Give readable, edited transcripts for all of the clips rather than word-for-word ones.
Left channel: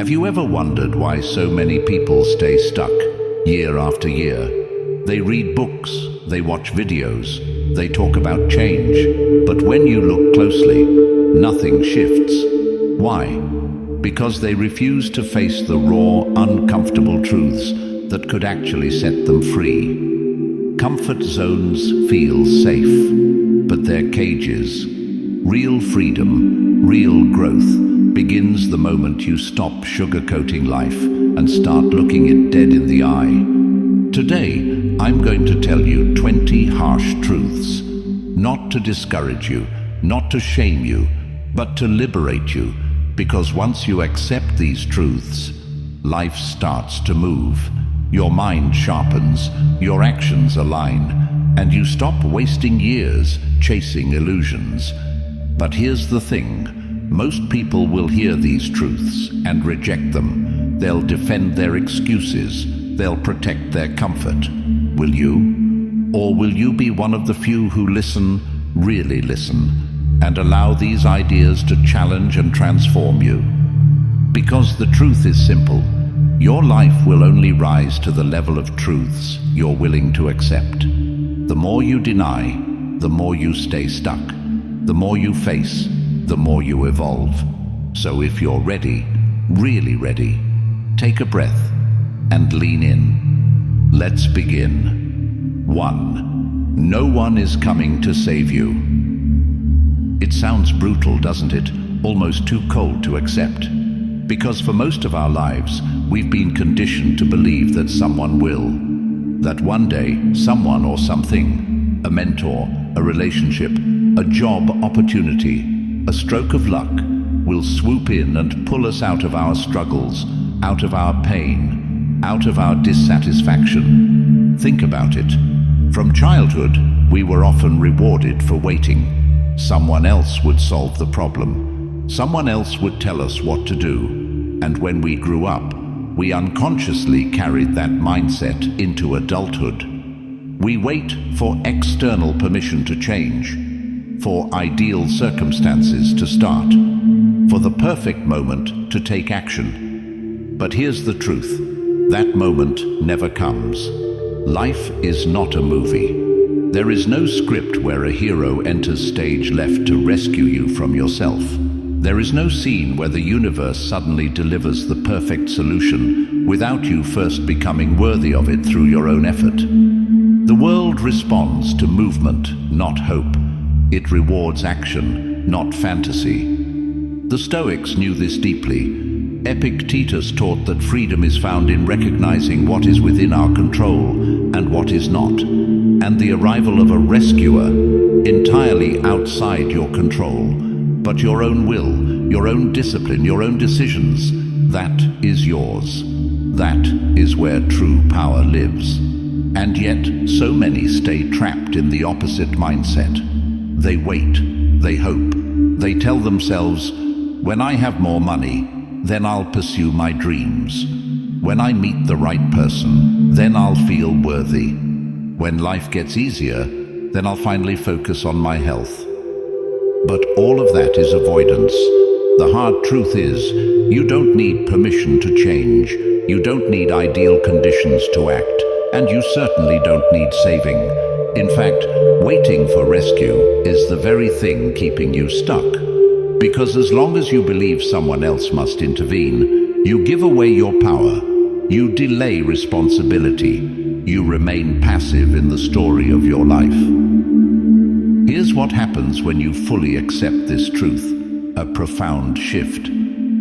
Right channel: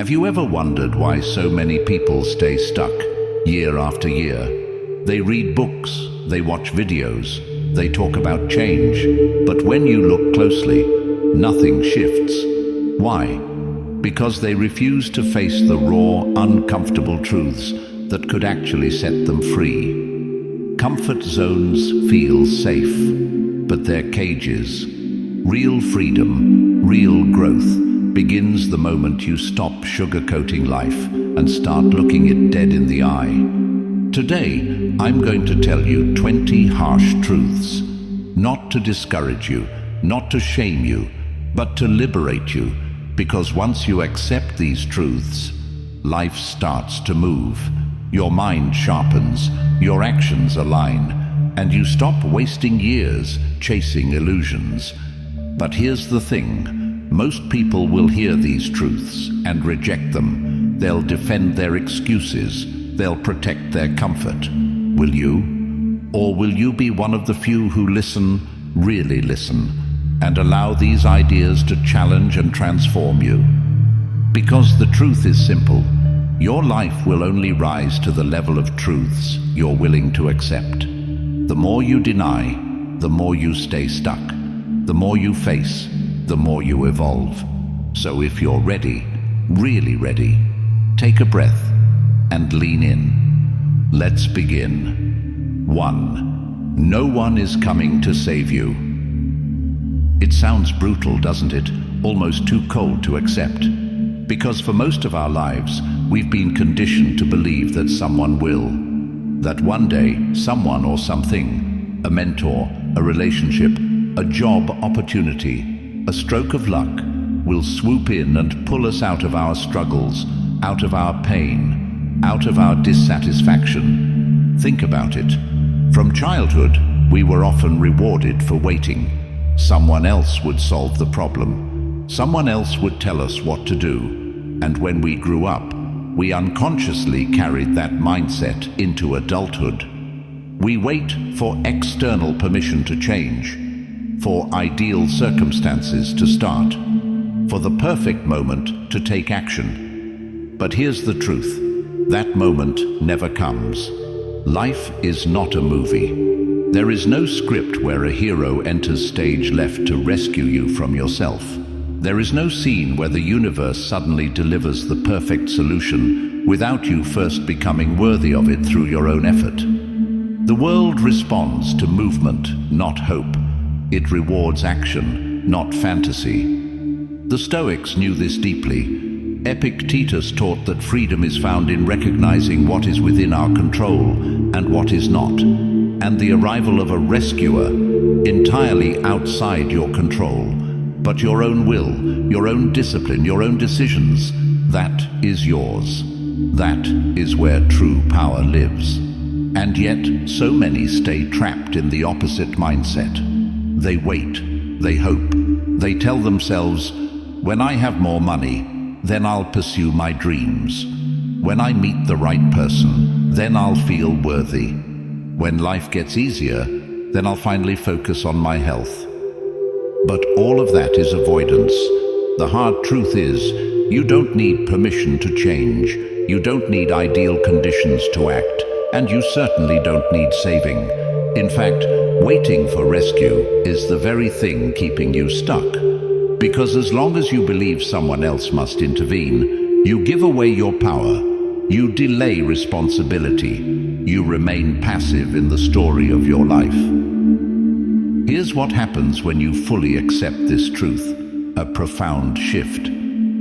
Have you ever wondered why so many people stay stuck year after year? They read books, they watch videos, they talk about change, but when you look closely, nothing shifts. Why? Because they refuse to face the raw, uncomfortable truths that could actually set them free. Comfort zones feel safe, but they're cages. Real freedom, real growth, begins the moment you stop sugarcoating life and start looking it dead in the eye. Today, I'm going to tell you 20 harsh truths, not to discourage you, not to shame you, but to liberate you, because once you accept these truths, life starts to move. Your mind sharpens, your actions align, and you stop wasting years chasing illusions. But here's the thing. Most people will hear these truths and reject them. They'll defend their excuses. They'll protect their comfort. Will you? Or will you be one of the few who listen, really listen, and allow these ideas to challenge and transform you? Because the truth is simple. Your life will only rise to the level of truths you're willing to accept. The more you deny, the more you stay stuck. The more you face, the more you evolve. So if you're ready, really ready, take a breath and lean in. Let's begin. 1. No one is coming to save you. It sounds brutal, doesn't it? Almost too cold to accept. Because for most of our lives, we've been conditioned to believe that someone will. That one day, someone or something, a mentor, a relationship, a job opportunity, a stroke of luck, will swoop in and pull us out of our struggles, out of our pain, out of our dissatisfaction. Think about it. From childhood, we were often rewarded for waiting. Someone else would solve the problem. Someone else would tell us what to do. And when we grew up, we unconsciously carried that mindset into adulthood. We wait for external permission to change, for ideal circumstances to start, for the perfect moment to take action. But here's the truth. That moment never comes. Life is not a movie. There is no script where a hero enters stage left to rescue you from yourself. There is no scene where the universe suddenly delivers the perfect solution without you first becoming worthy of it through your own effort. The world responds to movement, not hope. It rewards action, not fantasy. The Stoics knew this deeply. Epictetus taught that freedom is found in recognizing what is within our control and what is not, and the arrival of a rescuer entirely outside your control, but your own will, your own discipline, your own decisions, that is yours. That is where true power lives. And yet, so many stay trapped in the opposite mindset. They wait, they hope, they tell themselves, when I have more money, then I'll pursue my dreams. When I meet the right person, then I'll feel worthy. When life gets easier, then I'll finally focus on my health. But all of that is avoidance. The hard truth is, you don't need permission to change. You don't need ideal conditions to act, and you certainly don't need saving. In fact, waiting for rescue is the very thing keeping you stuck. Because as long as you believe someone else must intervene, you give away your power. You delay responsibility. You remain passive in the story of your life. Here's what happens when you fully accept this truth. A profound shift.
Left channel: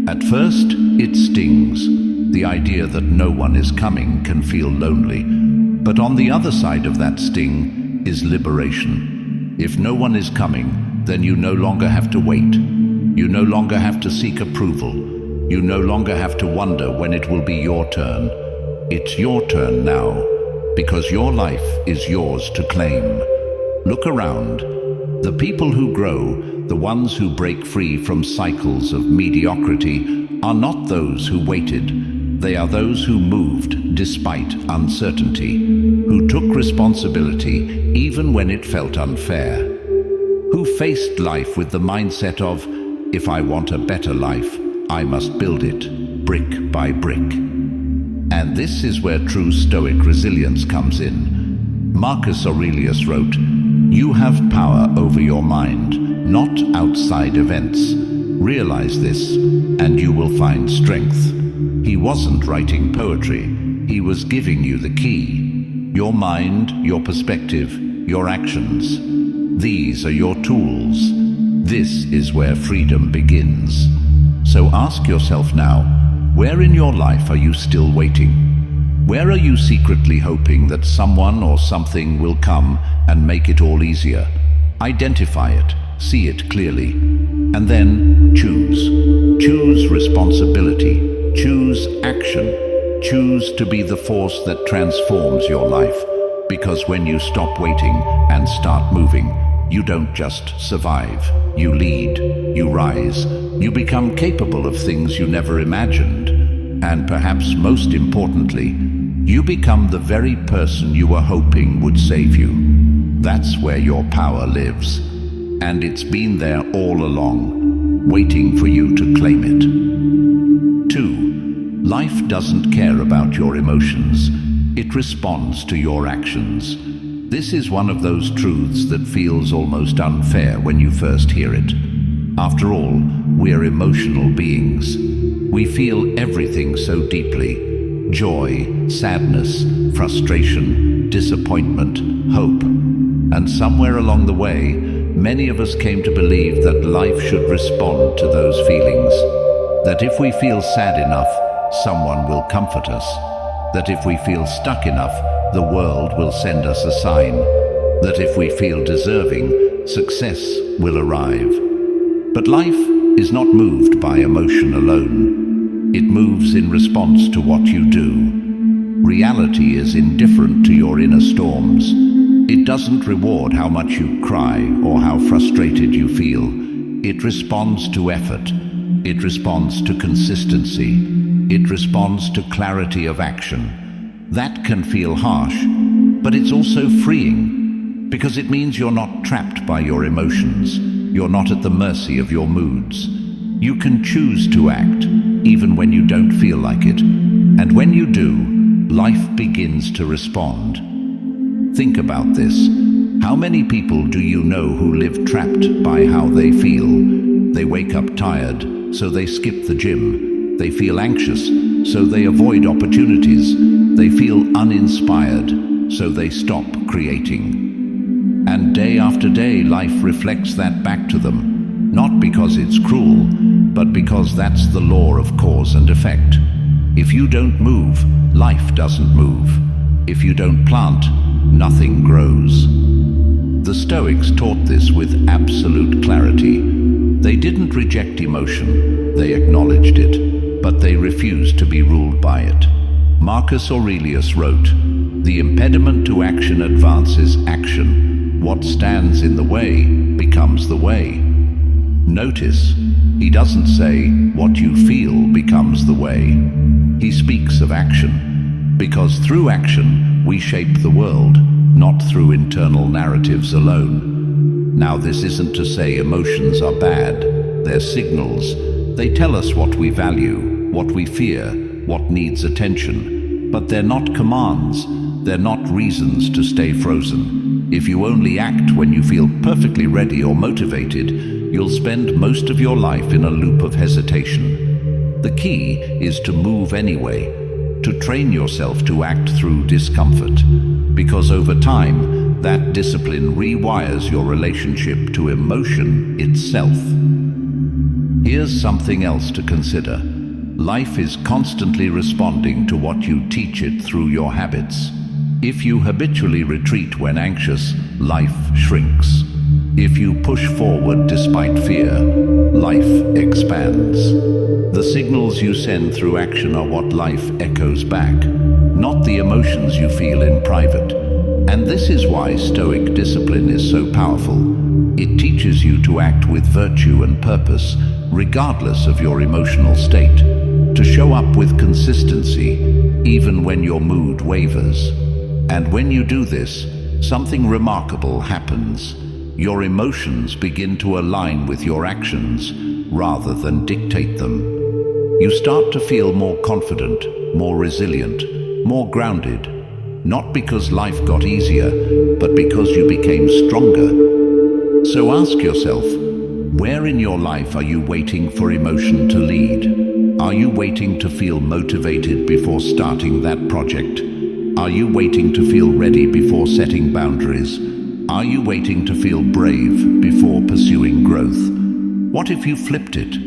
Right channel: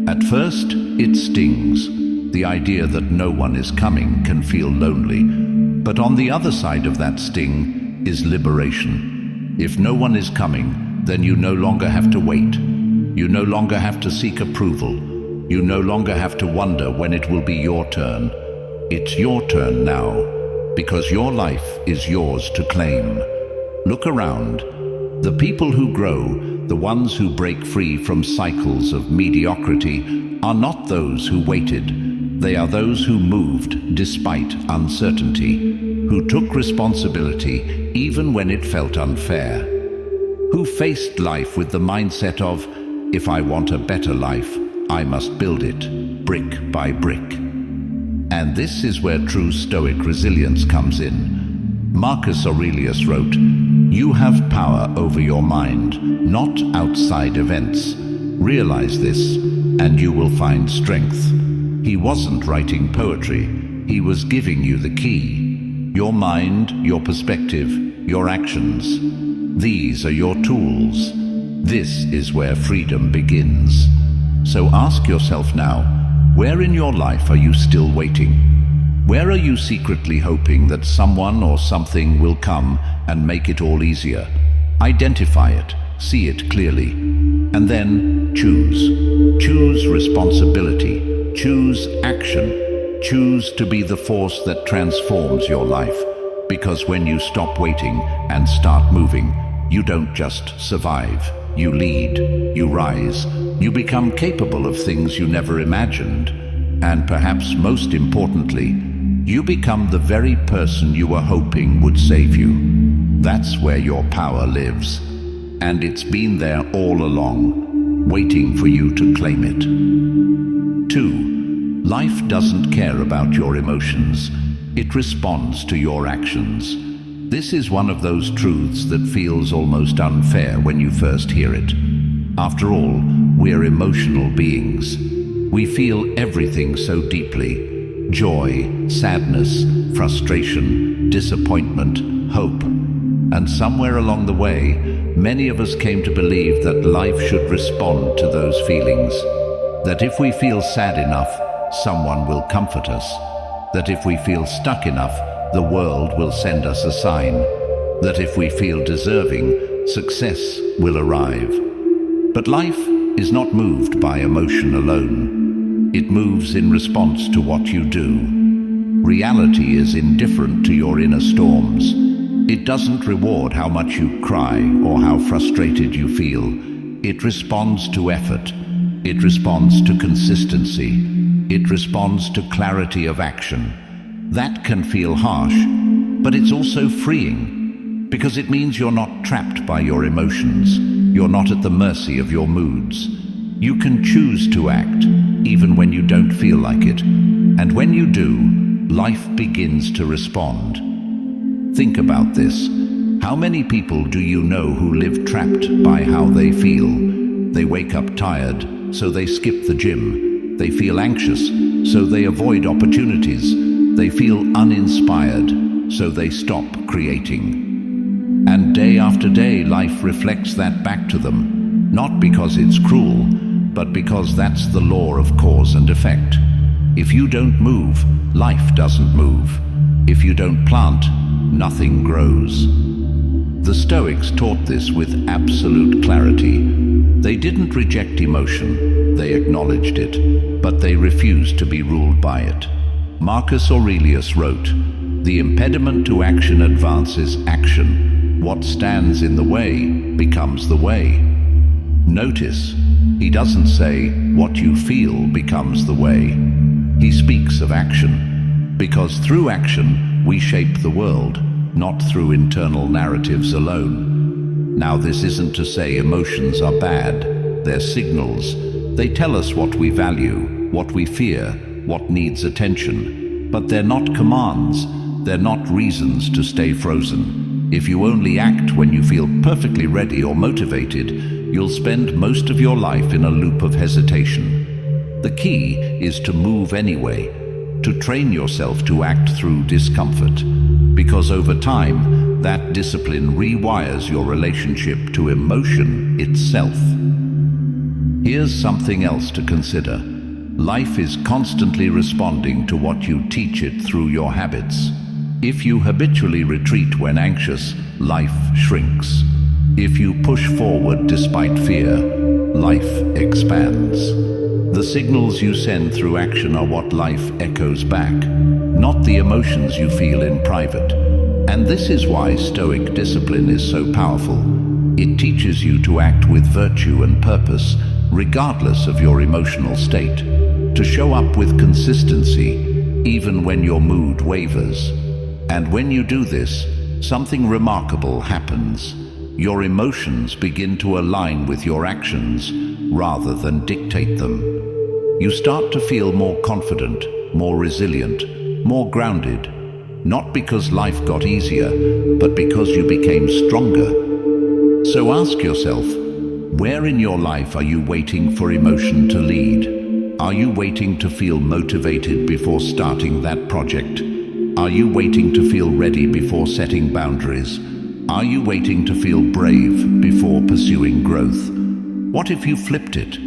At first, it stings. The idea that no one is coming can feel lonely. But on the other side of that sting is liberation. If no one is coming, then you no longer have to wait. You no longer have to seek approval. You no longer have to wonder when it will be your turn. It's your turn now, because your life is yours to claim. Look around. The people who grow, the ones who break free from cycles of mediocrity, are not those who waited. They are those who moved despite uncertainty, who took responsibility even when it felt unfair, who faced life with the mindset of, if I want a better life, I must build it, brick by brick. And this is where true Stoic resilience comes in. Marcus Aurelius wrote, "You have power over your mind, not outside events. Realize this, and you will find strength." He wasn't writing poetry, he was giving you the key. Your mind, your perspective, your actions. These are your tools. This is where freedom begins. So ask yourself now, where in your life are you still waiting? Where are you secretly hoping that someone or something will come and make it all easier? Identify it, see it clearly, and then choose. Choose responsibility, choose action, choose to be the force that transforms your life. Because when you stop waiting and start moving, you don't just survive, you lead, you rise, you become capable of things you never imagined. And perhaps most importantly, you become the very person you were hoping would save you. That's where your power lives. And it's been there all along, waiting for you to claim it. 2. Life doesn't care about your emotions. It responds to your actions. This is one of those truths that feels almost unfair when you first hear it. After all, we're emotional beings. We feel everything so deeply. Joy, sadness, frustration, disappointment, hope. And somewhere along the way, many of us came to believe that life should respond to those feelings. That if we feel sad enough, someone will comfort us. That if we feel stuck enough, the world will send us a sign. That if we feel deserving, success will arrive. But life is not moved by emotion alone. It moves in response to what you do. Reality is indifferent to your inner storms. It doesn't reward how much you cry or how frustrated you feel. It responds to effort. It responds to consistency. It responds to clarity of action. That can feel harsh, but it's also freeing, because it means you're not trapped by your emotions. You're not at the mercy of your moods. You can choose to act, even when you don't feel like it. And when you do, life begins to respond. Think about this. How many people do you know who live trapped by how they feel? They wake up tired, so they skip the gym. They feel anxious, so they avoid opportunities. They feel uninspired, so they stop creating. And day after day, life reflects that back to them. Not because it's cruel, but because that's the law of cause and effect. If you don't move, life doesn't move. If you don't plant, nothing grows. The Stoics taught this with absolute clarity. They didn't reject emotion, they acknowledged it, but they refused to be ruled by it. Marcus Aurelius wrote, "The impediment to action advances action. What stands in the way becomes the way." Notice, he doesn't say, "What you feel becomes the way." He speaks of action, because through action we shape the world, not through internal narratives alone. Now, this isn't to say emotions are bad. They're signals. They tell us what we value, what we fear, what needs attention. But they're not commands. They're not reasons to stay frozen. If you only act when you feel perfectly ready or motivated, you'll spend most of your life in a loop of hesitation. The key is to move anyway, to train yourself to act through discomfort, because over time, that discipline rewires your relationship to emotion itself. Here's something else to consider. Life is constantly responding to what you teach it through your habits. If you habitually retreat when anxious, life shrinks. If you push forward despite fear, life expands. The signals you send through action are what life echoes back, not the emotions you feel in private. And this is why Stoic discipline is so powerful. It teaches you to act with virtue and purpose, regardless of your emotional state, to show up with consistency, even when your mood wavers. And when you do this, something remarkable happens. Your emotions begin to align with your actions rather than dictate them. You start to feel more confident, more resilient, more grounded, not because life got easier, but because you became stronger. So ask yourself, where in your life are you waiting for emotion to lead? Are you waiting to feel motivated before starting that project? Are you waiting to feel ready before setting boundaries? Are you waiting to feel brave before pursuing growth? What if you flipped it?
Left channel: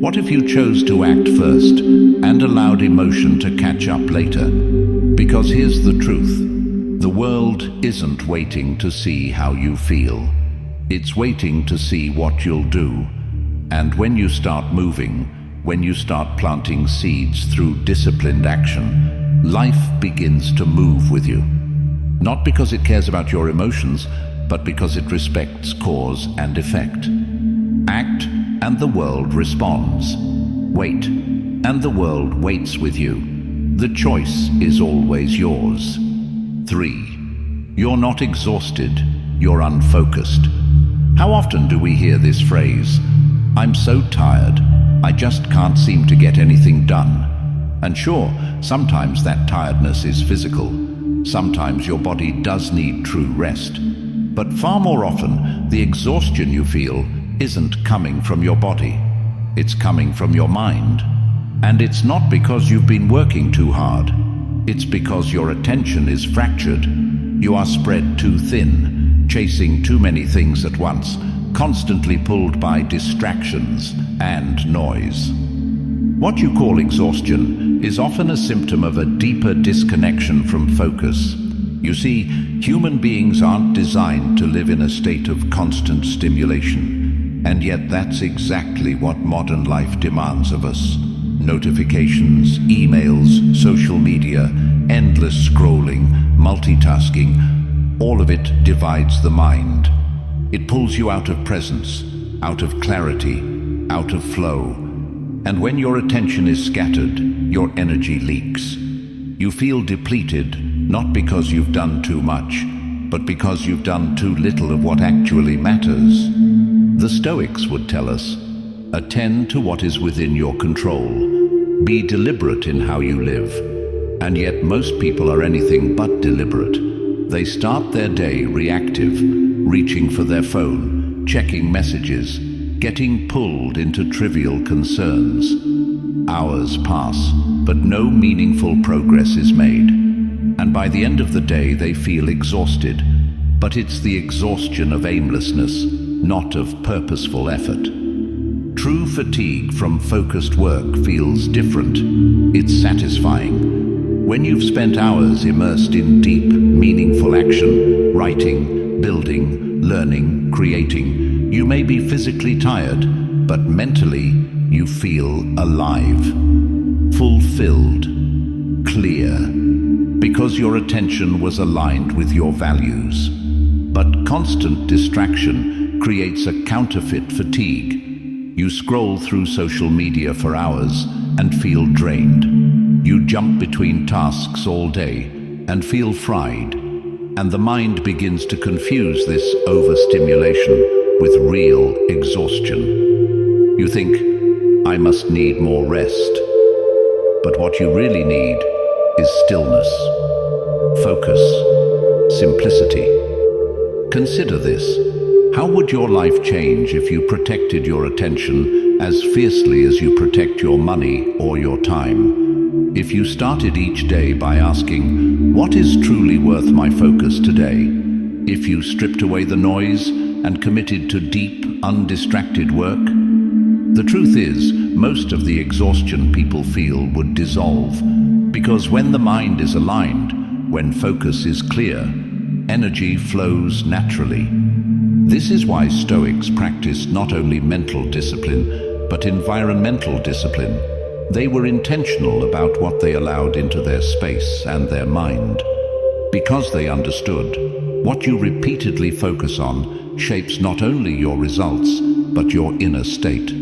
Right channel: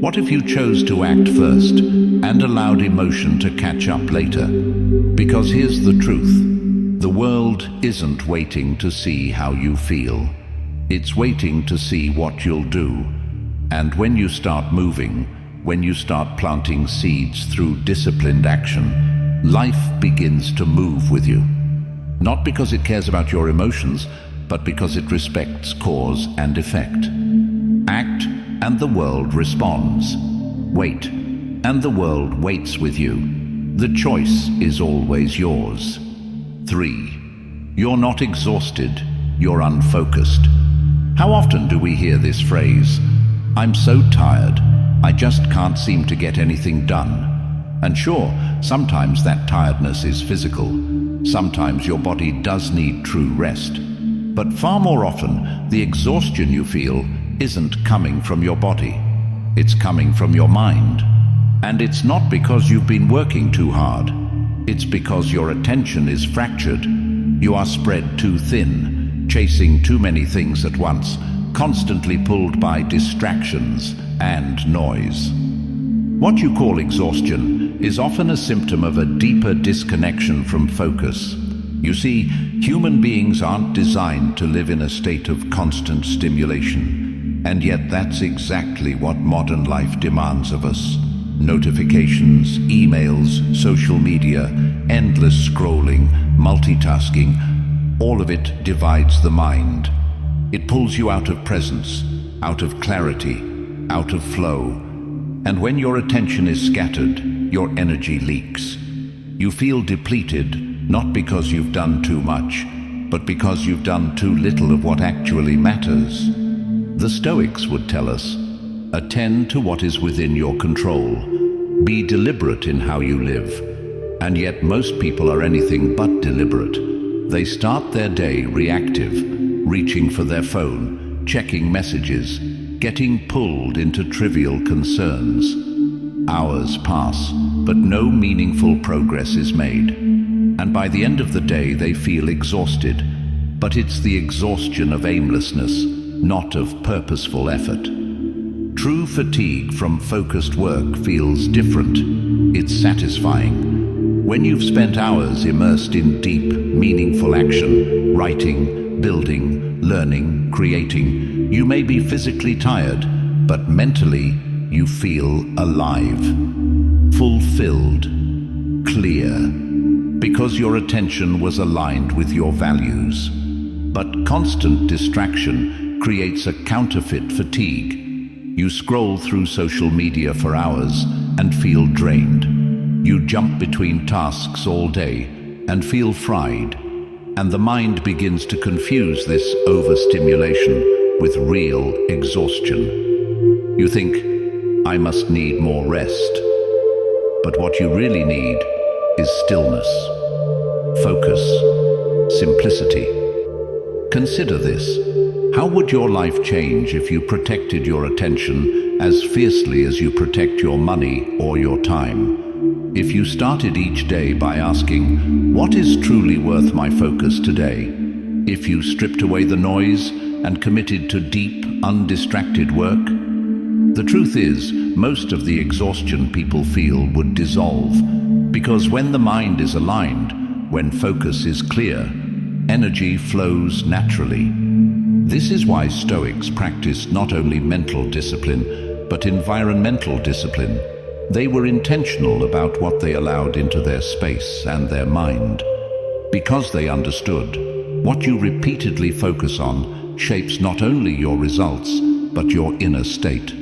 What if you chose to act first and allowed emotion to catch up later? Because here's the truth. The world isn't waiting to see how you feel. It's waiting to see what you'll do. And when you start moving, when you start planting seeds through disciplined action, life begins to move with you. Not because it cares about your emotions, but because it respects cause and effect. Act, and the world responds. Wait, and the world waits with you. The choice is always yours. 3. You're not exhausted, you're unfocused. How often do we hear this phrase, "I'm so tired, I just can't seem to get anything done"? And sure, sometimes that tiredness is physical. Sometimes your body does need true rest. But far more often, the exhaustion you feel isn't coming from your body. It's coming from your mind. And it's not because you've been working too hard. It's because your attention is fractured. You are spread too thin, chasing too many things at once, constantly pulled by distractions and noise. What you call exhaustion is often a symptom of a deeper disconnection from focus. You see, human beings aren't designed to live in a state of constant stimulation. And yet that's exactly what modern life demands of us. Notifications, emails, social media, endless scrolling, multitasking, all of it divides the mind. It pulls you out of presence, out of clarity, out of flow. And when your attention is scattered, your energy leaks. You feel depleted, not because you've done too much, but because you've done too little of what actually matters. The Stoics would tell us, attend to what is within your control. Be deliberate in how you live. And yet most people are anything but deliberate. They start their day reactive, reaching for their phone, checking messages, getting pulled into trivial concerns. Hours pass, but no meaningful progress is made. And by the end of the day, they feel exhausted. But it's the exhaustion of aimlessness, not of purposeful effort. True fatigue from focused work feels different. It's satisfying. When you've spent hours immersed in deep, meaningful action, writing, building, learning, creating, you may be physically tired, but mentally you feel alive, fulfilled, clear, because your attention was aligned with your values. But constant distraction creates a counterfeit fatigue. You scroll through social media for hours and feel drained. You jump between tasks all day and feel fried. And the mind begins to confuse this overstimulation with real exhaustion. You think, I must need more rest. But what you really need is stillness, focus, simplicity. Consider this. How would your life change if you protected your attention as fiercely as you protect your money or your time? If you started each day by asking, what is truly worth my focus today? If you stripped away the noise and committed to deep, undistracted work? The truth is, most of the exhaustion people feel would dissolve, because when the mind is aligned, when focus is clear, energy flows naturally. This is why Stoics practiced not only mental discipline, but environmental discipline. They were intentional about what they allowed into their space and their mind, because they understood what you repeatedly focus on shapes not only your results, but your inner state.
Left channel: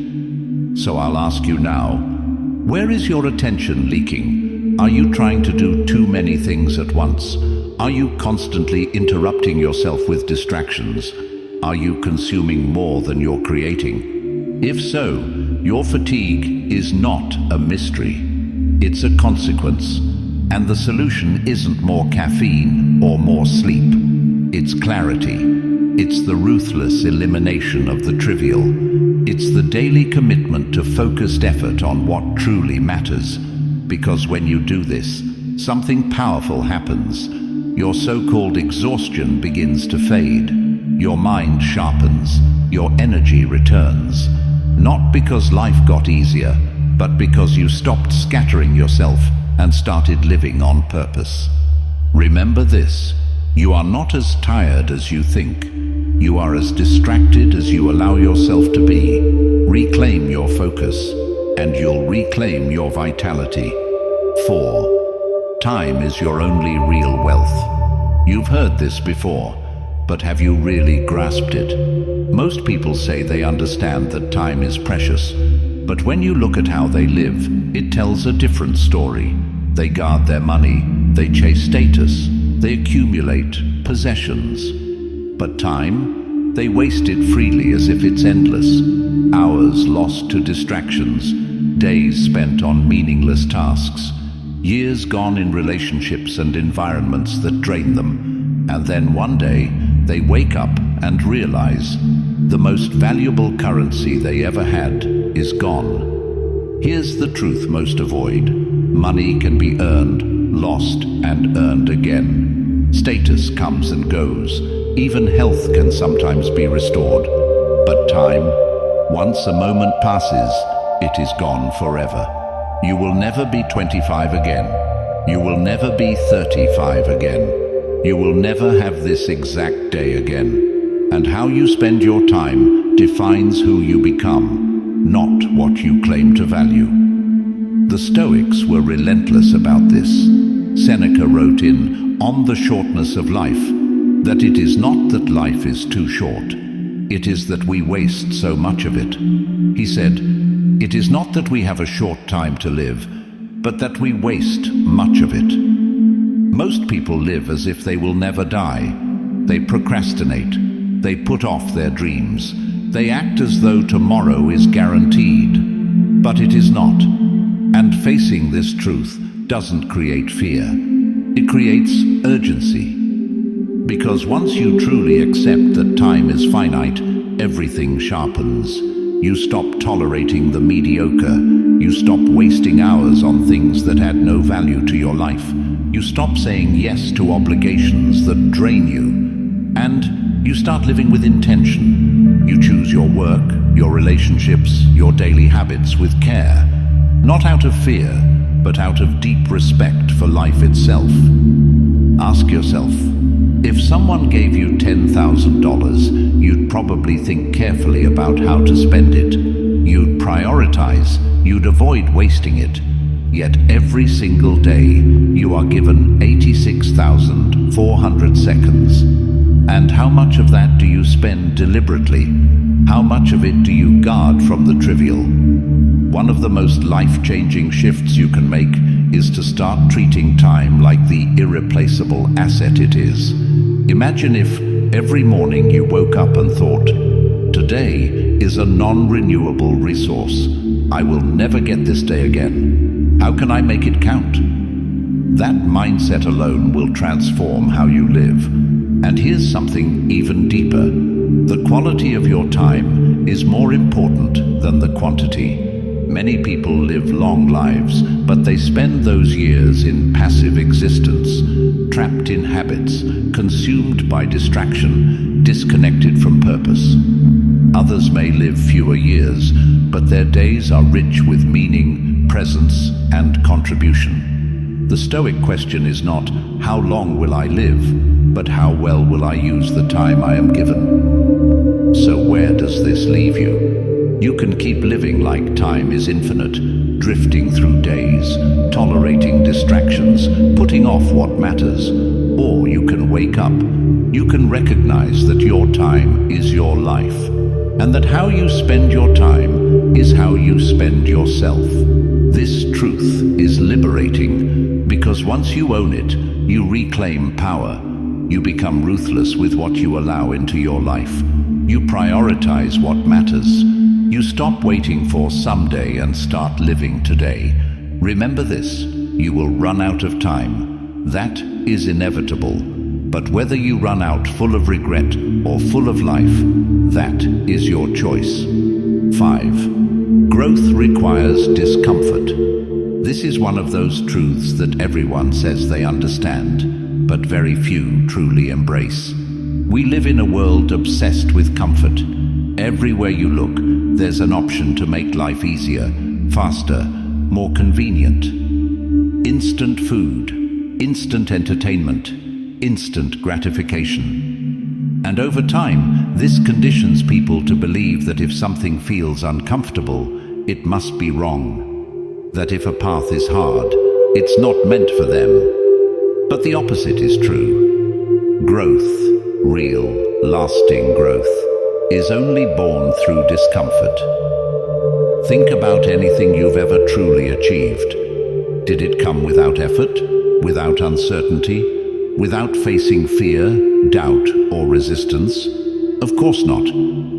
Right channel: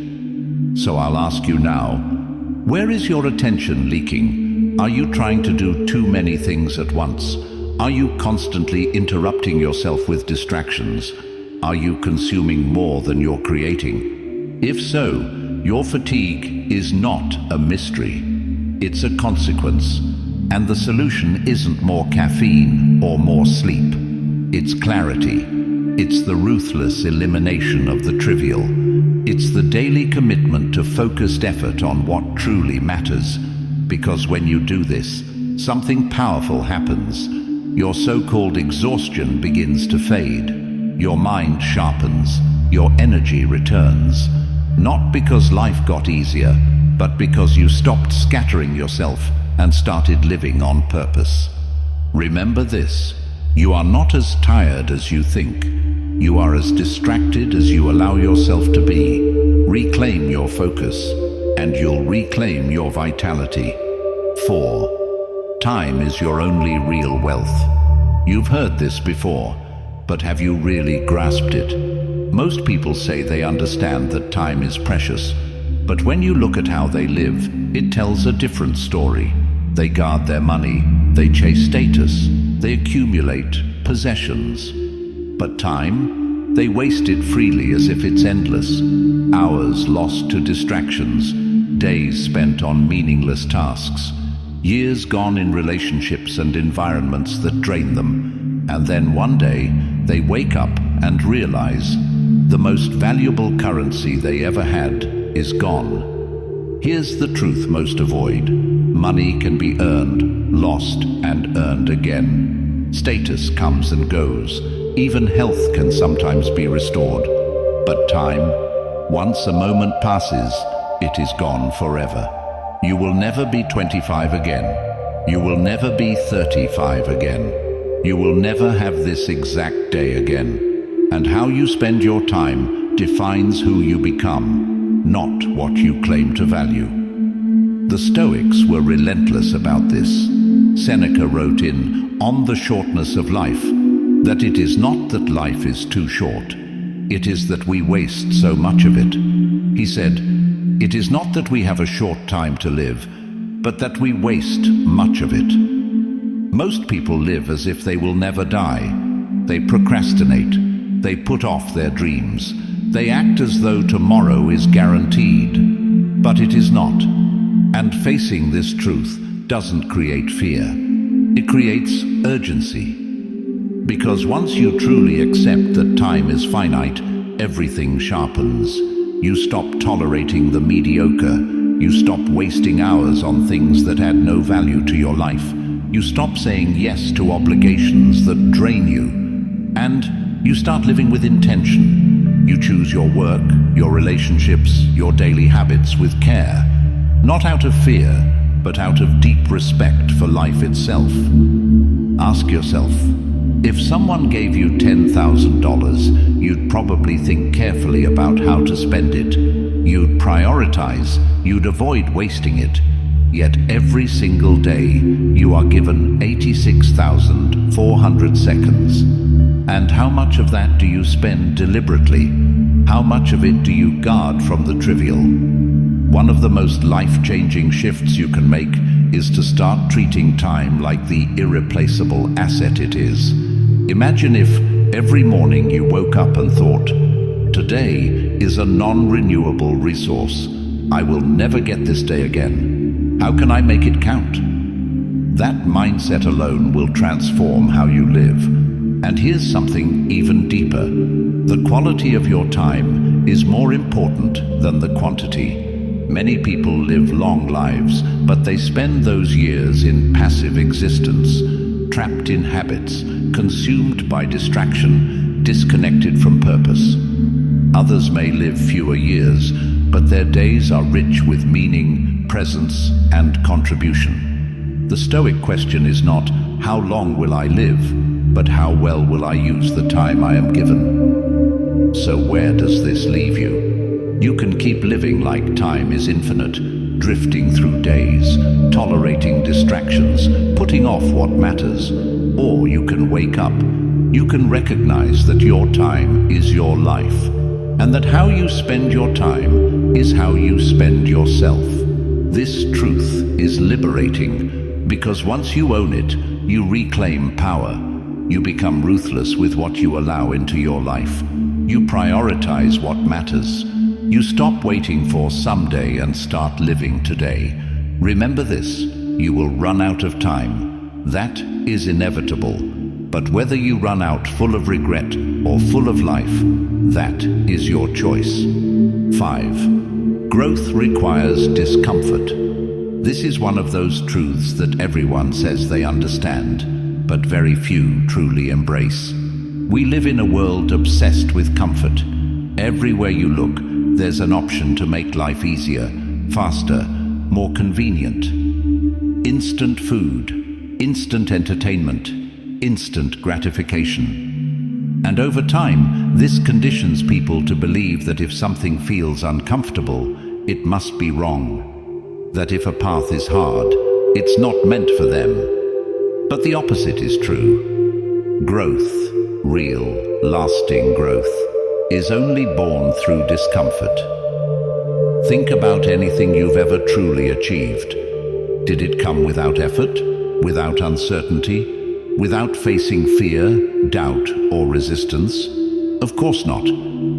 So I'll ask you now, where is your attention leaking? Are you trying to do too many things at once? Are you constantly interrupting yourself with distractions? Are you consuming more than you're creating? If so, Your fatigue is not a mystery. It's a consequence. And the solution isn't more caffeine or more sleep. It's clarity. It's the ruthless elimination of the trivial. It's the daily commitment to focused effort on what truly matters. Because when you do this, something powerful happens. Your so-called exhaustion begins to fade. Your mind sharpens. Your energy returns. Not because life got easier, but because you stopped scattering yourself and started living on purpose. Remember this: you are not as tired as you think. You are as distracted as you allow yourself to be. Reclaim your focus, and you'll reclaim your vitality. 4. Time is your only real wealth. You've heard this before, but have you really grasped it? Most people say they understand that time is precious, but when you look at how they live, it tells a different story. They guard their money, they chase status, they accumulate possessions. But time, they waste it freely as if it's endless. Hours lost to distractions, days spent on meaningless tasks, years gone in relationships and environments that drain them. And then one day, they wake up and realize the most valuable currency they ever had is gone. Here's the truth most avoid. Money can be earned, lost, and earned again. Status comes and goes. Even health can sometimes be restored. But time, once a moment passes, it is gone forever. You will never be 25 again. You will never be 35 again. You will never have this exact day again. And how you spend your time defines who you become, not what you claim to value. The Stoics were relentless about this. Seneca wrote in On the Shortness of Life that it is not that life is too short, it is that we waste so much of it. He said, it is not that we have a short time to live, but that we waste much of it. Most people live as if they will never die. They procrastinate. They put off their dreams. They act as though tomorrow is guaranteed, but it is not. And facing this truth doesn't create fear. It creates urgency. Because once you truly accept that time is finite, everything sharpens. You stop tolerating the mediocre. You stop wasting hours on things that add no value to your life. You stop saying yes to obligations that drain you. And you start living with intention. You choose your work, your relationships, your daily habits with care. Not out of fear, but out of deep respect for life itself. Ask yourself, if someone gave you $10,000, you'd probably think carefully about how to spend it. You'd prioritize, you'd avoid wasting it. Yet every single day, you are given 86,400 seconds. And how much of that do you spend deliberately? How much of it do you guard from the trivial? One of the most life-changing shifts you can make is to start treating time like the irreplaceable asset it is. Imagine if every morning you woke up and thought, today is a non-renewable resource. I will never get this day again. How can I make it count? That mindset alone will transform how you live. And here's something even deeper. The quality of your time is more important than the quantity. Many people live long lives, but they spend those years in passive existence, trapped in habits, consumed by distraction, disconnected from purpose. Others may live fewer years, but their days are rich with meaning, presence, and contribution. The Stoic question is not, how long will I live, but how well will I use the time I am given? So where does this leave you? You can keep living like time is infinite, drifting through days, tolerating distractions, putting off what matters. Or you can wake up. You can recognize that your time is your life, and that how you spend your time is how you spend yourself. This truth is liberating, because once you own it, you reclaim power. You become ruthless with what you allow into your life. You prioritize what matters. You stop waiting for someday and start living today. Remember this, you will run out of time. That is inevitable. But whether you run out full of regret or full of life, that is your choice. 5. Growth requires discomfort. This is one of those truths that everyone says they understand, but very few truly embrace. We live in a world obsessed with comfort. Everywhere you look, there's an option to make life easier, faster, more convenient. Instant food, instant entertainment, instant gratification. And over time, this conditions people to believe that if something feels uncomfortable, it must be wrong. That if a path is hard, it's not meant for them. But the opposite is true. Growth, real, lasting growth, is only born through discomfort. Think about anything you've ever truly achieved. Did it come without effort, without uncertainty, without facing fear, doubt, or resistance? Of course not.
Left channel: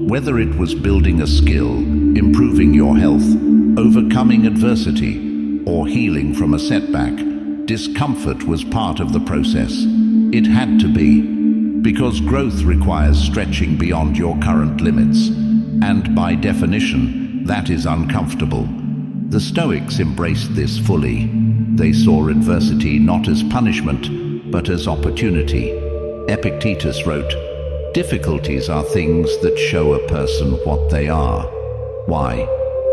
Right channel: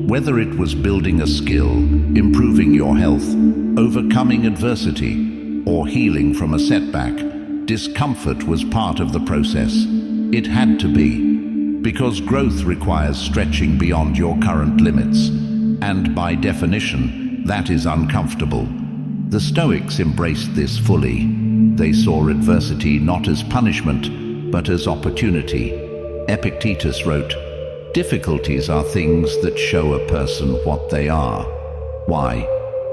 Whether it was building a skill, improving your health, overcoming adversity, or healing from a setback, discomfort was part of the process. It had to be, because growth requires stretching beyond your current limits, and by definition, that is uncomfortable. The Stoics embraced this fully. They saw adversity not as punishment, but as opportunity. Epictetus wrote, "Difficulties are things that show a person what they are." Why?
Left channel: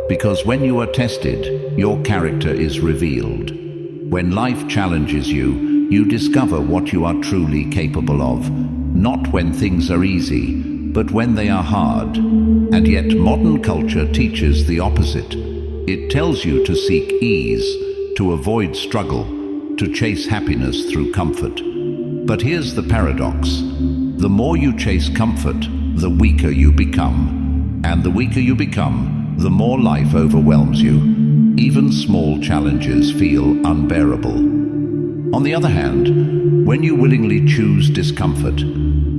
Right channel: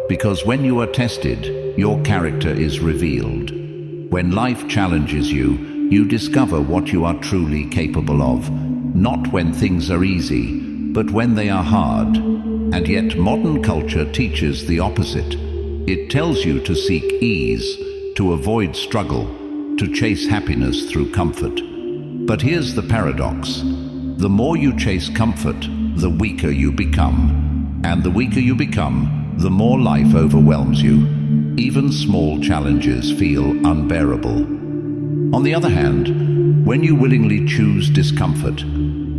Because when you are tested, your character is revealed. When life challenges you, you discover what you are truly capable of. Not when things are easy, but when they are hard. And yet modern culture teaches the opposite. It tells you to seek ease, to avoid struggle, to chase happiness through comfort. But here's the paradox. The more you chase comfort, the weaker you become. And the weaker you become, the more life overwhelms you. Even small challenges feel unbearable. On the other hand, when you willingly choose discomfort,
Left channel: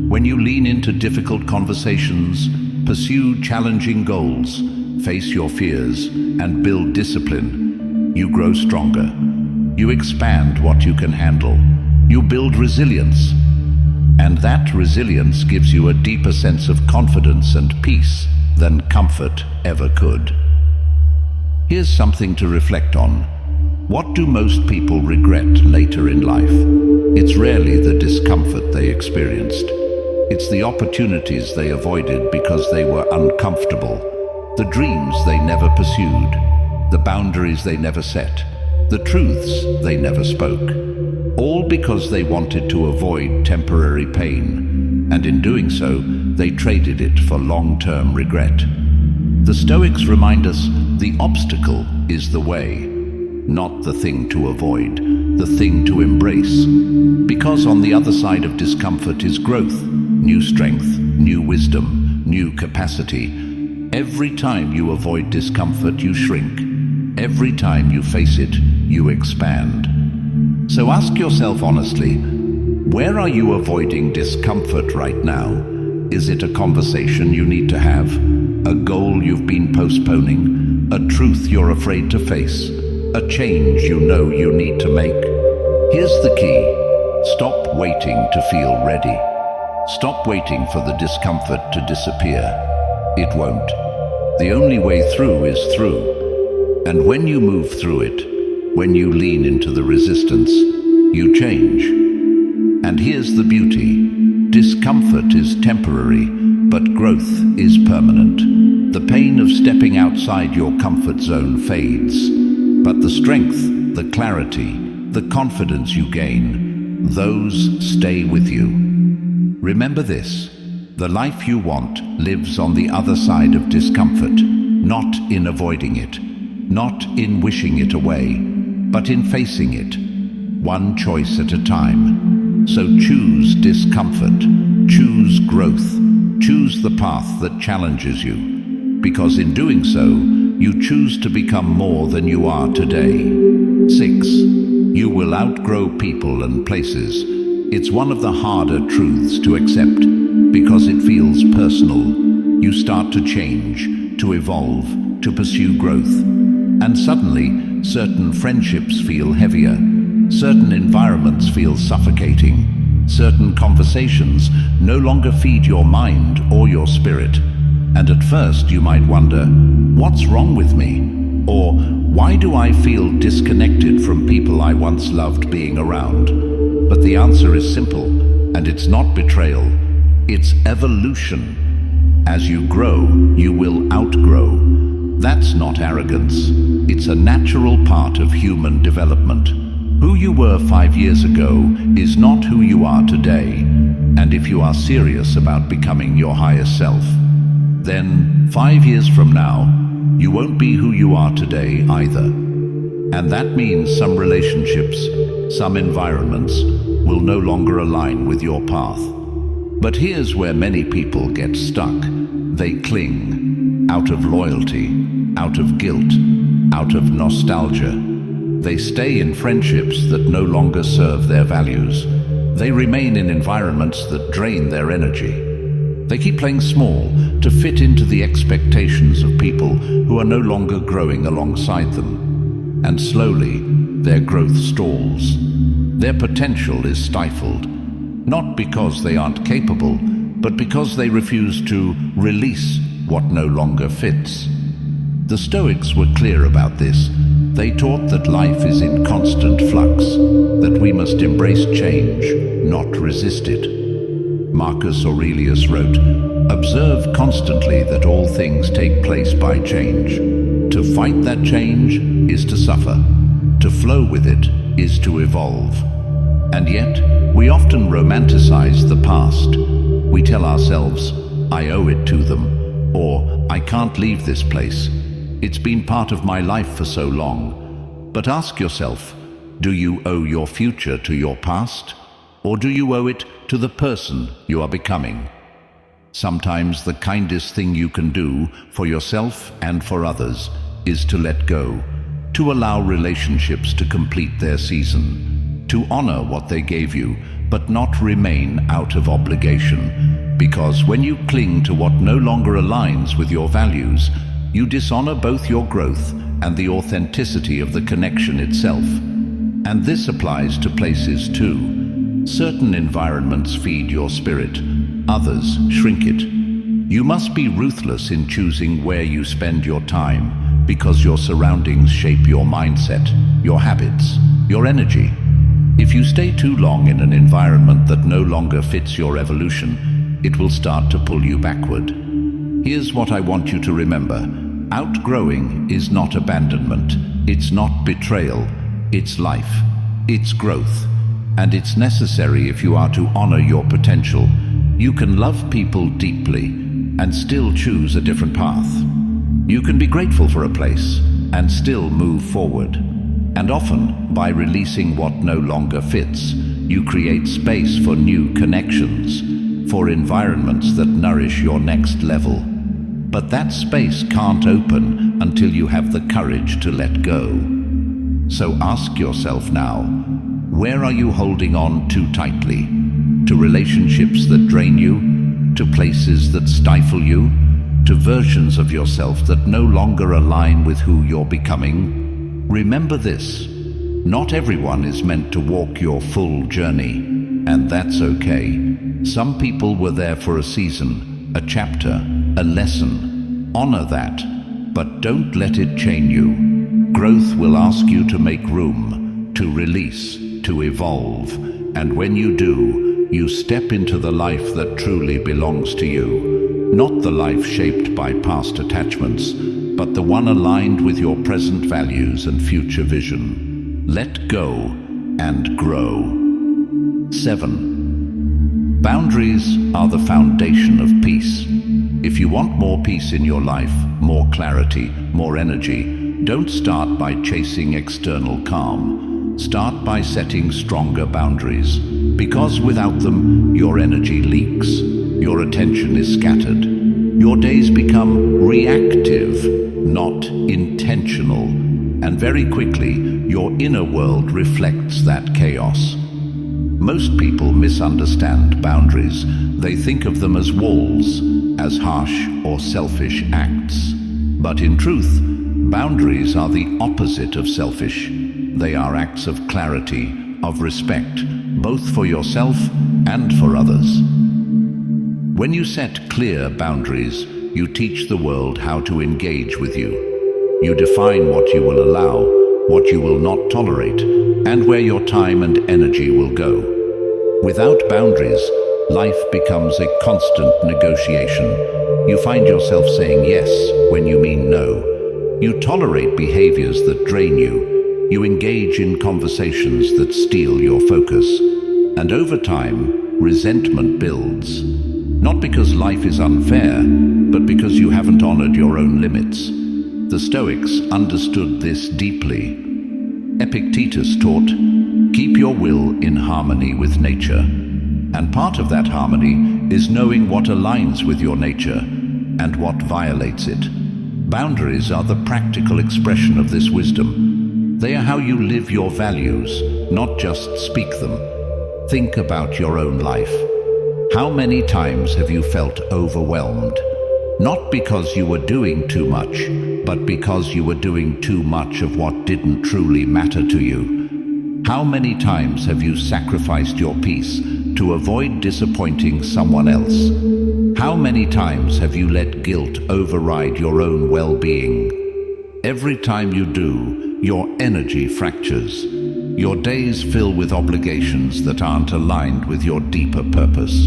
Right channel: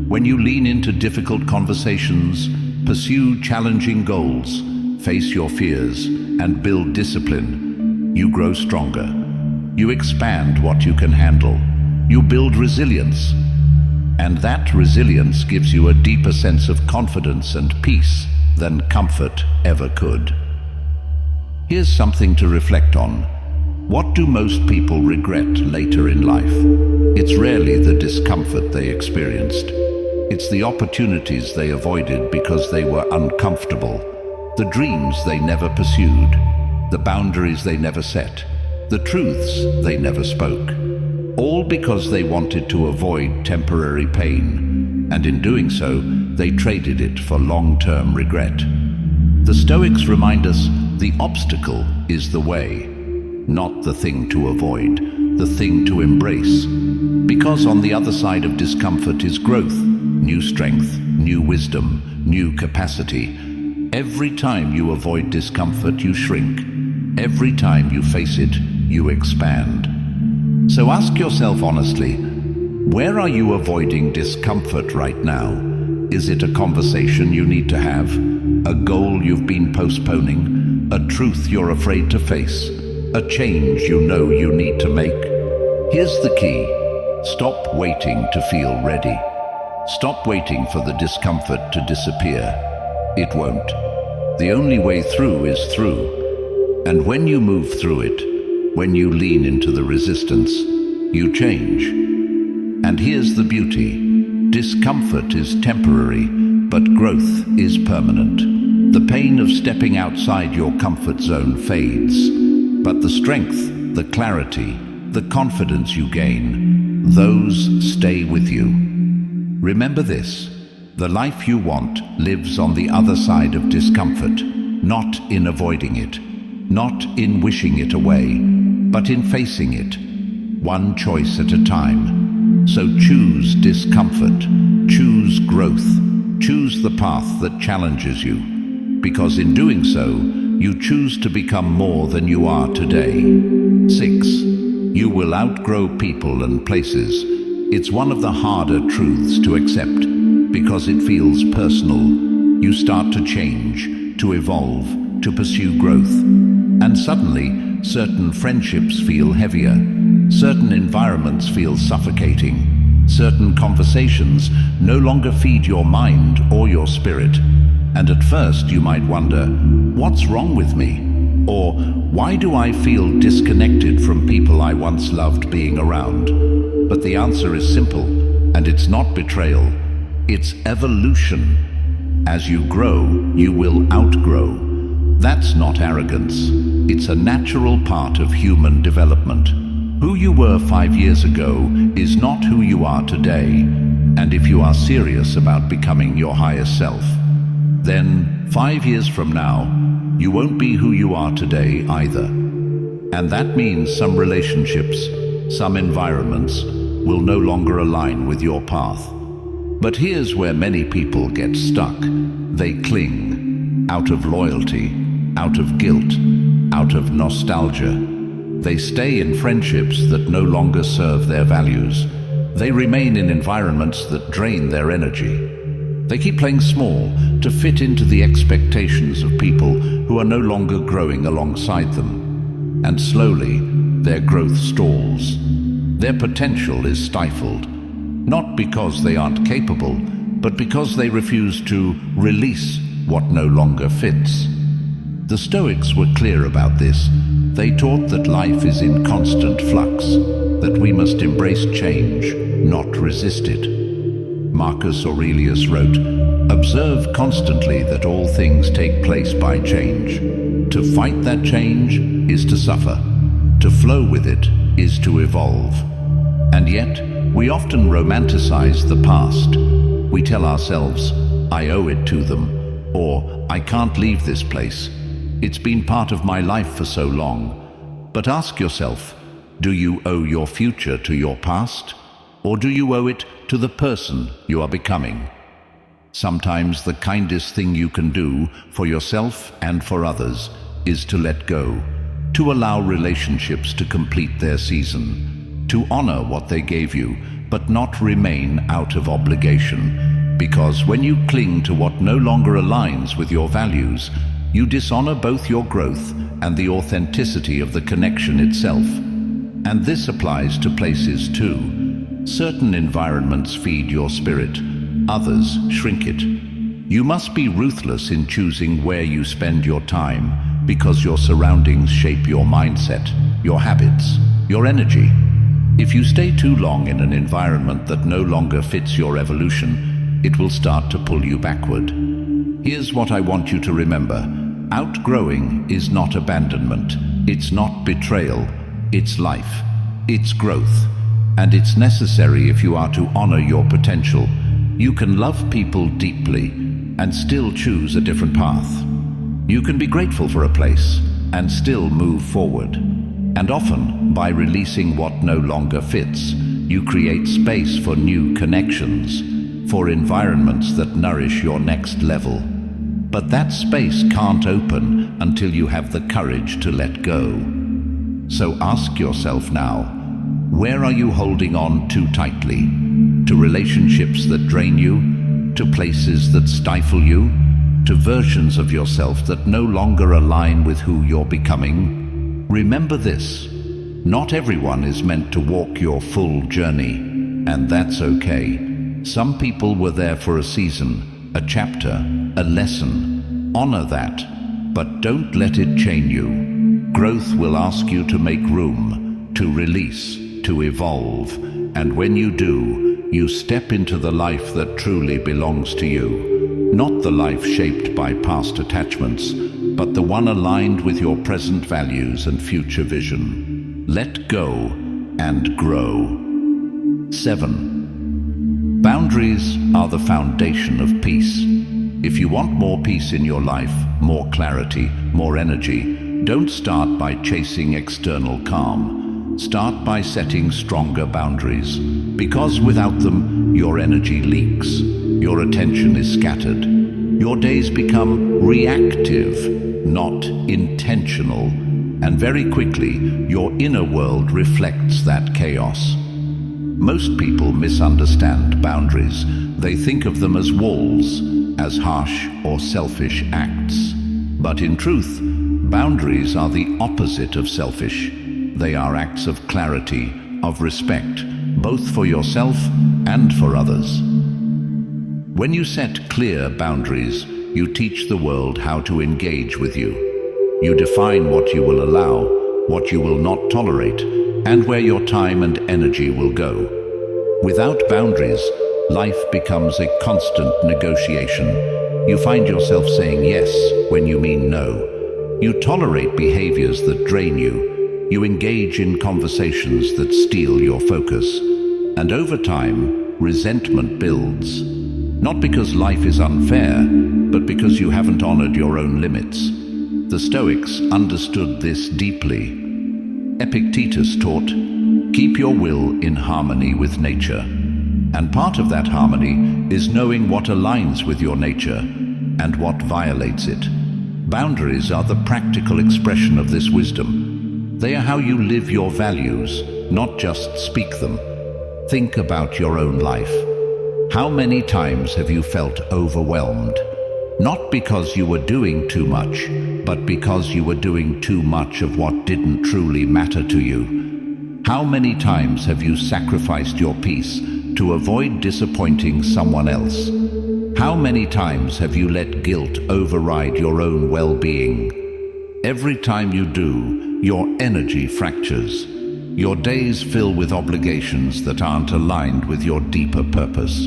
when you lean into difficult conversations, pursue challenging goals, face your fears, and build discipline, you grow stronger. You expand what you can handle. You build resilience. And that resilience gives you a deeper sense of confidence and peace than comfort ever could. Here's something to reflect on. What do most people regret later in life? It's rarely the discomfort they experienced. It's the opportunities they avoided because they were uncomfortable, the dreams they never pursued, the boundaries they never set, the truths they never spoke, all because they wanted to avoid temporary pain, and in doing so, they traded it for long-term regret. The Stoics remind us the obstacle is the way, not the thing to avoid, the thing to embrace. Because on the other side of discomfort is growth, new strength, new wisdom, new capacity. Every time you avoid discomfort, you shrink. Every time you face it, you expand. So ask yourself honestly, where are you avoiding discomfort right now? Is it a conversation you need to have? A goal you've been postponing? A truth you're afraid to face? A change you know you need to make? Here's the key. Stop waiting to feel ready. Stop waiting for the discomfort to disappear. It won't. The only way through is through. And when you move through it, when you lean into the resistance, you change. And here's the beauty. Discomfort is temporary, but growth is permanent. The pain of stepping outside your comfort zone fades, but the strength, the clarity, the confidence you gain, those stay with you. Remember this, the life you want lives on the other side of discomfort, not in avoiding it, not in wishing it away, but in facing it, one choice at a time. So choose discomfort, choose growth, choose the path that challenges you, because in doing so, you choose to become more than you are today. 6. You will outgrow people and places. It's one of the harder truths to accept, because it feels personal. You start to change. to evolve, to pursue growth. And suddenly, certain friendships feel heavier, certain environments feel suffocating, certain conversations no longer feed your mind or your spirit. And at first you might wonder, what's wrong with me? Or why do I feel disconnected from people I once loved being around? But the answer is simple, and it's not betrayal, it's evolution. As you grow, you will outgrow. That's not arrogance. It's a natural part of human development. Who you were 5 years ago is not who you are today. And if you are serious about becoming your highest self, then 5 years from now, you won't be who you are today either. And that means some relationships, some environments, will no longer align with your path. But here's where many people get stuck. They cling, out of loyalty, out of guilt, out of nostalgia. They stay in friendships that no longer serve their values. They remain in environments that drain their energy. They keep playing small to fit into the expectations of people who are no longer growing alongside them. And slowly, their growth stalls. Their potential is stifled, not because they aren't capable, but because they refuse to release what no longer fits. The Stoics were clear about this. They taught that life is in constant flux, that we must embrace change, not resist it. Marcus Aurelius wrote, "Observe constantly that all things take place by change. To fight that change is to suffer. To flow with it is to evolve." And yet, we often romanticize the past. We tell ourselves, "I owe it to them," or "I can't leave this place. It's been part of my life for so long." But ask yourself, do you owe your future to your past? Or do you owe it to the person you are becoming? Sometimes the kindest thing you can do for yourself and for others is to let go, to allow relationships to complete their season, to honor what they gave you, but not remain out of obligation. Because when you cling to what no longer aligns with your values, you dishonor both your growth and the authenticity of the connection itself. And this applies to places too. Certain environments feed your spirit, others shrink it. You must be ruthless in choosing where you spend your time, because your surroundings shape your mindset, your habits, your energy. If you stay too long in an environment that no longer fits your evolution, it will start to pull you backward. Here's what I want you to remember. Outgrowing is not abandonment, it's not betrayal, it's life, it's growth. And it's necessary if you are to honor your potential. You can love people deeply and still choose a different path. You can be grateful for a place and still move forward. And often, by releasing what no longer fits, you create space for new connections, for environments that nourish your next level. But that space can't open until you have the courage to let go. So ask yourself now, where are you holding on too tightly? To relationships that drain you? To places that stifle you? To versions of yourself that no longer align with who you're becoming? Remember this, not everyone is meant to walk your full journey, and that's okay. Some people were there for a season, a chapter, a lesson. Honor that, but don't let it chain you. Growth will ask you to make room, to release, to evolve, and when you do, you step into the life that truly belongs to you. Not the life shaped by past attachments, but the one aligned with your present values and future vision. Let go and grow. 7. Boundaries are the foundation of peace. If you want more peace in your life, more clarity, more energy, don't start by chasing external calm. Start by setting stronger boundaries, because without them, your energy leaks, your attention is scattered, your days become reactive, not intentional, and very quickly, your inner world reflects that chaos. Most people misunderstand boundaries. They think of them as walls, as harsh or selfish acts. But in truth, boundaries are the opposite of selfish. They are acts of clarity, of respect, both for yourself and for others. When you set clear boundaries, you teach the world how to engage with you. You define what you will allow, what you will not tolerate, and where your time and energy will go. Without boundaries, life becomes a constant negotiation. You find yourself saying yes when you mean no. You tolerate behaviors that drain you. You engage in conversations that steal your focus. And over time, resentment builds. Not because life is unfair, but because you haven't honored your own limits. The Stoics understood this deeply. Epictetus taught, keep your will in harmony with nature. And part of that harmony is knowing what aligns with your nature and what violates it. Boundaries are the practical expression of this wisdom. They are how you live your values, not just speak them. Think about your own life. How many times have you felt overwhelmed? Not because you were doing too much, but because you were doing too much of what didn't truly matter to you. How many times have you sacrificed your peace to avoid disappointing someone else? How many times have you let guilt override your own well-being? Every time you do, your energy fractures. Your days fill with obligations that aren't aligned with your deeper purpose.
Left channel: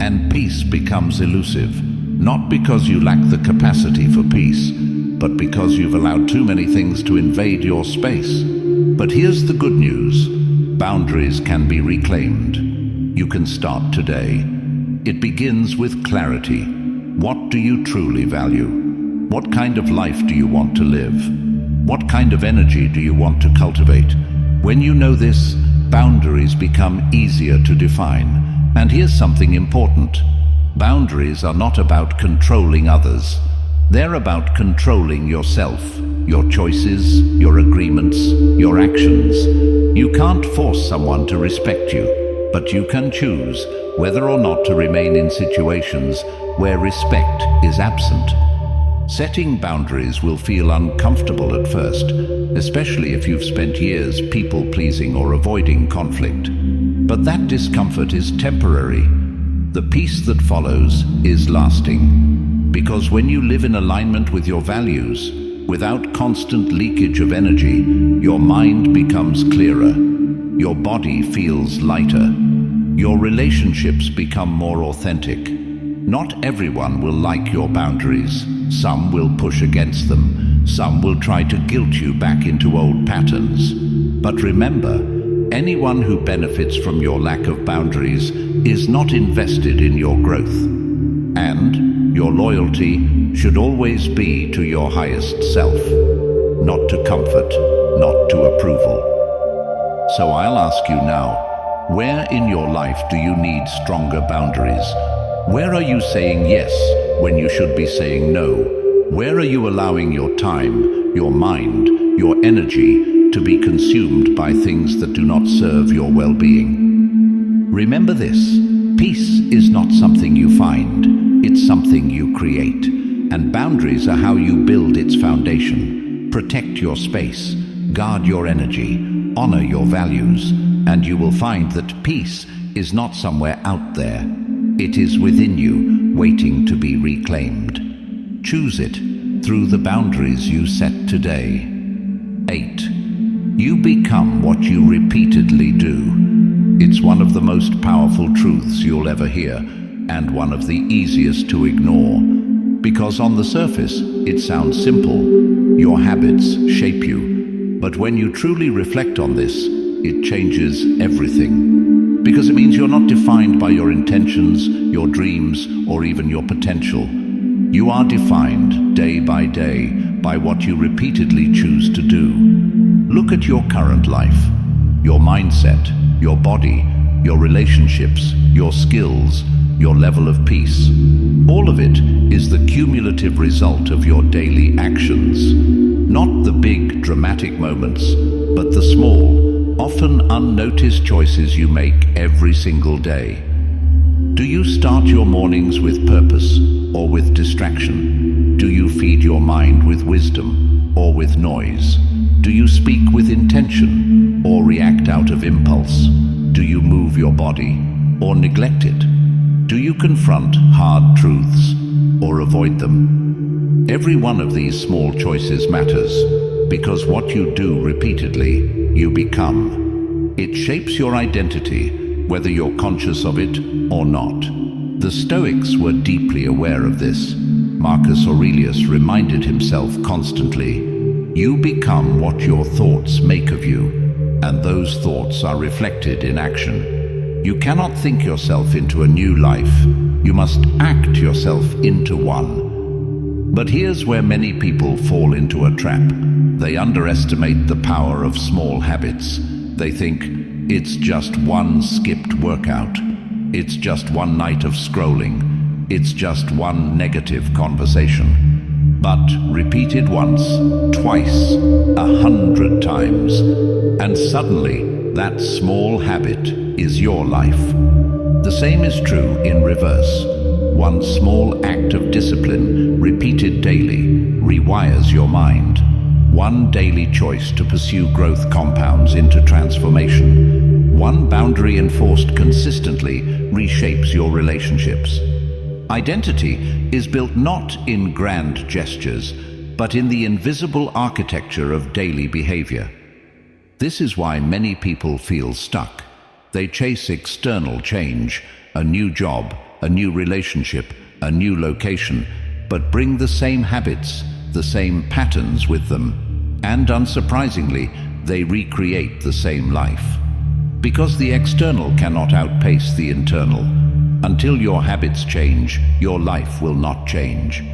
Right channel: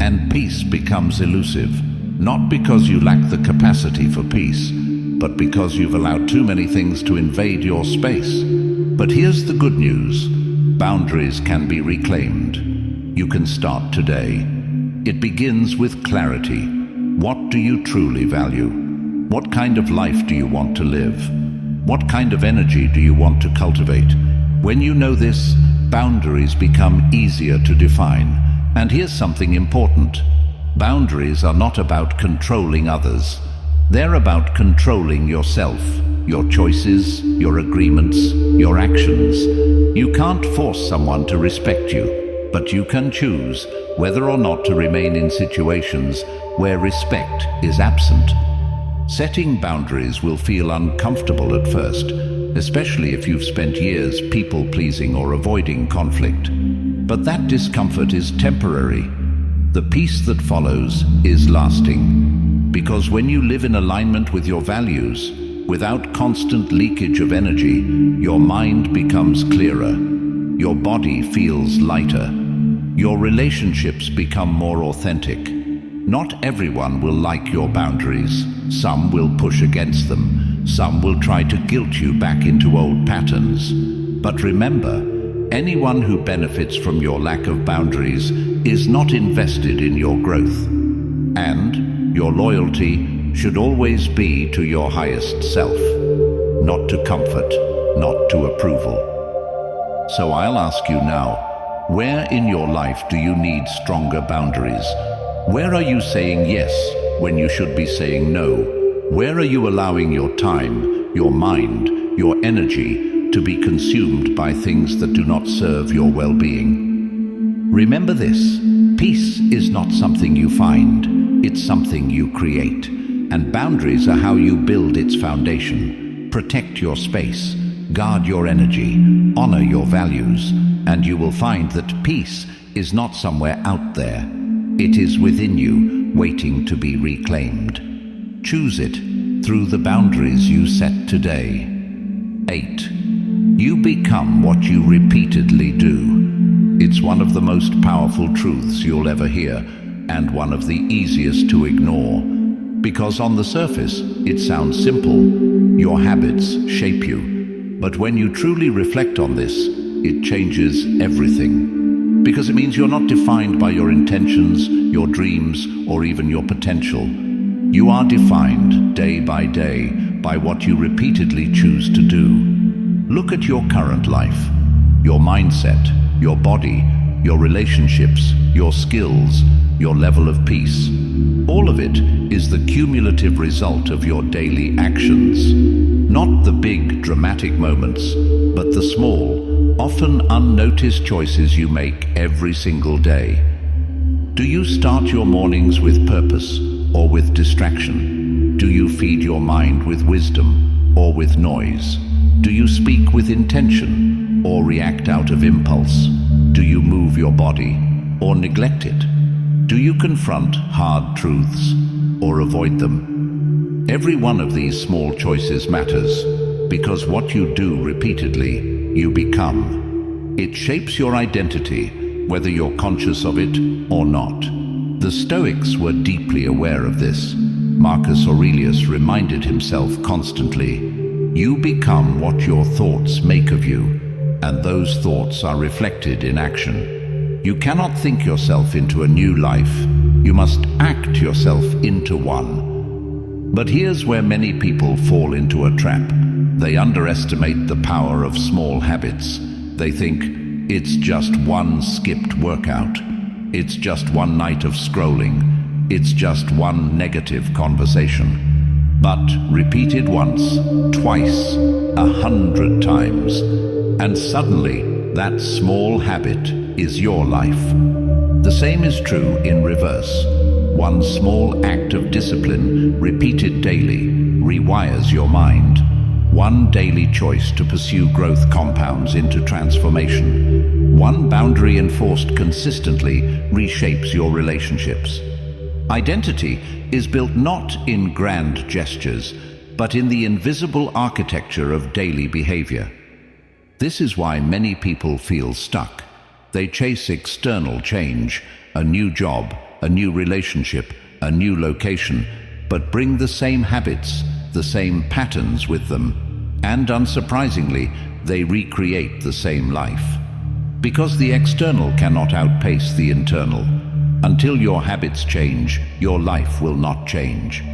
And peace becomes elusive, not because you lack the capacity for peace, but because you've allowed too many things to invade your space. But here's the good news. Boundaries can be reclaimed. You can start today. It begins with clarity. What do you truly value? What kind of life do you want to live? What kind of energy do you want to cultivate? When you know this, boundaries become easier to define. And here's something important. Boundaries are not about controlling others. They're about controlling yourself, your choices, your agreements, your actions. You can't force someone to respect you, but you can choose whether or not to remain in situations where respect is absent. Setting boundaries will feel uncomfortable at first, especially if you've spent years people-pleasing or avoiding conflict. But that discomfort is temporary. The peace that follows is lasting. Because when you live in alignment with your values, without constant leakage of energy, your mind becomes clearer. Your body feels lighter. Your relationships become more authentic. Not everyone will like your boundaries. Some will push against them. Some will try to guilt you back into old patterns. But remember, anyone who benefits from your lack of boundaries is not invested in your growth. And your loyalty should always be to your highest self, not to comfort, not to approval. So I'll ask you now, where in your life do you need stronger boundaries? Where are you saying yes when you should be saying no? Where are you allowing your time, your mind, your energy to be consumed by things that do not serve your well-being? Remember this, peace is not something you find. It's something you create, and boundaries are how you build its foundation. Protect your space, guard your energy, honor your values, and you will find that peace is not somewhere out there. It is within you, waiting to be reclaimed. Choose it through the boundaries you set today. 8. You become what you repeatedly do. It's one of the most powerful truths you'll ever hear, and one of the easiest to ignore. Because on the surface, it sounds simple. Your habits shape you. But when you truly reflect on this, it changes everything. Because it means you're not defined by your intentions, your dreams, or even your potential. You are defined day by day by what you repeatedly choose to do. Look at your current life, your mindset, your body, your relationships, your skills, your level of peace. All of it is the cumulative result of your daily actions. Not the big, dramatic moments, but the small, often unnoticed choices you make every single day. Do you start your mornings with purpose or with distraction? Do you feed your mind with wisdom or with noise? Do you speak with intention or react out of impulse? Do you move your body or neglect it? Do you confront hard truths or avoid them? Every one of these small choices matters, because what you do repeatedly, you become. It shapes your identity, whether you're conscious of it or not. The Stoics were deeply aware of this. Marcus Aurelius reminded himself constantly, "You become what your thoughts make of you, and those thoughts are reflected in action." You cannot think yourself into a new life. You must act yourself into one. But here's where many people fall into a trap. They underestimate the power of small habits. They think, it's just one skipped workout. It's just one night of scrolling. It's just one negative conversation. But repeated once, twice, 100 times, and suddenly that small habit is your life. The same is true in reverse. One small act of discipline, repeated daily, rewires your mind. One daily choice to pursue growth compounds into transformation. One boundary enforced consistently reshapes your relationships. Identity is built not in grand gestures, but in the invisible architecture of daily behavior. This is why many people feel stuck. They chase external change, a new job, a new relationship, a new location, but bring the same habits, the same patterns with them. And unsurprisingly, they recreate the same life. Because the external cannot outpace the internal. Until your habits change, your life will not change.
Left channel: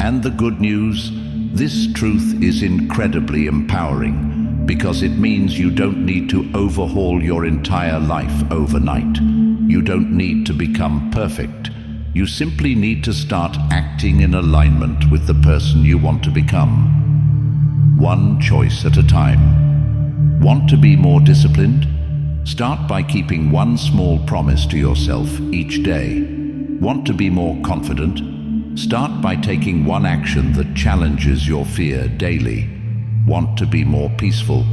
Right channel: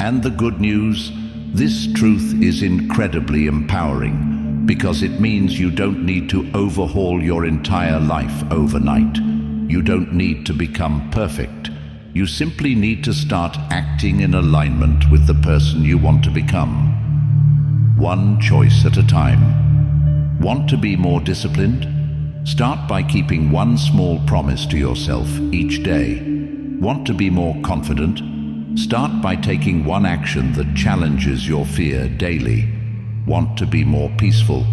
And the good news, this truth is incredibly empowering, because it means you don't need to overhaul your entire life overnight. You don't need to become perfect. You simply need to start acting in alignment with the person you want to become. One choice at a time. Want to be more disciplined? Start by keeping one small promise to yourself each day. Want to be more confident? Start by taking one action that challenges your fear daily. Want to be more peaceful?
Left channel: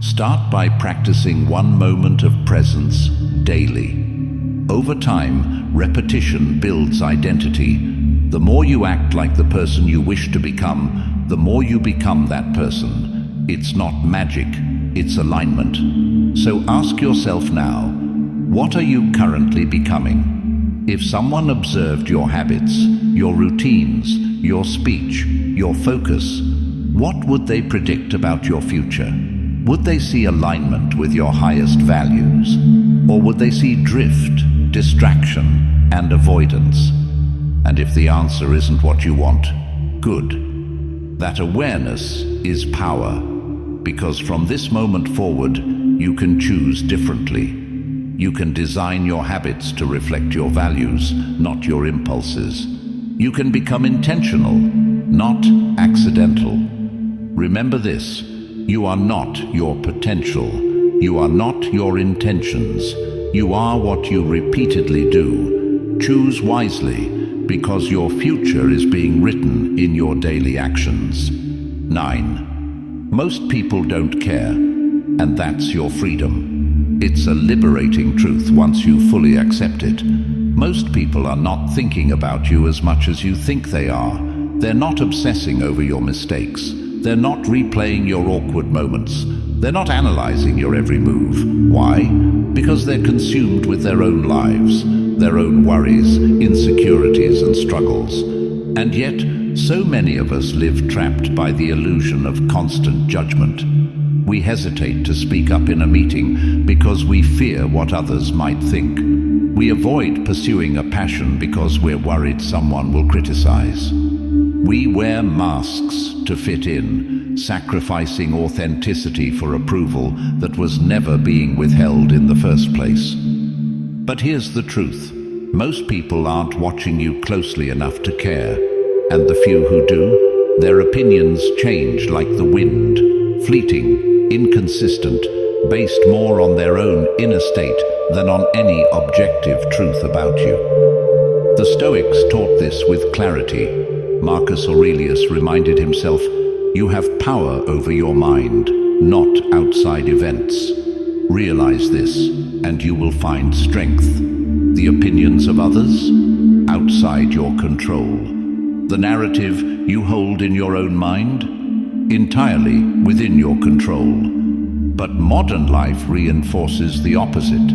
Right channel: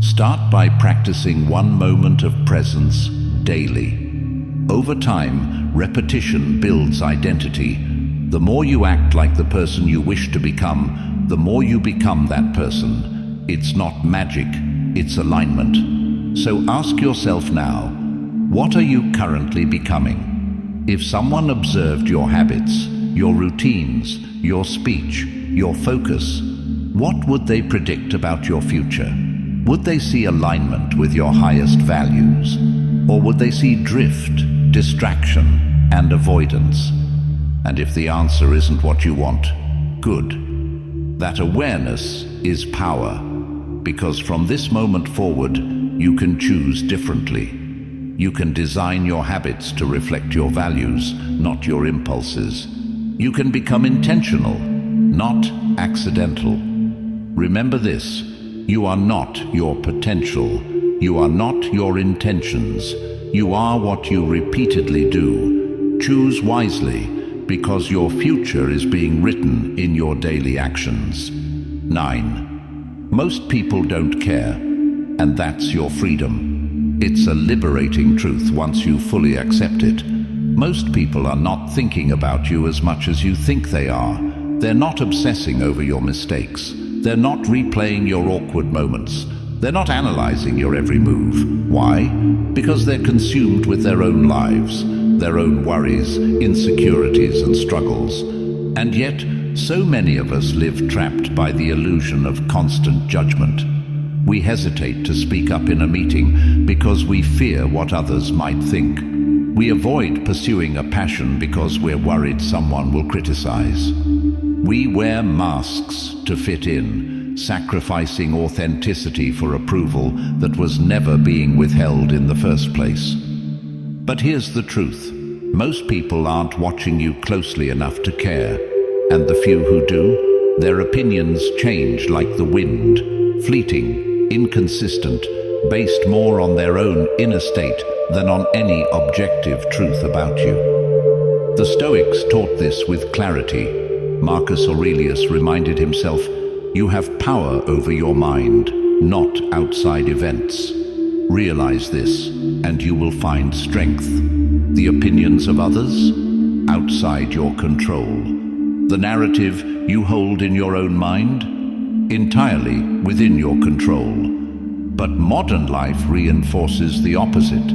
Start by practicing one moment of presence daily. Over time, repetition builds identity. The more you act like the person you wish to become, the more you become that person. It's not magic, it's alignment. So ask yourself now, what are you currently becoming? If someone observed your habits, your routines, your speech, your focus, what would they predict about your future? Would they see alignment with your highest values? Or would they see drift, distraction, and avoidance? And if the answer isn't what you want, good. That awareness is power, because from this moment forward, you can choose differently. You can design your habits to reflect your values, not your impulses. You can become intentional, not accidental. Remember this, you are not your potential. You are not your intentions. You are what you repeatedly do. Choose wisely, because your future is being written in your daily actions. 9. Most people don't care, and that's your freedom. It's a liberating truth once you fully accept it. Most people are not thinking about you as much as you think they are. They're not obsessing over your mistakes. They're not replaying your awkward moments. They're not analyzing your every move. Why? Because they're consumed with their own lives, their own worries, insecurities, and struggles. And yet, so many of us live trapped by the illusion of constant judgment. We hesitate to speak up in a meeting because we fear what others might think. We avoid pursuing a passion because we're worried someone will criticize. We wear masks to fit in, sacrificing authenticity for approval that was never being withheld in the first place. But here's the truth. Most people aren't watching you closely enough to care. And the few who do, their opinions change like the wind, fleeting, inconsistent, based more on their own inner state than on any objective truth about you. The Stoics taught this with clarity. Marcus Aurelius reminded himself, "You have power over your mind, not outside events. Realize this, and you will find strength. The opinions of others? Outside your control. The narrative you hold in your own mind? Entirely within your control." But modern life reinforces the opposite.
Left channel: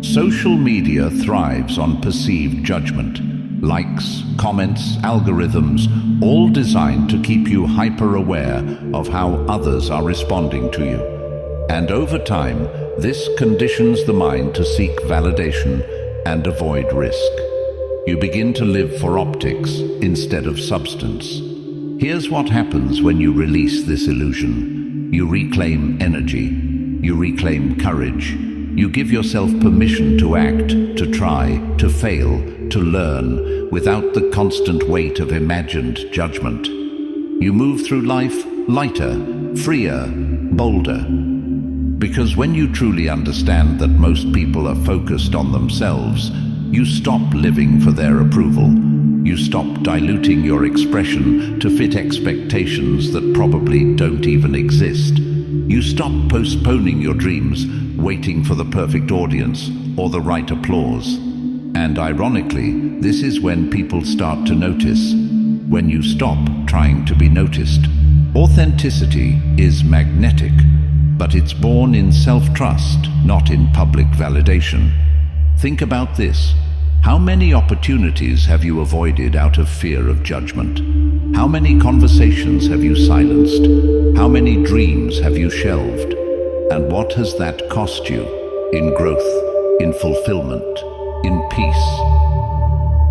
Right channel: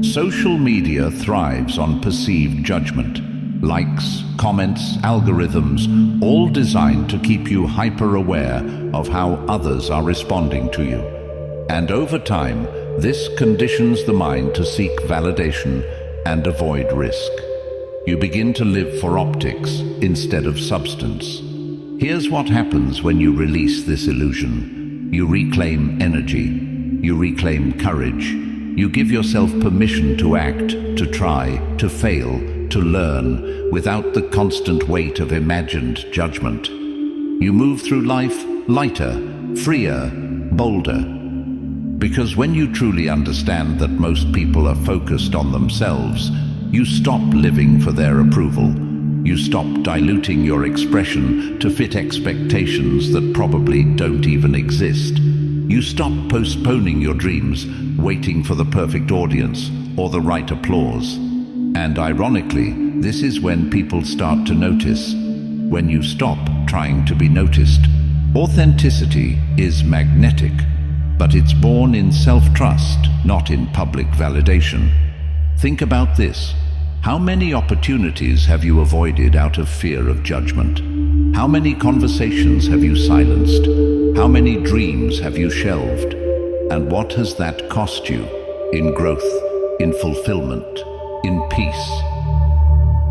Social media thrives on perceived judgment. Likes, comments, algorithms, all designed to keep you hyper-aware of how others are responding to you. And over time, this conditions the mind to seek validation and avoid risk. You begin to live for optics instead of substance. Here's what happens when you release this illusion. You reclaim energy. You reclaim courage. You give yourself permission to act, to try, to fail, to learn, without the constant weight of imagined judgment. You move through life lighter, freer, bolder. Because when you truly understand that most people are focused on themselves, you stop living for their approval. You stop diluting your expression to fit expectations that probably don't even exist. You stop postponing your dreams, waiting for the perfect audience or the right applause. And ironically, this is when people start to notice. When you stop trying to be noticed. Authenticity is magnetic, but it's born in self-trust, not in public validation. Think about this. How many opportunities have you avoided out of fear of judgment? How many conversations have you silenced? How many dreams have you shelved? And what has that cost you? In growth, in fulfillment, in peace.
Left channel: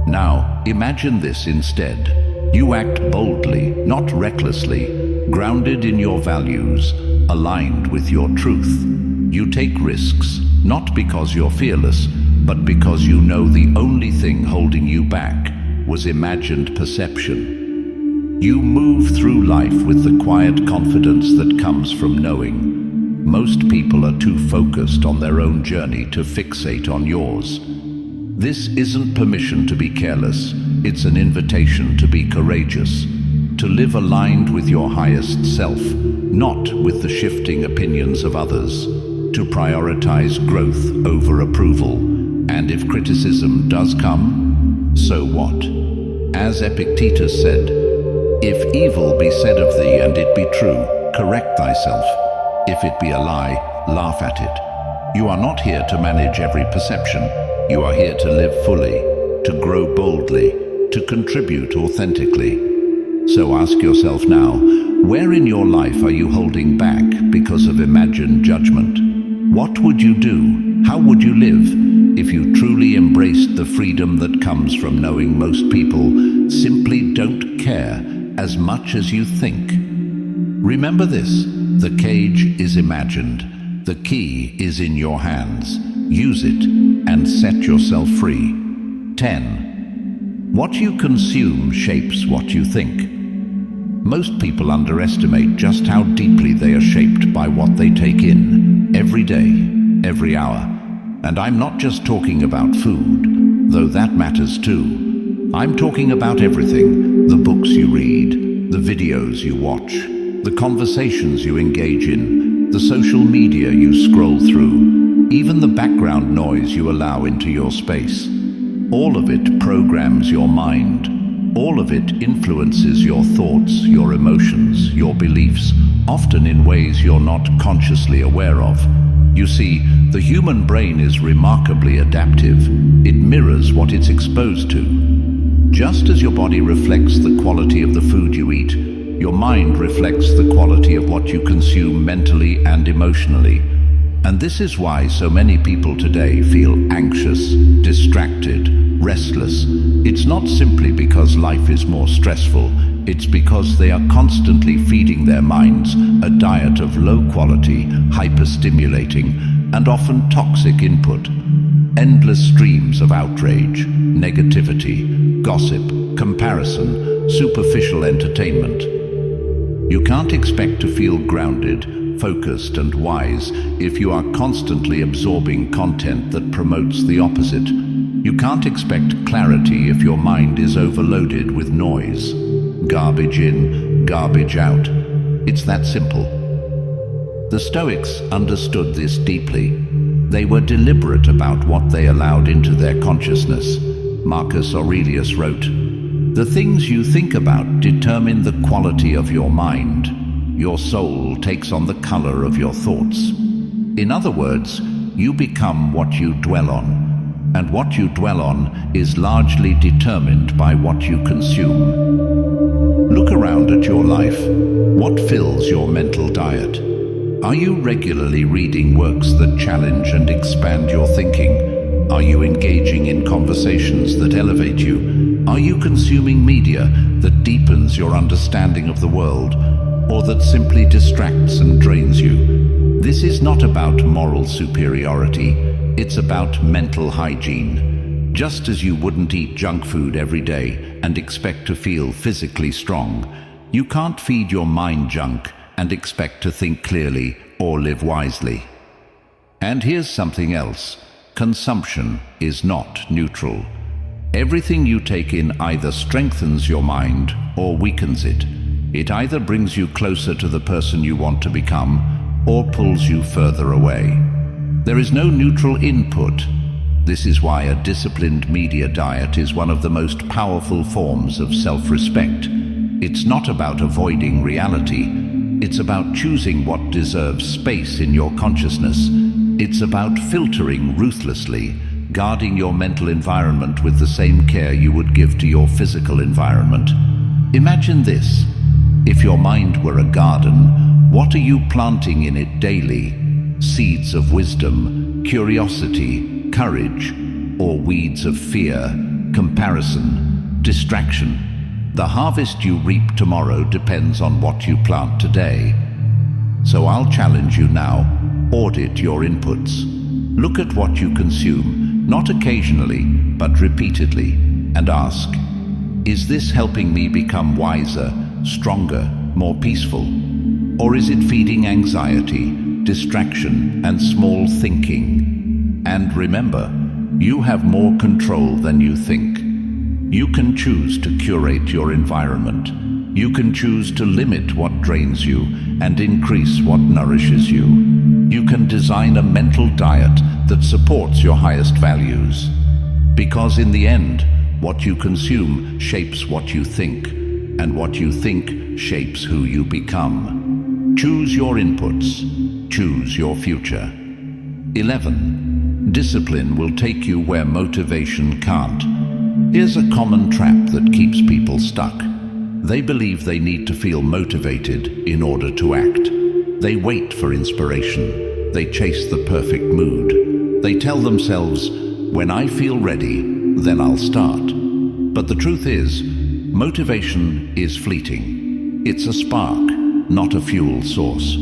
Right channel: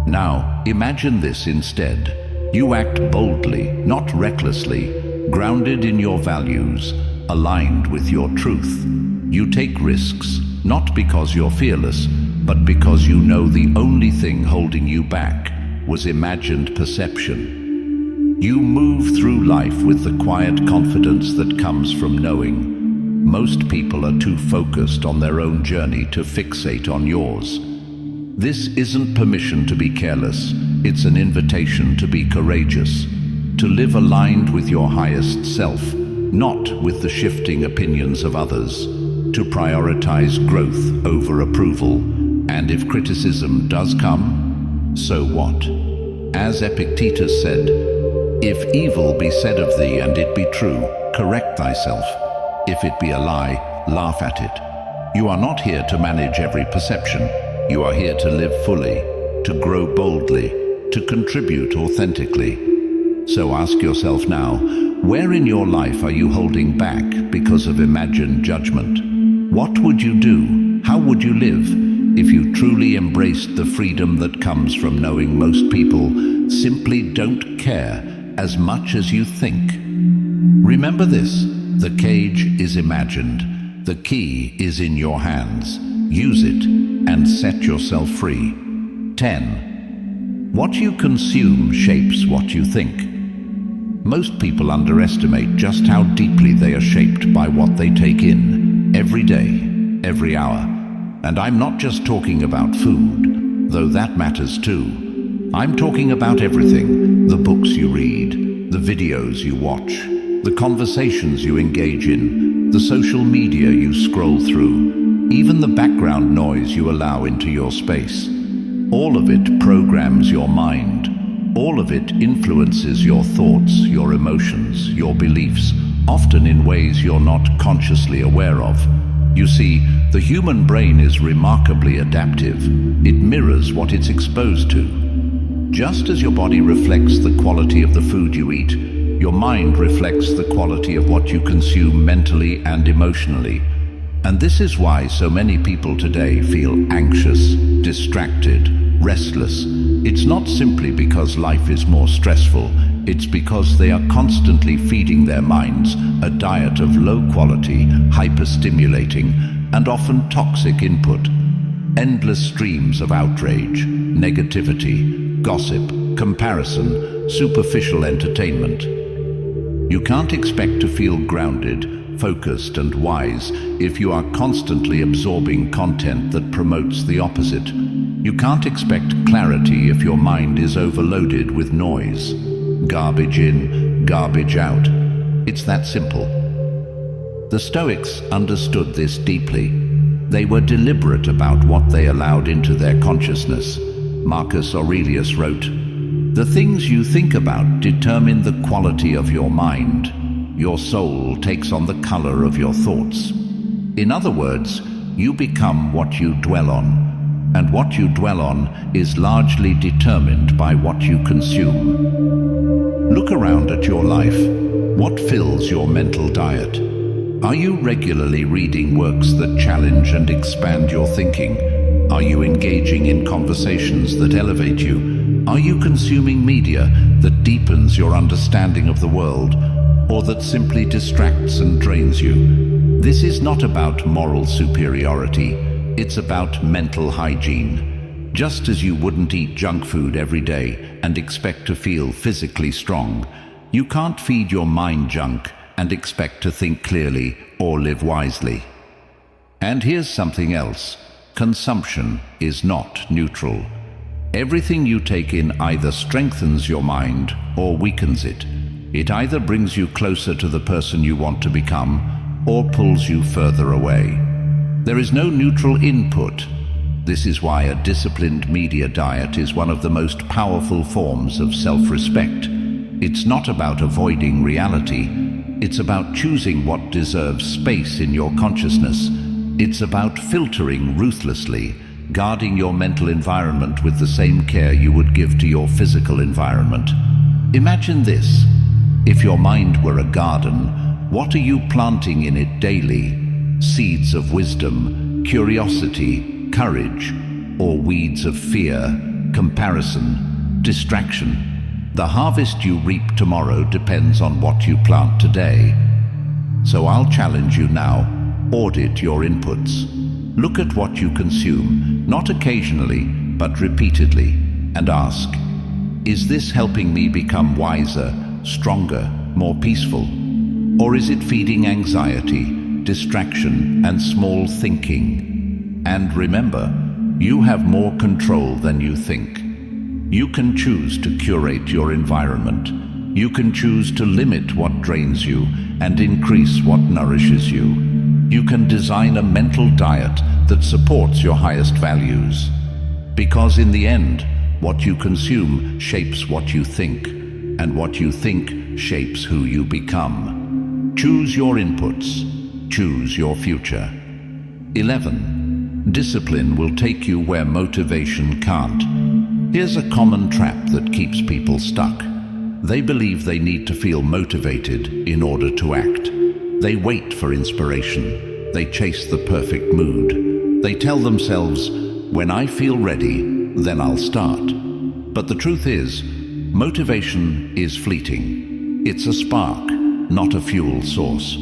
Now, imagine this instead. You act boldly, not recklessly, grounded in your values, aligned with your truth. You take risks, not because you're fearless, but because you know the only thing holding you back was imagined perception. You move through life with the quiet confidence that comes from knowing. Most people are too focused on their own journey to fixate on yours. This isn't permission to be careless, it's an invitation to be courageous, to live aligned with your highest self, not with the shifting opinions of others, to prioritize growth over approval. And if criticism does come, so what? As Epictetus said, "If evil be said of thee and it be true, correct thyself. If it be a lie, laugh at it." You are not here to manage every perception. You are here to live fully, to grow boldly, to contribute authentically. So ask yourself now, where in your life are you holding back because of imagined judgment? What would you do? How would you live if you truly embraced the freedom that comes from knowing most people simply don't care as much as you think? Remember this, the cage is imagined, the key is in your hands. Use it and set yourself free. 10. What you consume shapes what you think. Most people underestimate just how deeply they are shaped by what they take in, every day, every hour. And I'm not just talking about food, though that matters too. I'm talking about everything, the books you read, the videos you watch, the conversations you engage in, the social media you scroll through, even the background noise you allow into your space. All of it programs your mind. All of it influences your thoughts, your emotions, your beliefs, often in ways you're not consciously aware of. You see, the human brain is remarkably adaptive. It mirrors what it's exposed to. Just as your body reflects the quality of the food you eat, your mind reflects the quality of what you consume mentally and emotionally. And this is why so many people today feel anxious, distracted, restless. It's not simply because life is more stressful, it's because they are constantly feeding their minds a diet of low-quality, hyper-stimulating, and often toxic input. Endless streams of outrage, negativity, gossip, comparison, superficial entertainment. You can't expect to feel grounded, focused, and wise if you are constantly absorbing content that promotes the opposite. You can't expect clarity if your mind is overloaded with noise. Garbage in, garbage out. It's that simple. The Stoics understood this deeply. They were deliberate about what they allowed into their consciousness. Marcus Aurelius wrote, "The things you think about determine the quality of your mind. Your soul takes on the color of your thoughts." In other words, you become what you dwell on, and what you dwell on is largely determined by what you consume. Look around at your life. What fills your mental diet? Are you regularly reading works that challenge and expand your thinking? Are you engaging in conversations that elevate you? Are you consuming media that deepens your understanding of the world, or that simply distracts and drains you? This is not about moral superiority, it's about mental hygiene. Just as you wouldn't eat junk food every day and expect to feel physically strong, you can't feed your mind junk and expect to think clearly or live wisely. And here's something else. Consumption is not neutral. Everything you take in either strengthens your mind or weakens it. It either brings you closer to the person you want to become or pulls you further away. There is no neutral input. This is why a disciplined media diet is one of the most powerful forms of self-respect. It's not about avoiding reality. It's about choosing what deserves space in your consciousness. It's about filtering ruthlessly, guarding your mental environment with the same care you would give to your physical environment. Imagine this. If your mind were a garden, what are you planting in it daily? Seeds of wisdom, curiosity, courage, or weeds of fear, comparison, distraction? The harvest you reap tomorrow depends on what you plant today. So I'll challenge you now, audit your inputs. Look at what you consume, not occasionally, but repeatedly, and ask, is this helping me become wiser, stronger, more peaceful? Or is it feeding anxiety, distraction, and small thinking? And remember, you have more control than you think. You can choose to curate your environment. You can choose to limit what drains you and increase what nourishes you. You can design a mental diet that supports your highest values. Because in the end, what you consume shapes what you think, and what you think shapes who you become. Choose your inputs. Choose your future. 11. Discipline will take you where motivation can't. Here's a common trap that keeps people stuck. They believe they need to feel motivated in order to act. They wait for inspiration. They chase the perfect mood. They tell themselves, when I feel ready, then I'll start. But the truth is, motivation is fleeting. It's a spark, not a fuel source.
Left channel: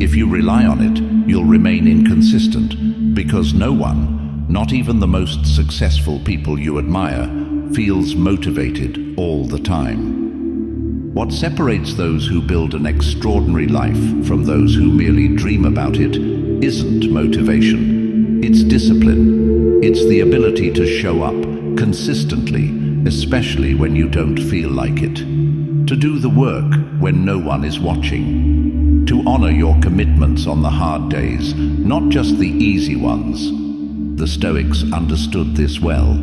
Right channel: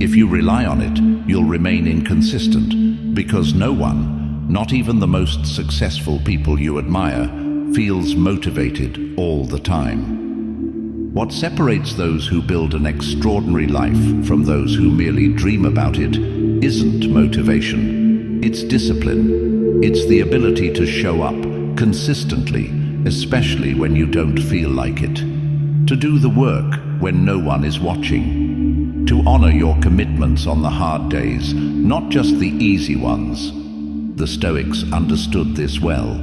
If you rely on it, you'll remain inconsistent, because no one, not even the most successful people you admire, feels motivated all the time. What separates those who build an extraordinary life from those who merely dream about it isn't motivation. It's discipline. It's the ability to show up consistently, especially when you don't feel like it. To do the work when no one is watching. To honor your commitments on the hard days, not just the easy ones. The Stoics understood this well.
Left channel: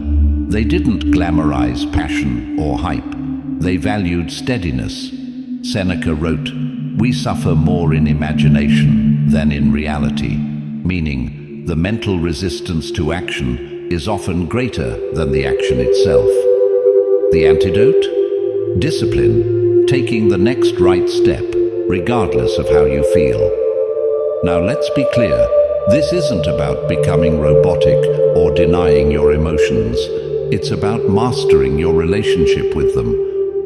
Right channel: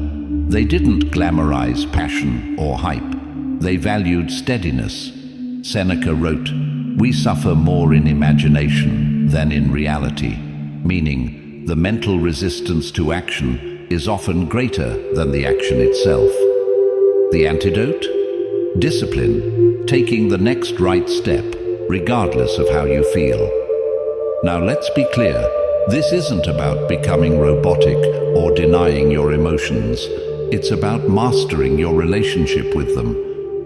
They didn't glamorize passion or hype. They valued steadiness. Seneca wrote, "We suffer more in imagination than in reality," meaning the mental resistance to action is often greater than the action itself. The antidote? Discipline, taking the next right step, regardless of how you feel. Now let's be clear. This isn't about becoming robotic or denying your emotions. It's about mastering your relationship with them.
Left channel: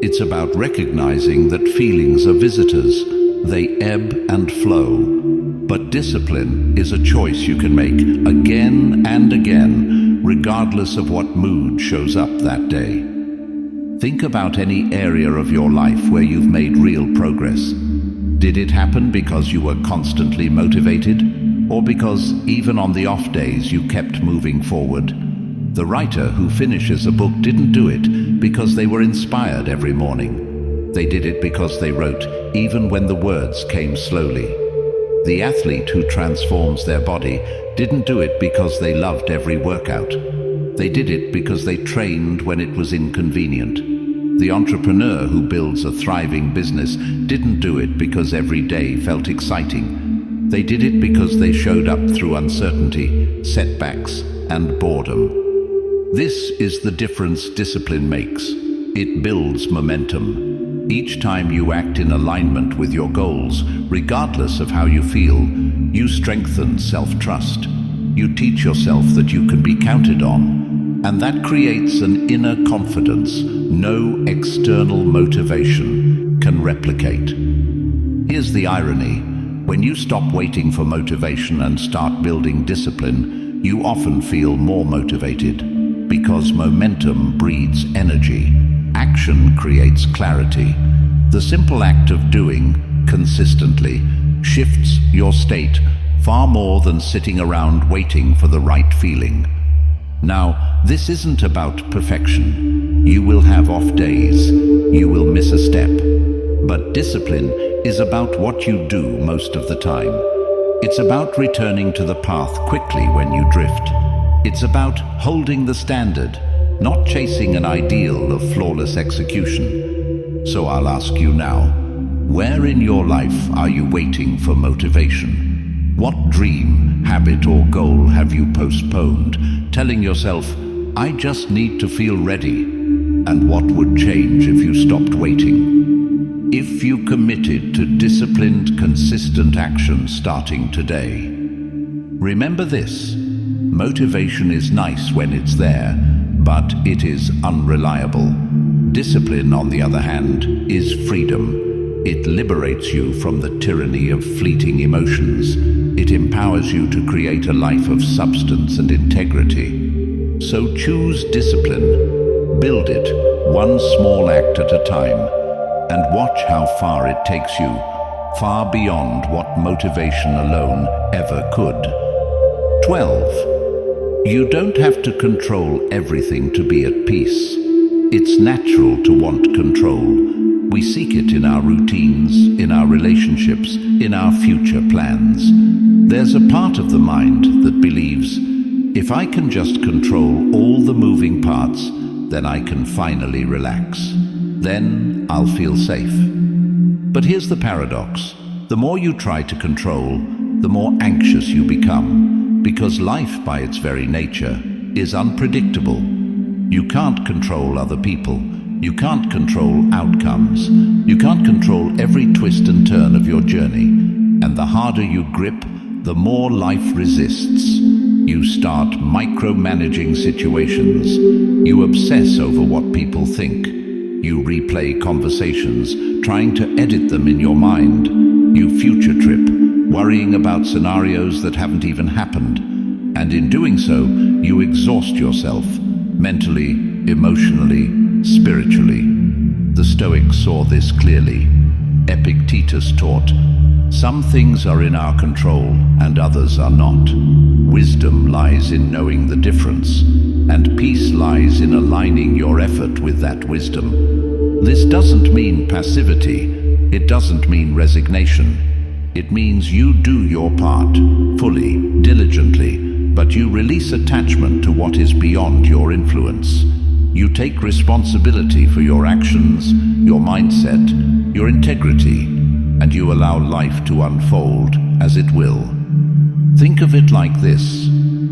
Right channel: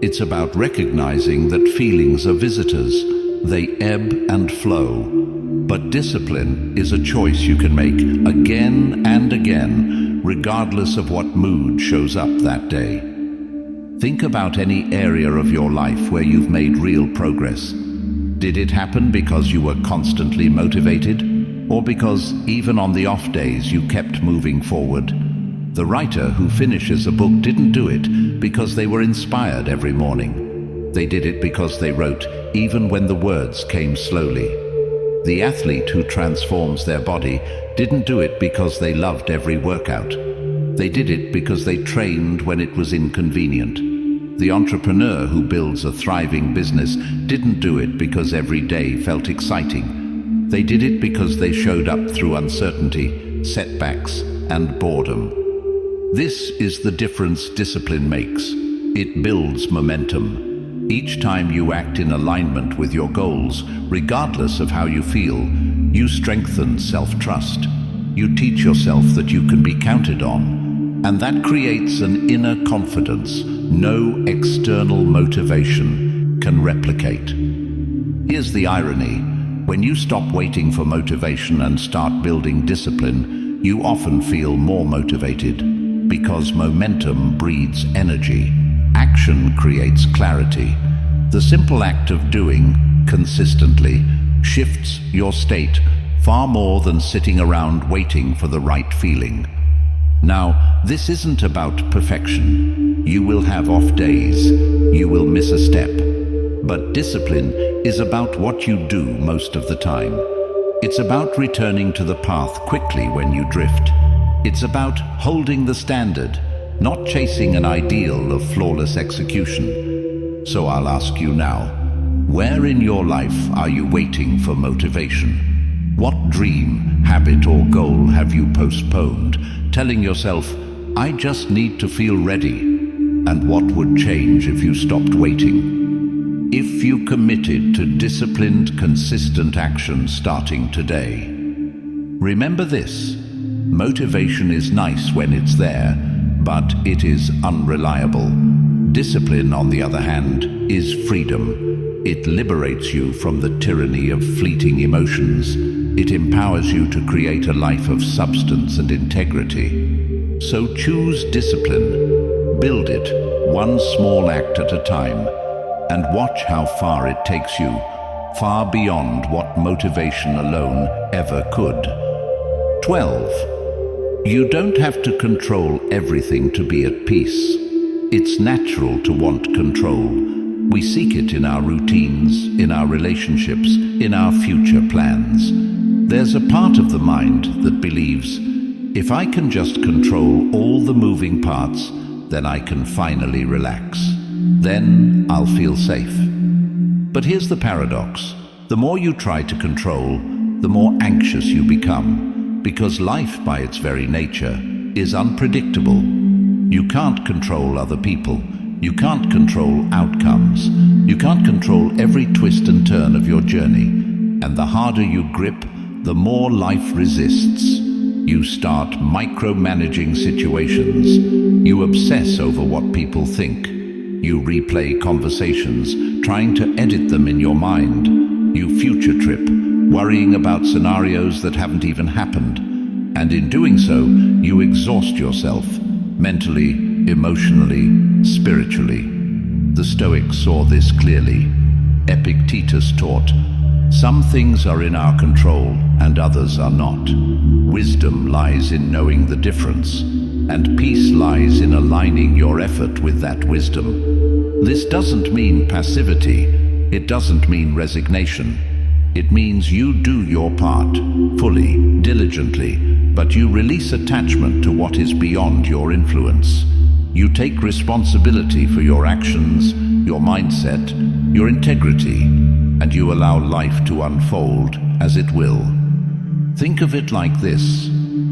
It's about recognizing that feelings are visitors. They ebb and flow. But discipline is a choice you can make again and again, regardless of what mood shows up that day. Think about any area of your life where you've made real progress. Did it happen because you were constantly motivated? Or because even on the off days you kept moving forward? The writer who finishes a book didn't do it because they were inspired every morning. They did it because they wrote, even when the words came slowly. The athlete who transforms their body didn't do it because they loved every workout. They did it because they trained when it was inconvenient. The entrepreneur who builds a thriving business didn't do it because every day felt exciting. They did it because they showed up through uncertainty, setbacks, and boredom. This is the difference discipline makes. It builds momentum. Each time you act in alignment with your goals, regardless of how you feel, you strengthen self-trust. You teach yourself that you can be counted on, and that creates an inner confidence no external motivation can replicate. Here's the irony. When you stop waiting for motivation and start building discipline, you often feel more motivated, because momentum breeds energy. Action creates clarity. The simple act of doing consistently shifts your state far more than sitting around waiting for the right feeling. Now, this isn't about perfection. You will have off days. You will miss a step. But discipline is about what you do most of the time. It's about returning to the path quickly when you drift. It's about holding the standard, not chasing an ideal of flawless execution. So I'll ask you now, where in your life are you waiting for motivation? What dream, habit, or goal have you postponed, telling yourself, I just need to feel ready? And what would change if you stopped waiting? If you committed to disciplined, consistent action starting today. Remember this, motivation is nice when it's there, but it is unreliable. Discipline, on the other hand, is freedom. It liberates you from the tyranny of fleeting emotions. It empowers you to create a life of substance and integrity. So choose discipline, build it one small act at a time, and watch how far it takes you, far beyond what motivation alone ever could. 12. You don't have to control everything to be at peace. It's natural to want control. We seek it in our routines, in our relationships, in our future plans. There's a part of the mind that believes, if I can just control all the moving parts, then I can finally relax. Then I'll feel safe. But here's the paradox. The more you try to control, the more anxious you become, because life by its very nature is unpredictable. You can't control other people. You can't control outcomes. You can't control every twist and turn of your journey. And the harder you grip, the more life resists. You start micromanaging situations. You obsess over what people think. You replay conversations, trying to edit them in your mind. You future trip, worrying about scenarios that haven't even happened. And in doing so, you exhaust yourself, mentally, emotionally, spiritually. The Stoics saw this clearly. Epictetus taught, some things are in our control and others are not. Wisdom lies in knowing the difference, and peace lies in aligning your effort with that wisdom. This doesn't mean passivity. It doesn't mean resignation. It means you do your part, fully, diligently, but you release attachment to what is beyond your influence. You take responsibility for your actions, your mindset, your integrity, and you allow life to unfold as it will. Think of it like this.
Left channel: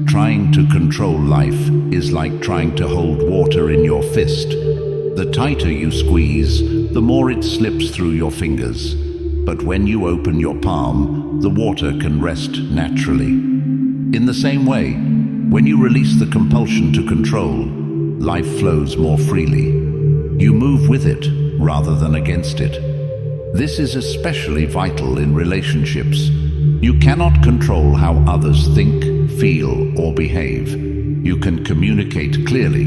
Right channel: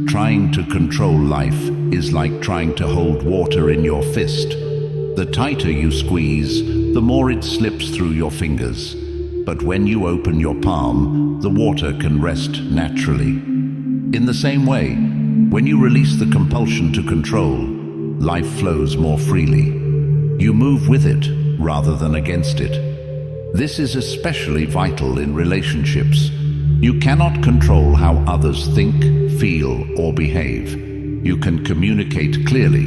Trying to control life is like trying to hold water in your fist. The tighter you squeeze, the more it slips through your fingers. But when you open your palm, the water can rest naturally. In the same way, when you release the compulsion to control, life flows more freely. You move with it rather than against it. This is especially vital in relationships. You cannot control how others think, feel, or behave. You can communicate clearly.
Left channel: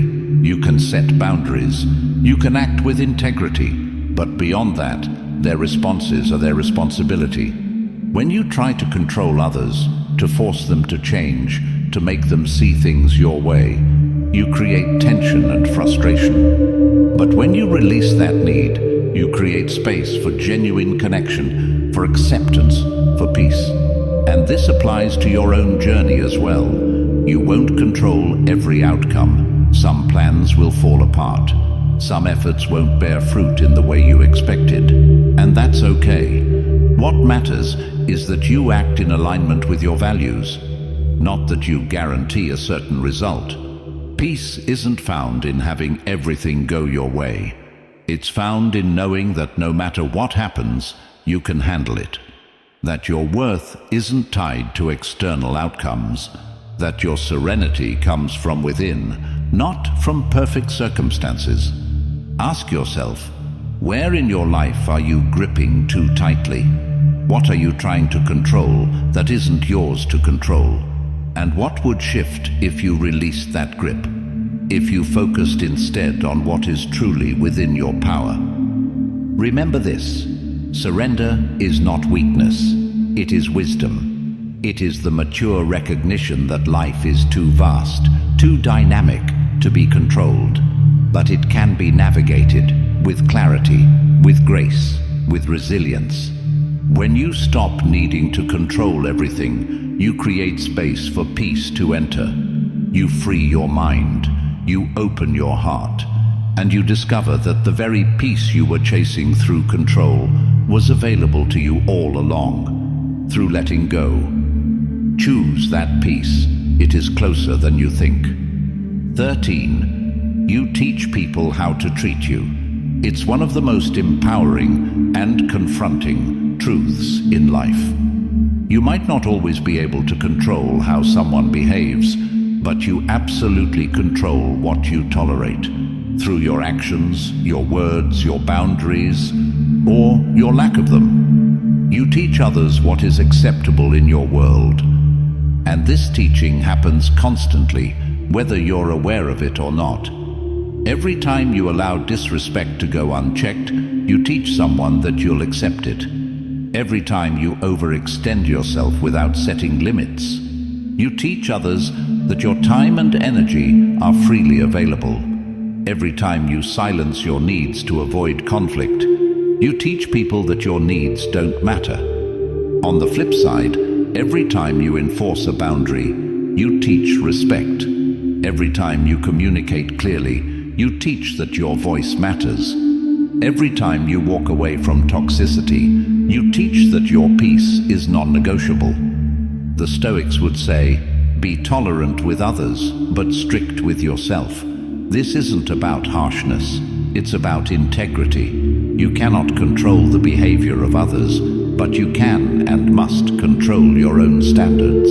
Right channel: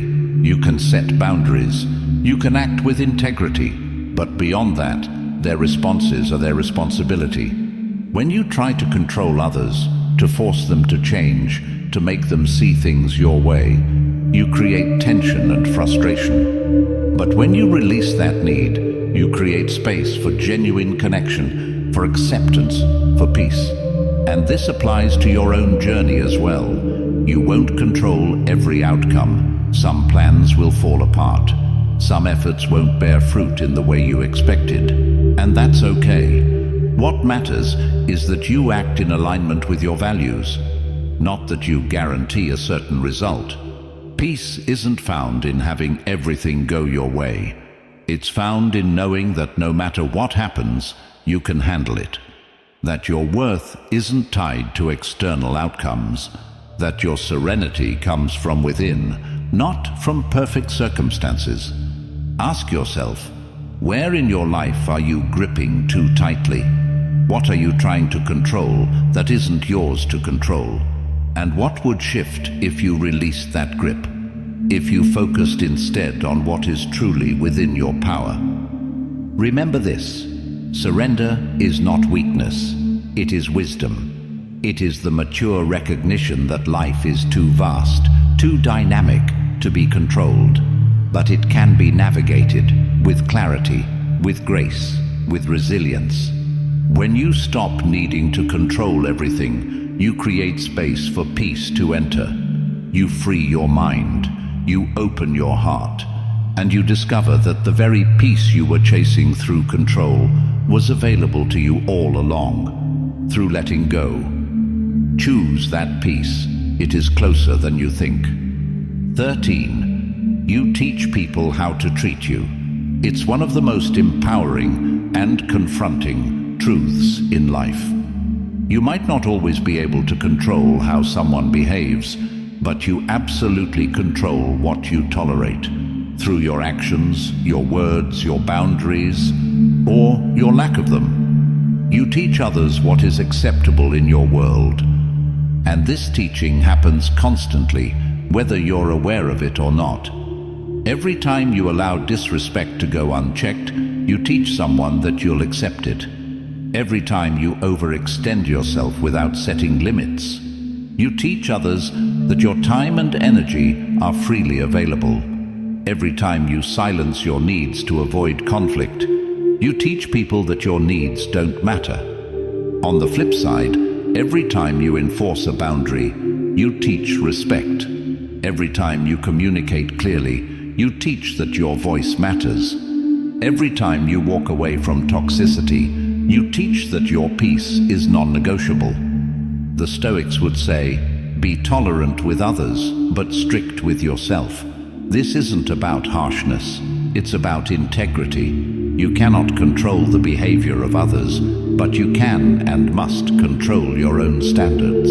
You can set boundaries. You can act with integrity. But beyond that, their responses are their responsibility. When you try to control others, to force them to change, to make them see things your way, you create tension and frustration. But when you release that need, You create space for genuine connection, for acceptance, for peace. And this applies to your own journey as well. You won't control every outcome. Some plans will fall apart. Some efforts won't bear fruit in the way you expected. And that's okay. What matters is that you act in alignment with your values, not that you guarantee a certain result. Peace isn't found in having everything go your way. It's found in knowing that no matter what happens, you can handle it. That your worth isn't tied to external outcomes. That your serenity comes from within, not from perfect circumstances. Ask yourself, where in your life are you gripping too tightly? What are you trying to control that isn't yours to control? And what would shift if you released that grip? If you focused instead on what is truly within your power? Remember this: surrender is not weakness, it is wisdom. It is the mature recognition that life is too vast, too dynamic to be controlled, but it can be navigated with clarity, with grace, with resilience. When you stop needing to control everything, you create space for peace to enter. You free your mind, you open your heart, and you discover that the very peace you were chasing through control was available to you all along, through letting go. Choose that peace. It is closer than you think. 13. You teach people how to treat you. It's one of the most empowering and confronting truths in life. You might not always be able to control how someone behaves, but you absolutely control what you tolerate through your actions, your words, your boundaries, or your lack of them. You teach others what is acceptable in your world. And this teaching happens constantly, whether you're aware of it or not. Every time you allow disrespect to go unchecked, you teach someone that you'll accept it. Every time you overextend yourself without setting limits, you teach others that your time and energy are freely available. Every time you silence your needs to avoid conflict, you teach people that your needs don't matter. On the flip side, every time you enforce a boundary, you teach respect. Every time you communicate clearly, you teach that your voice matters. Every time you walk away from toxicity, you teach that your peace is non-negotiable. The Stoics would say, be tolerant with others, but strict with yourself. This isn't about harshness, it's about integrity. You cannot control the behavior of others, but you can and must control your own standards.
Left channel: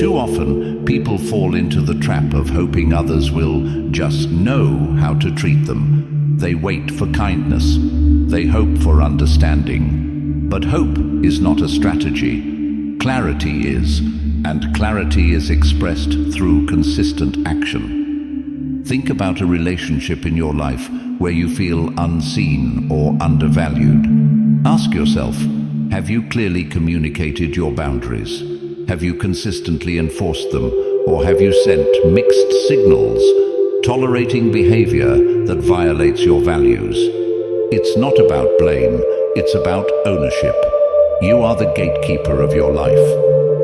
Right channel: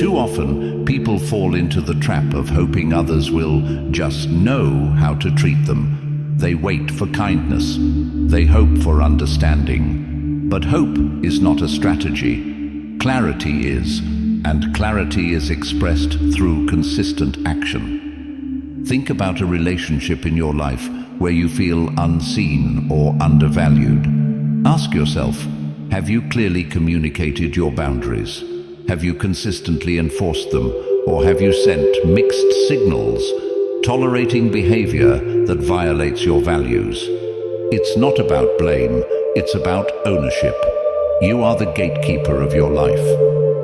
Too often, people fall into the trap of hoping others will just know how to treat them. They wait for kindness. They hope for understanding. But hope is not a strategy. Clarity is, and clarity is expressed through consistent action. Think about a relationship in your life where you feel unseen or undervalued. Ask yourself, have you clearly communicated your boundaries? Have you consistently enforced them, or have you sent mixed signals, tolerating behavior that violates your values? It's not about blame, it's about ownership. You are the gatekeeper of your life.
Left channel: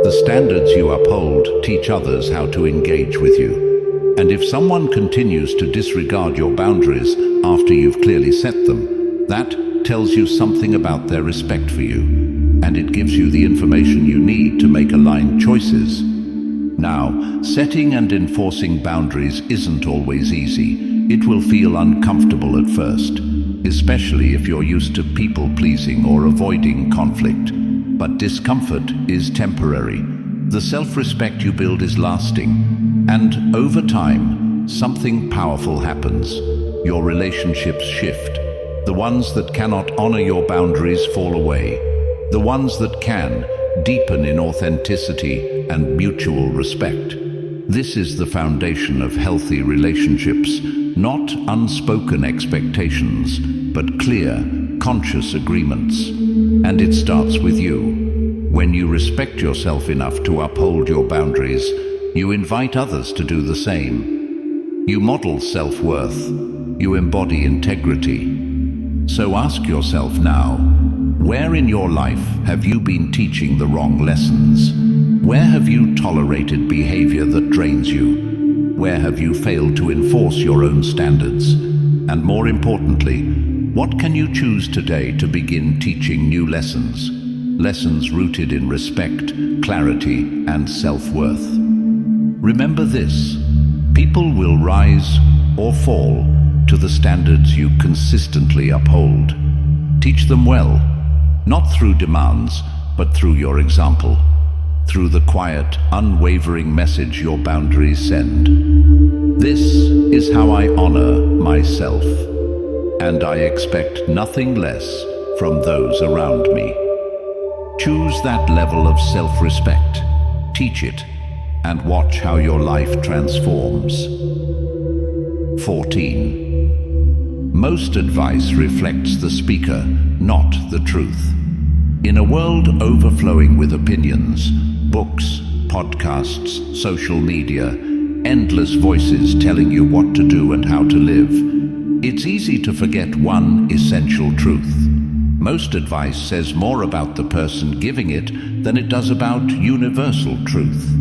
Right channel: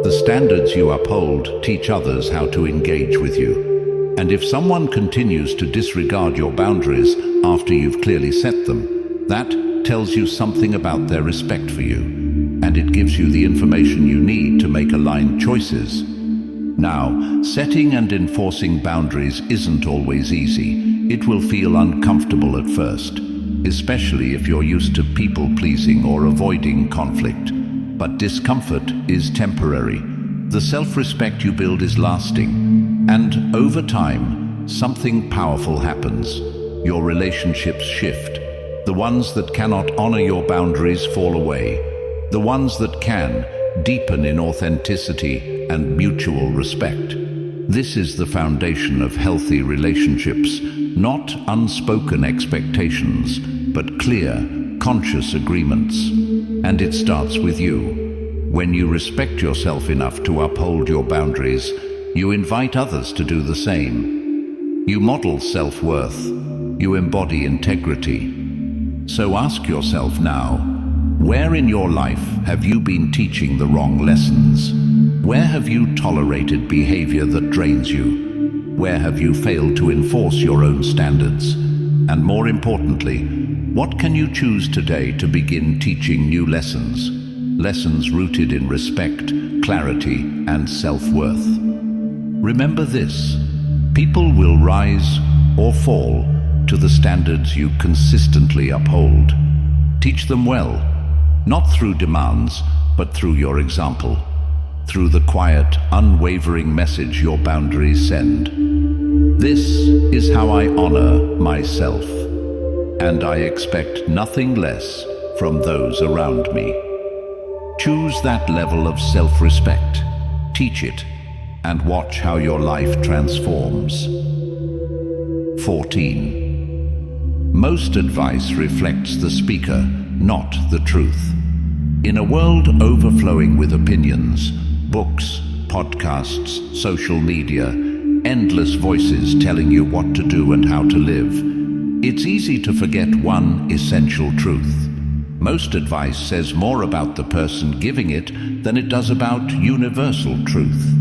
The standards you uphold teach others how to engage with you. And if someone continues to disregard your boundaries after you've clearly set them, that tells you something about their respect for you, and it gives you the information you need to make aligned choices. Now, setting and enforcing boundaries isn't always easy. It will feel uncomfortable at first, especially if you're used to people-pleasing or avoiding conflict. But discomfort is temporary. The self-respect you build is lasting, and over time, something powerful happens. Your relationships shift. The ones that cannot honor your boundaries fall away. The ones that can deepen in authenticity and mutual respect. This is the foundation of healthy relationships, not unspoken expectations, but clear, conscious agreements. And it starts with you. When you respect yourself enough to uphold your boundaries, you invite others to do the same. You model self-worth. You embody integrity. So ask yourself now, where in your life have you been teaching the wrong lessons? Where have you tolerated behavior that drains you? Where have you failed to enforce your own standards? And more importantly, what can you choose today to begin teaching new lessons? Lessons rooted in respect, clarity, and self-worth. Remember this: people will rise or fall to the standards you consistently uphold. Teach them well, not through demands, but through your example, through the quiet, unwavering message your boundaries send. This is how I honor myself, and I expect nothing less from those around me. Choose that level of self-respect, teach it, and watch how your life transforms. 14. Most advice reflects the speaker, not the truth. In a world overflowing with opinions, books, podcasts, social media, endless voices telling you what to do and how to live, it's easy to forget one essential truth. Most advice says more about the person giving it than it does about universal truth.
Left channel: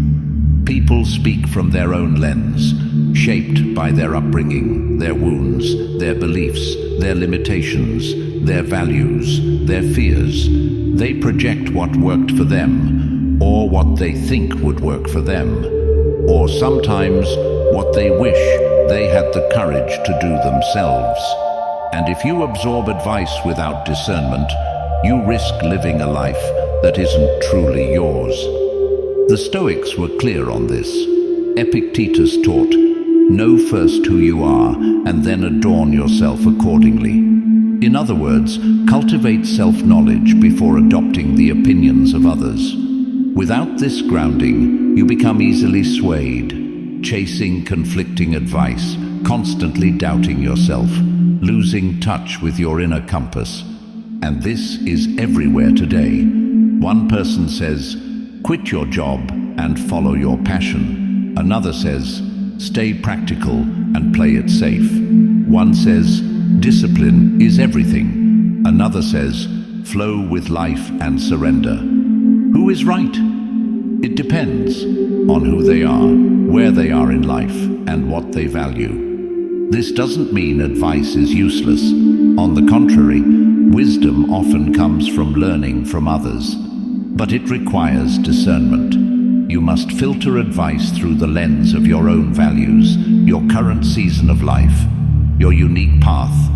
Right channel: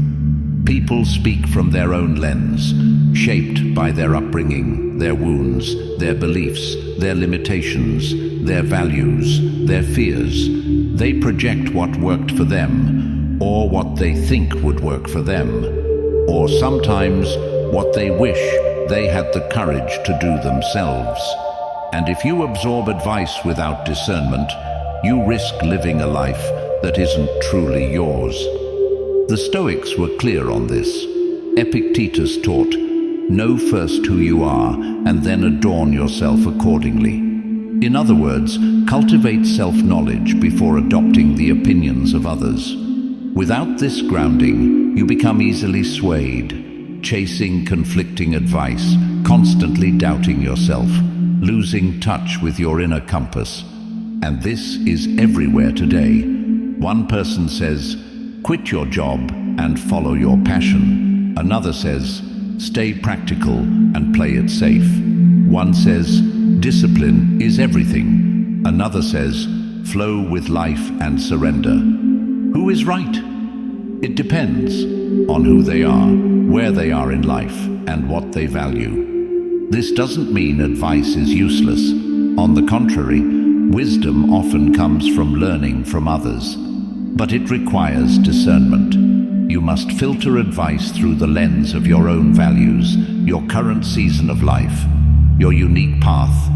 People speak from their own lens, shaped by their upbringing, their wounds, their beliefs, their limitations, their values, their fears. They project what worked for them, or what they think would work for them, or sometimes what they wish they had the courage to do themselves. And if you absorb advice without discernment, you risk living a life that isn't truly yours. The Stoics were clear on this. Epictetus taught, "Know first who you are, and then adorn yourself accordingly." In other words, cultivate self-knowledge before adopting the opinions of others. Without this grounding, you become easily swayed, chasing conflicting advice, constantly doubting yourself, losing touch with your inner compass. And this is everywhere today. One person says, "Quit your job and follow your passion." Another says, "Stay practical and play it safe." One says, "Discipline is everything." Another says, "Flow with life and surrender." Who is right? It depends on who they are, where they are in life, and what they value. This doesn't mean advice is useless. On the contrary, wisdom often comes from learning from others. But it requires discernment. You must filter advice through the lens of your own values, your current season of life, your unique path.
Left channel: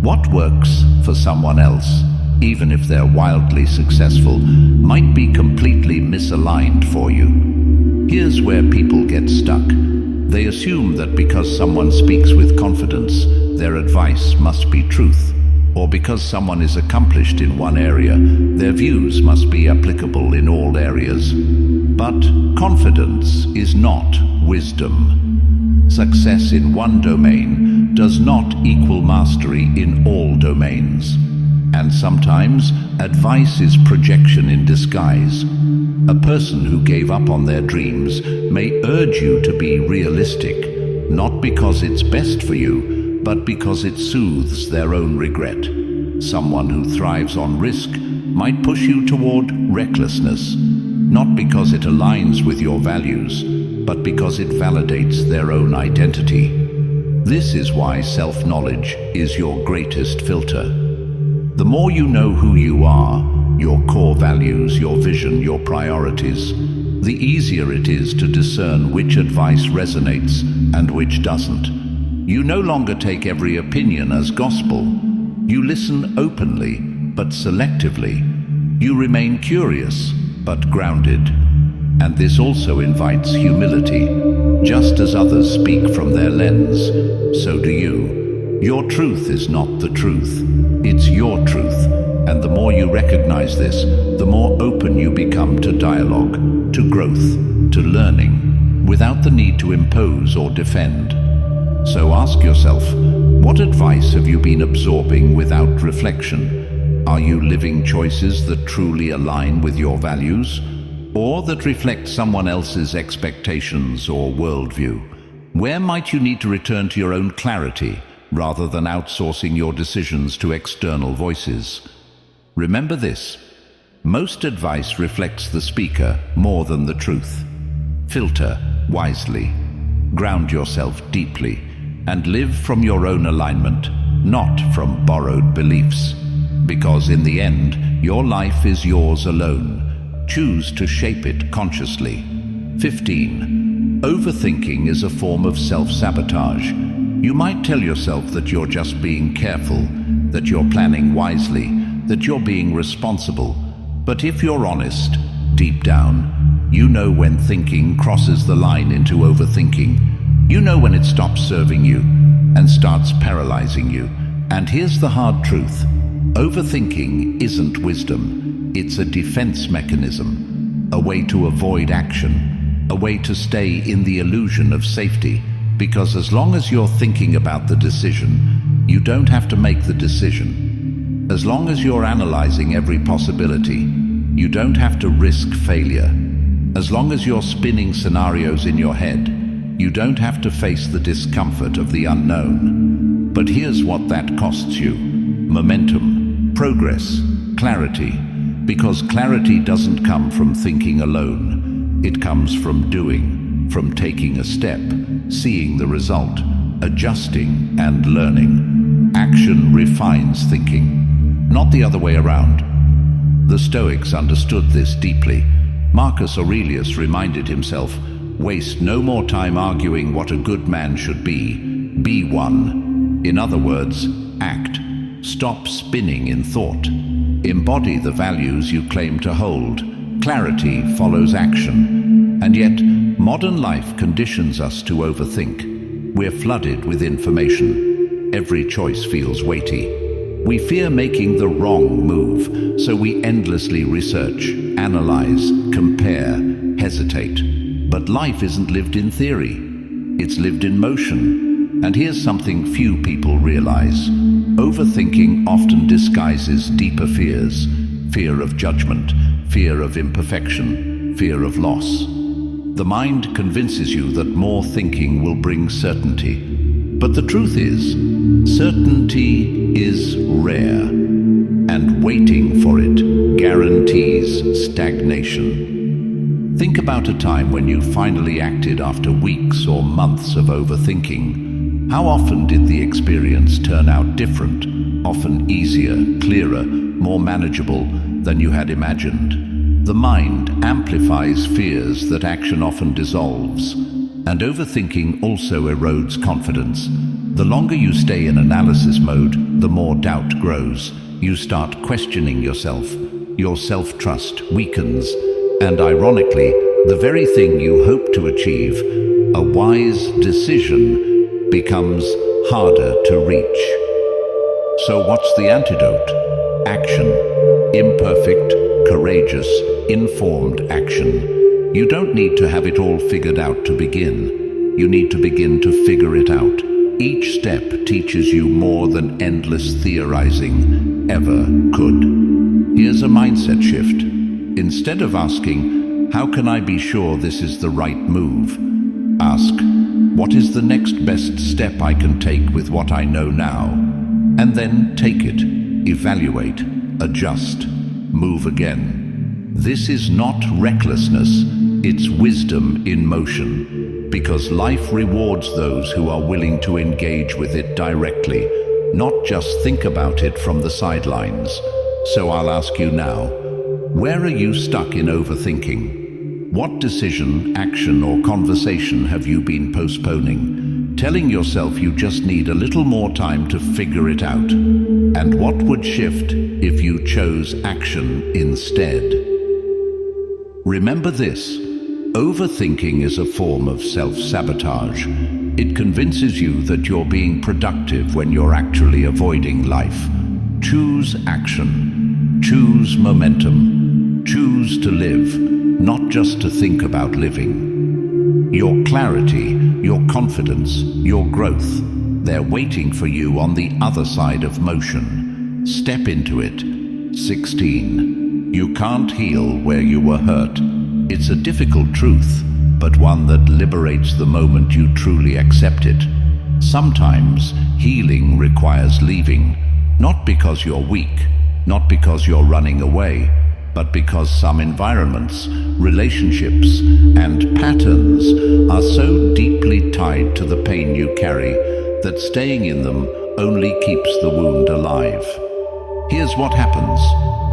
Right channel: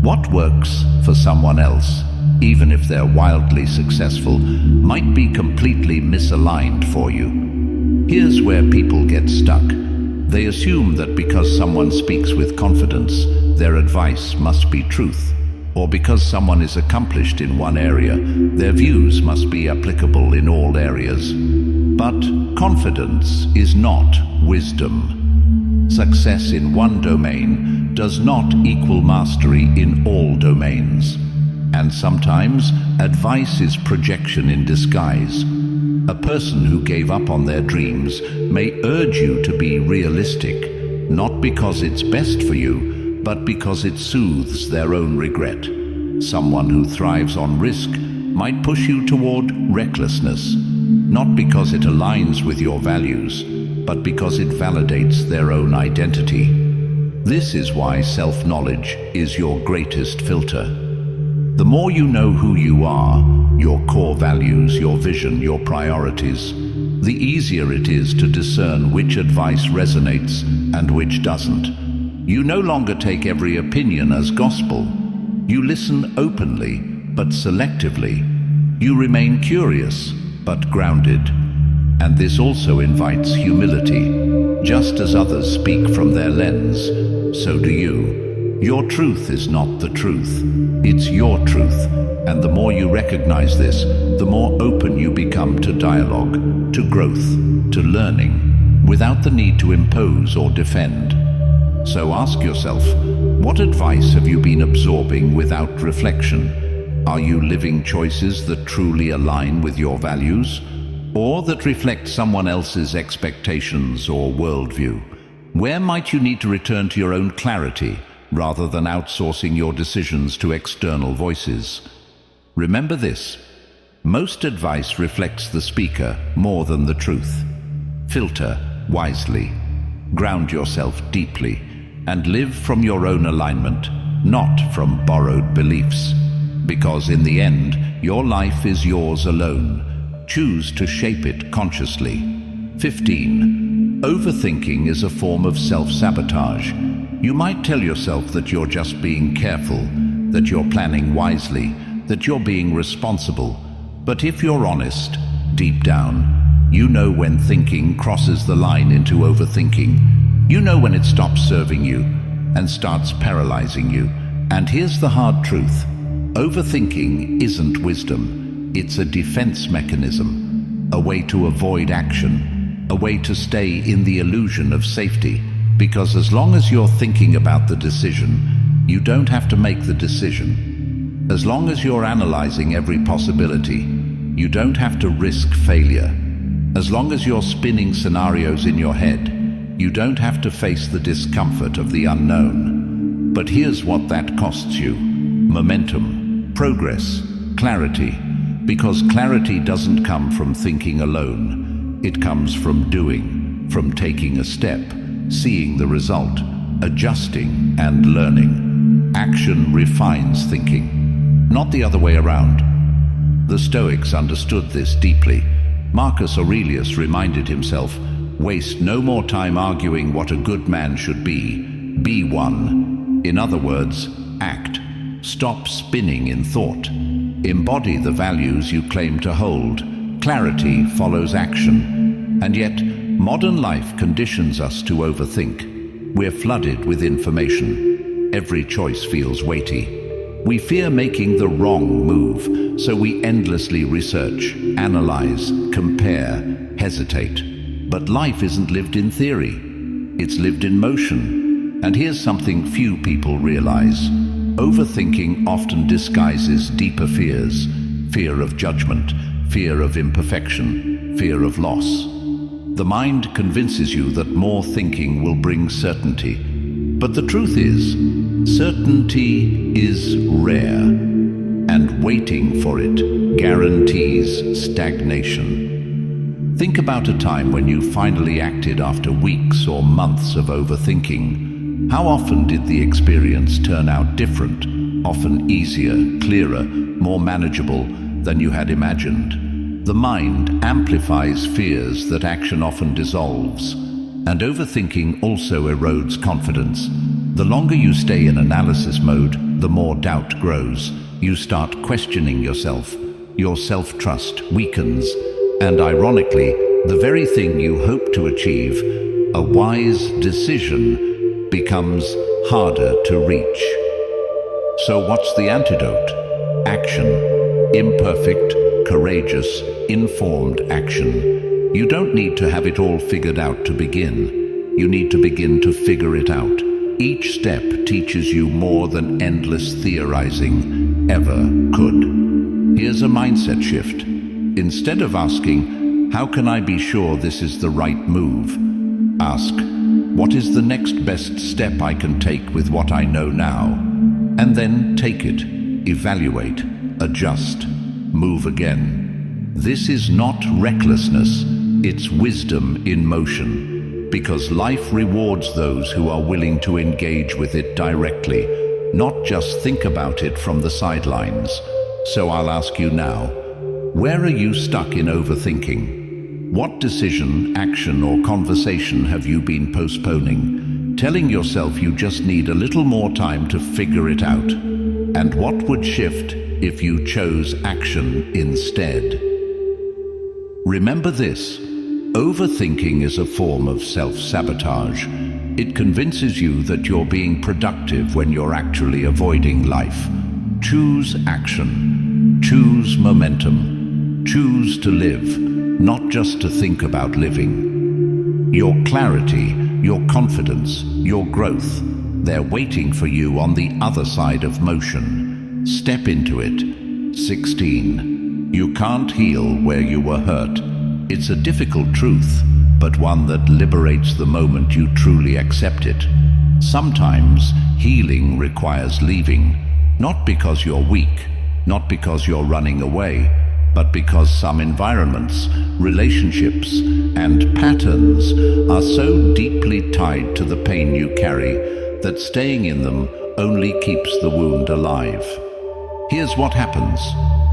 What works for someone else, even if they're wildly successful, might be completely misaligned for you. Here's where people get stuck. They assume that because someone speaks with confidence, their advice must be truth, or because someone is accomplished in one area, their views must be applicable in all areas. But confidence is not wisdom. Success in one domain does not equal mastery in all domains. And sometimes advice is projection in disguise. A person who gave up on their dreams may urge you to be realistic, not because it's best for you, but because it soothes their own regret. Someone who thrives on risk might push you toward recklessness, not because it aligns with your values, but because it validates their own identity. This is why self-knowledge is your greatest filter. The more you know who you are, your core values, your vision, your priorities, the easier it is to discern which advice resonates and which doesn't. You no longer take every opinion as gospel. You listen openly, but selectively. You remain curious, but grounded. And this also invites humility. Just as others speak from their lens, so do you. Your truth is not the truth. It's your truth. And the more you recognize this, the more open you become to dialogue, to growth, to learning, without the need to impose or defend. So ask yourself, what advice have you been absorbing without reflection? Are you living choices that truly align with your values, or that reflect someone else's expectations or worldview? Where might you need to return to your own clarity rather than outsourcing your decisions to external voices. Remember this: most advice reflects the speaker more than the truth. Filter wisely, ground yourself deeply, and live from your own alignment, not from borrowed beliefs. Because in the end, your life is yours alone. Choose to shape it consciously. 15. Overthinking is a form of self-sabotage. You might tell yourself that you're just being careful, that you're planning wisely, that you're being responsible. But if you're honest, deep down, you know when thinking crosses the line into overthinking. You know when it stops serving you and starts paralyzing you. And here's the hard truth: overthinking isn't wisdom. It's a defense mechanism, a way to avoid action, a way to stay in the illusion of safety. Because as long as you're thinking about the decision, you don't have to make the decision. As long as you're analyzing every possibility, you don't have to risk failure. As long as you're spinning scenarios in your head, you don't have to face the discomfort of the unknown. But here's what that costs you: momentum, progress, clarity. Because clarity doesn't come from thinking alone. It comes from doing, from taking a step, seeing the result, adjusting and learning. Action refines thinking, not the other way around. The Stoics understood this deeply. Marcus Aurelius reminded himself, "Waste no more time arguing what a good man should be one." In other words, act. Stop spinning in thought. Embody the values you claim to hold. Clarity follows action. And yet, modern life conditions us to overthink. We're flooded with information. Every choice feels weighty. We fear making the wrong move, so we endlessly research, analyze, compare, hesitate. But life isn't lived in theory. It's lived in motion. And here's something few people realize. Overthinking often disguises deeper fears: fear of judgment, fear of imperfection, fear of loss. The mind convinces you that more thinking will bring certainty. But the truth is, certainty is rare, and waiting for it guarantees stagnation. Think about a time when you finally acted after weeks or months of overthinking. How often did the experience turn out different, often easier, clearer, more manageable than you had imagined? The mind amplifies fears that action often dissolves, and overthinking also erodes confidence. The longer you stay in analysis mode, the more doubt grows. You start questioning yourself. Your self-trust weakens, and ironically, the very thing you hope to achieve, a wise decision, becomes harder to reach. So what's the antidote? Action. Imperfect, courageous, informed action. You don't need to have it all figured out to begin. You need to begin to figure it out. Each step teaches you more than endless theorizing ever could. Here's a mindset shift. Instead of asking, "How can I be sure this is the right move?" ask, "What is the next best step I can take with what I know now?" And then take it, evaluate, adjust, move again. This is not recklessness, it's wisdom in motion. Because life rewards those who are willing to engage with it directly, not just think about it from the sidelines. So I'll ask you now, where are you stuck in overthinking? What decision, action, or conversation have you been postponing, telling yourself you just need a little more time to figure it out? And what would shift if you chose action instead? Remember this: overthinking is a form of self-sabotage. It convinces you that you're being productive when you're actually avoiding life. Choose action. Choose momentum. Choose to live, not just to think about living. Your clarity, your confidence, your growth, they're waiting for you on the other side of motion. Step into it. 16. You can't heal where you were hurt. It's a difficult truth, but one that liberates the moment you truly accept it. Sometimes healing requires leaving, not because you're weak, not because you're running away, but because some environments, relationships, and patterns are so deeply tied to the pain you carry that staying in them only keeps the wound alive. Here's what happens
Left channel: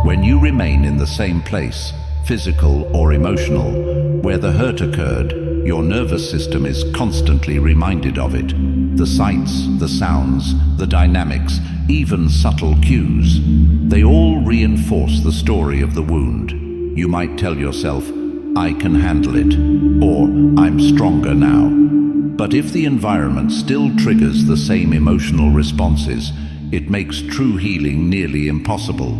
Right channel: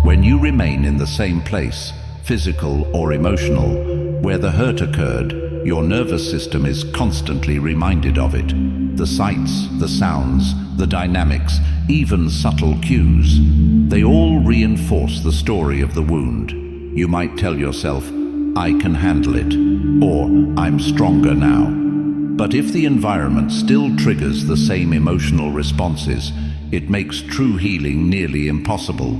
when you remain in the same place, physical or emotional, where the hurt occurred. Your nervous system is constantly reminded of it. The sights, the sounds, the dynamics, even subtle cues, they all reinforce the story of the wound. You might tell yourself, "I can handle it," or "I'm stronger now." But if the environment still triggers the same emotional responses, it makes true healing nearly impossible.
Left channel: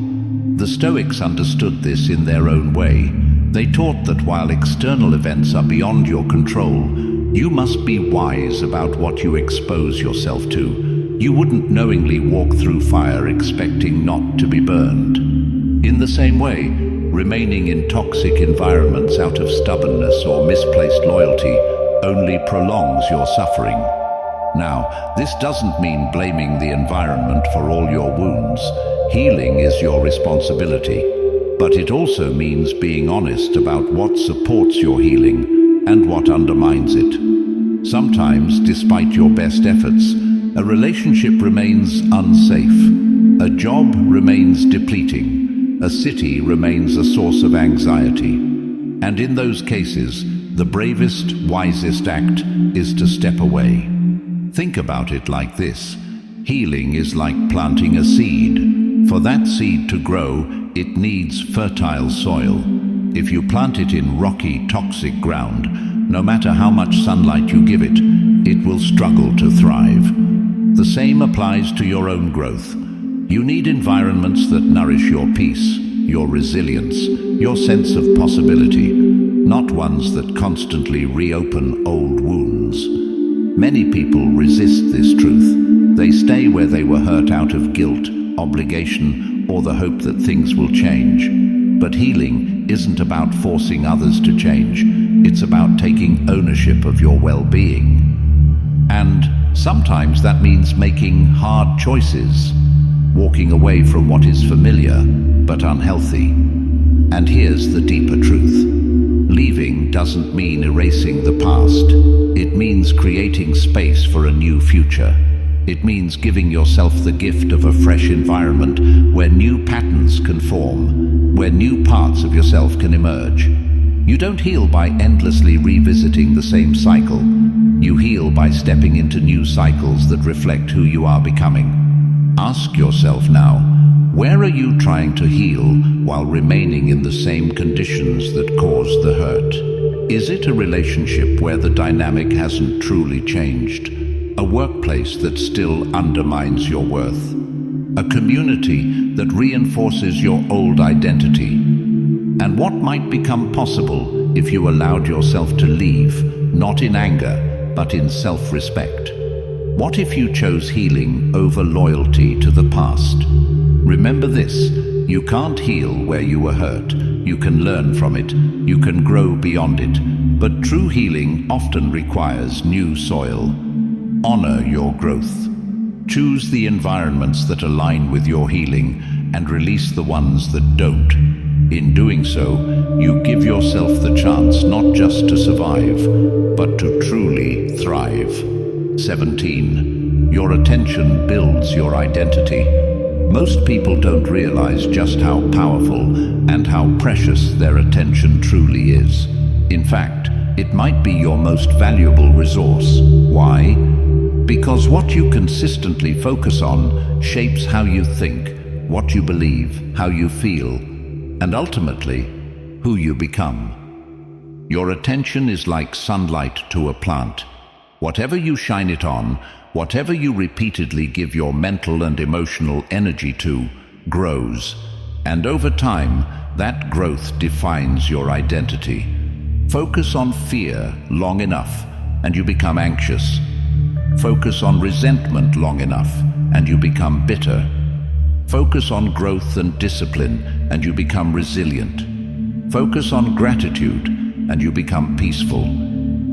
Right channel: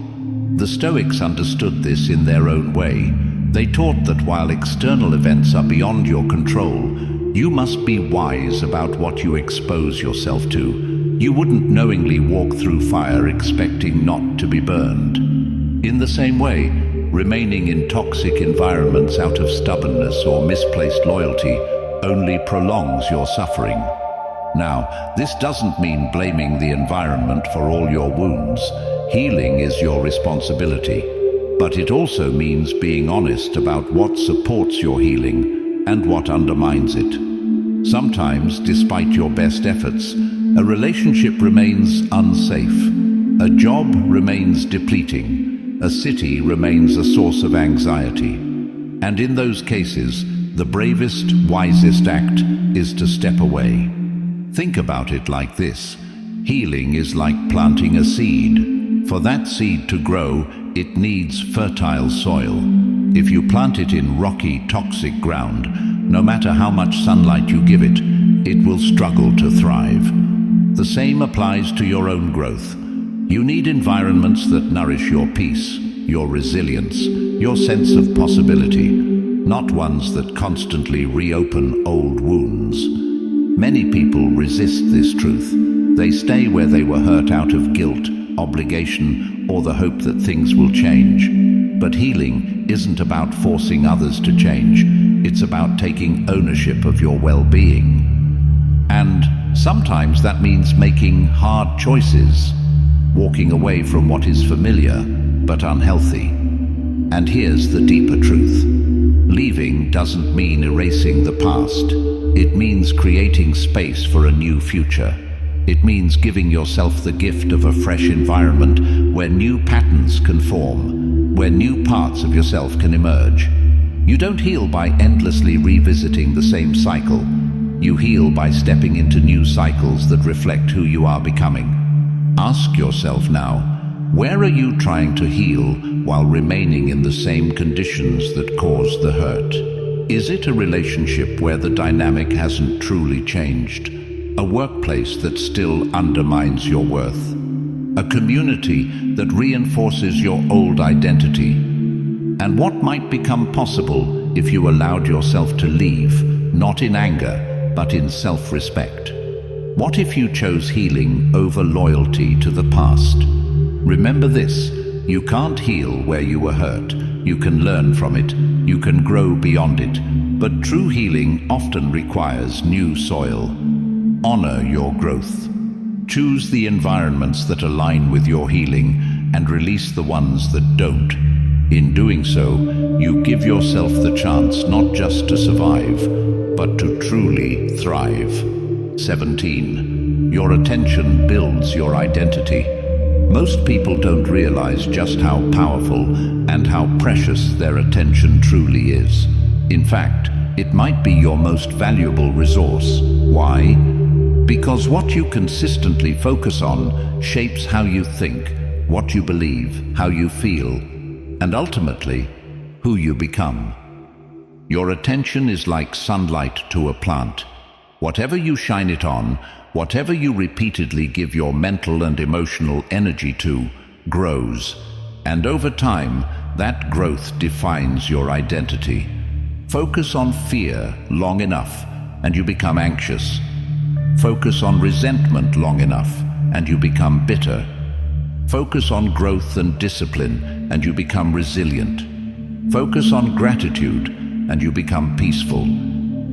The Stoics understood this in their own way. They taught that while external events are beyond your control, you must be wise about what you expose yourself to. You wouldn't knowingly walk through fire expecting not to be burned. In the same way, remaining in toxic environments out of stubbornness or misplaced loyalty only prolongs your suffering. Now, this doesn't mean blaming the environment for all your wounds. Healing is your responsibility. But it also means being honest about what supports your healing and what undermines it. Sometimes, despite your best efforts, a relationship remains unsafe, a job remains depleting, a city remains a source of anxiety. And in those cases, the bravest, wisest act is to step away. Think about it like this. Healing is like planting a seed. For that seed to grow, it needs fertile soil. If you plant it in rocky, toxic ground, no matter how much sunlight you give it, it will struggle to thrive. The same applies to your own growth. You need environments that nourish your peace, your resilience, your sense of possibility, not ones that constantly reopen old wounds. Many people resist this truth. They stay where they were hurt out of guilt, obligation, or the hope that things will change. But healing isn't about forcing others to change. It's about taking ownership of your well-being. And sometimes that means making hard choices, walking away from what is familiar but unhealthy. And here's the deeper truth. Leaving doesn't mean erasing the past. It means creating space for a new future. It means giving yourself the gift of a fresh environment where new patterns can form, where new parts of yourself can emerge. You don't heal by endlessly revisiting the same cycle. You heal by stepping into new cycles that reflect who you are becoming. Ask yourself now, where are you trying to heal while remaining in the same conditions that caused the hurt? Is it a relationship where the dynamic hasn't truly changed? A workplace that still undermines your worth? A community that reinforces your old identity? And what might become possible if you allowed yourself to leave, not in anger, but in self-respect? What if you chose healing over loyalty to the past? Remember this, you can't heal where you were hurt. You can learn from it, you can grow beyond it, but true healing often requires new soil. Honor your growth. Choose the environments that align with your healing and release the ones that don't. In doing so, you give yourself the chance not just to survive, but to truly thrive. 17. Your attention builds your identity. Most people don't realize just how powerful and how precious their attention truly is. In fact, it might be your most valuable resource. Why? Because what you consistently focus on shapes how you think, what you believe, how you feel, and ultimately, who you become. Your attention is like sunlight to a plant. Whatever you shine it on, whatever you repeatedly give your mental and emotional energy to, grows. And over time, that growth defines your identity. Focus on fear long enough, and you become anxious. Focus on resentment long enough, and you become bitter. Focus on growth and discipline, and you become resilient. Focus on gratitude, and you become peaceful.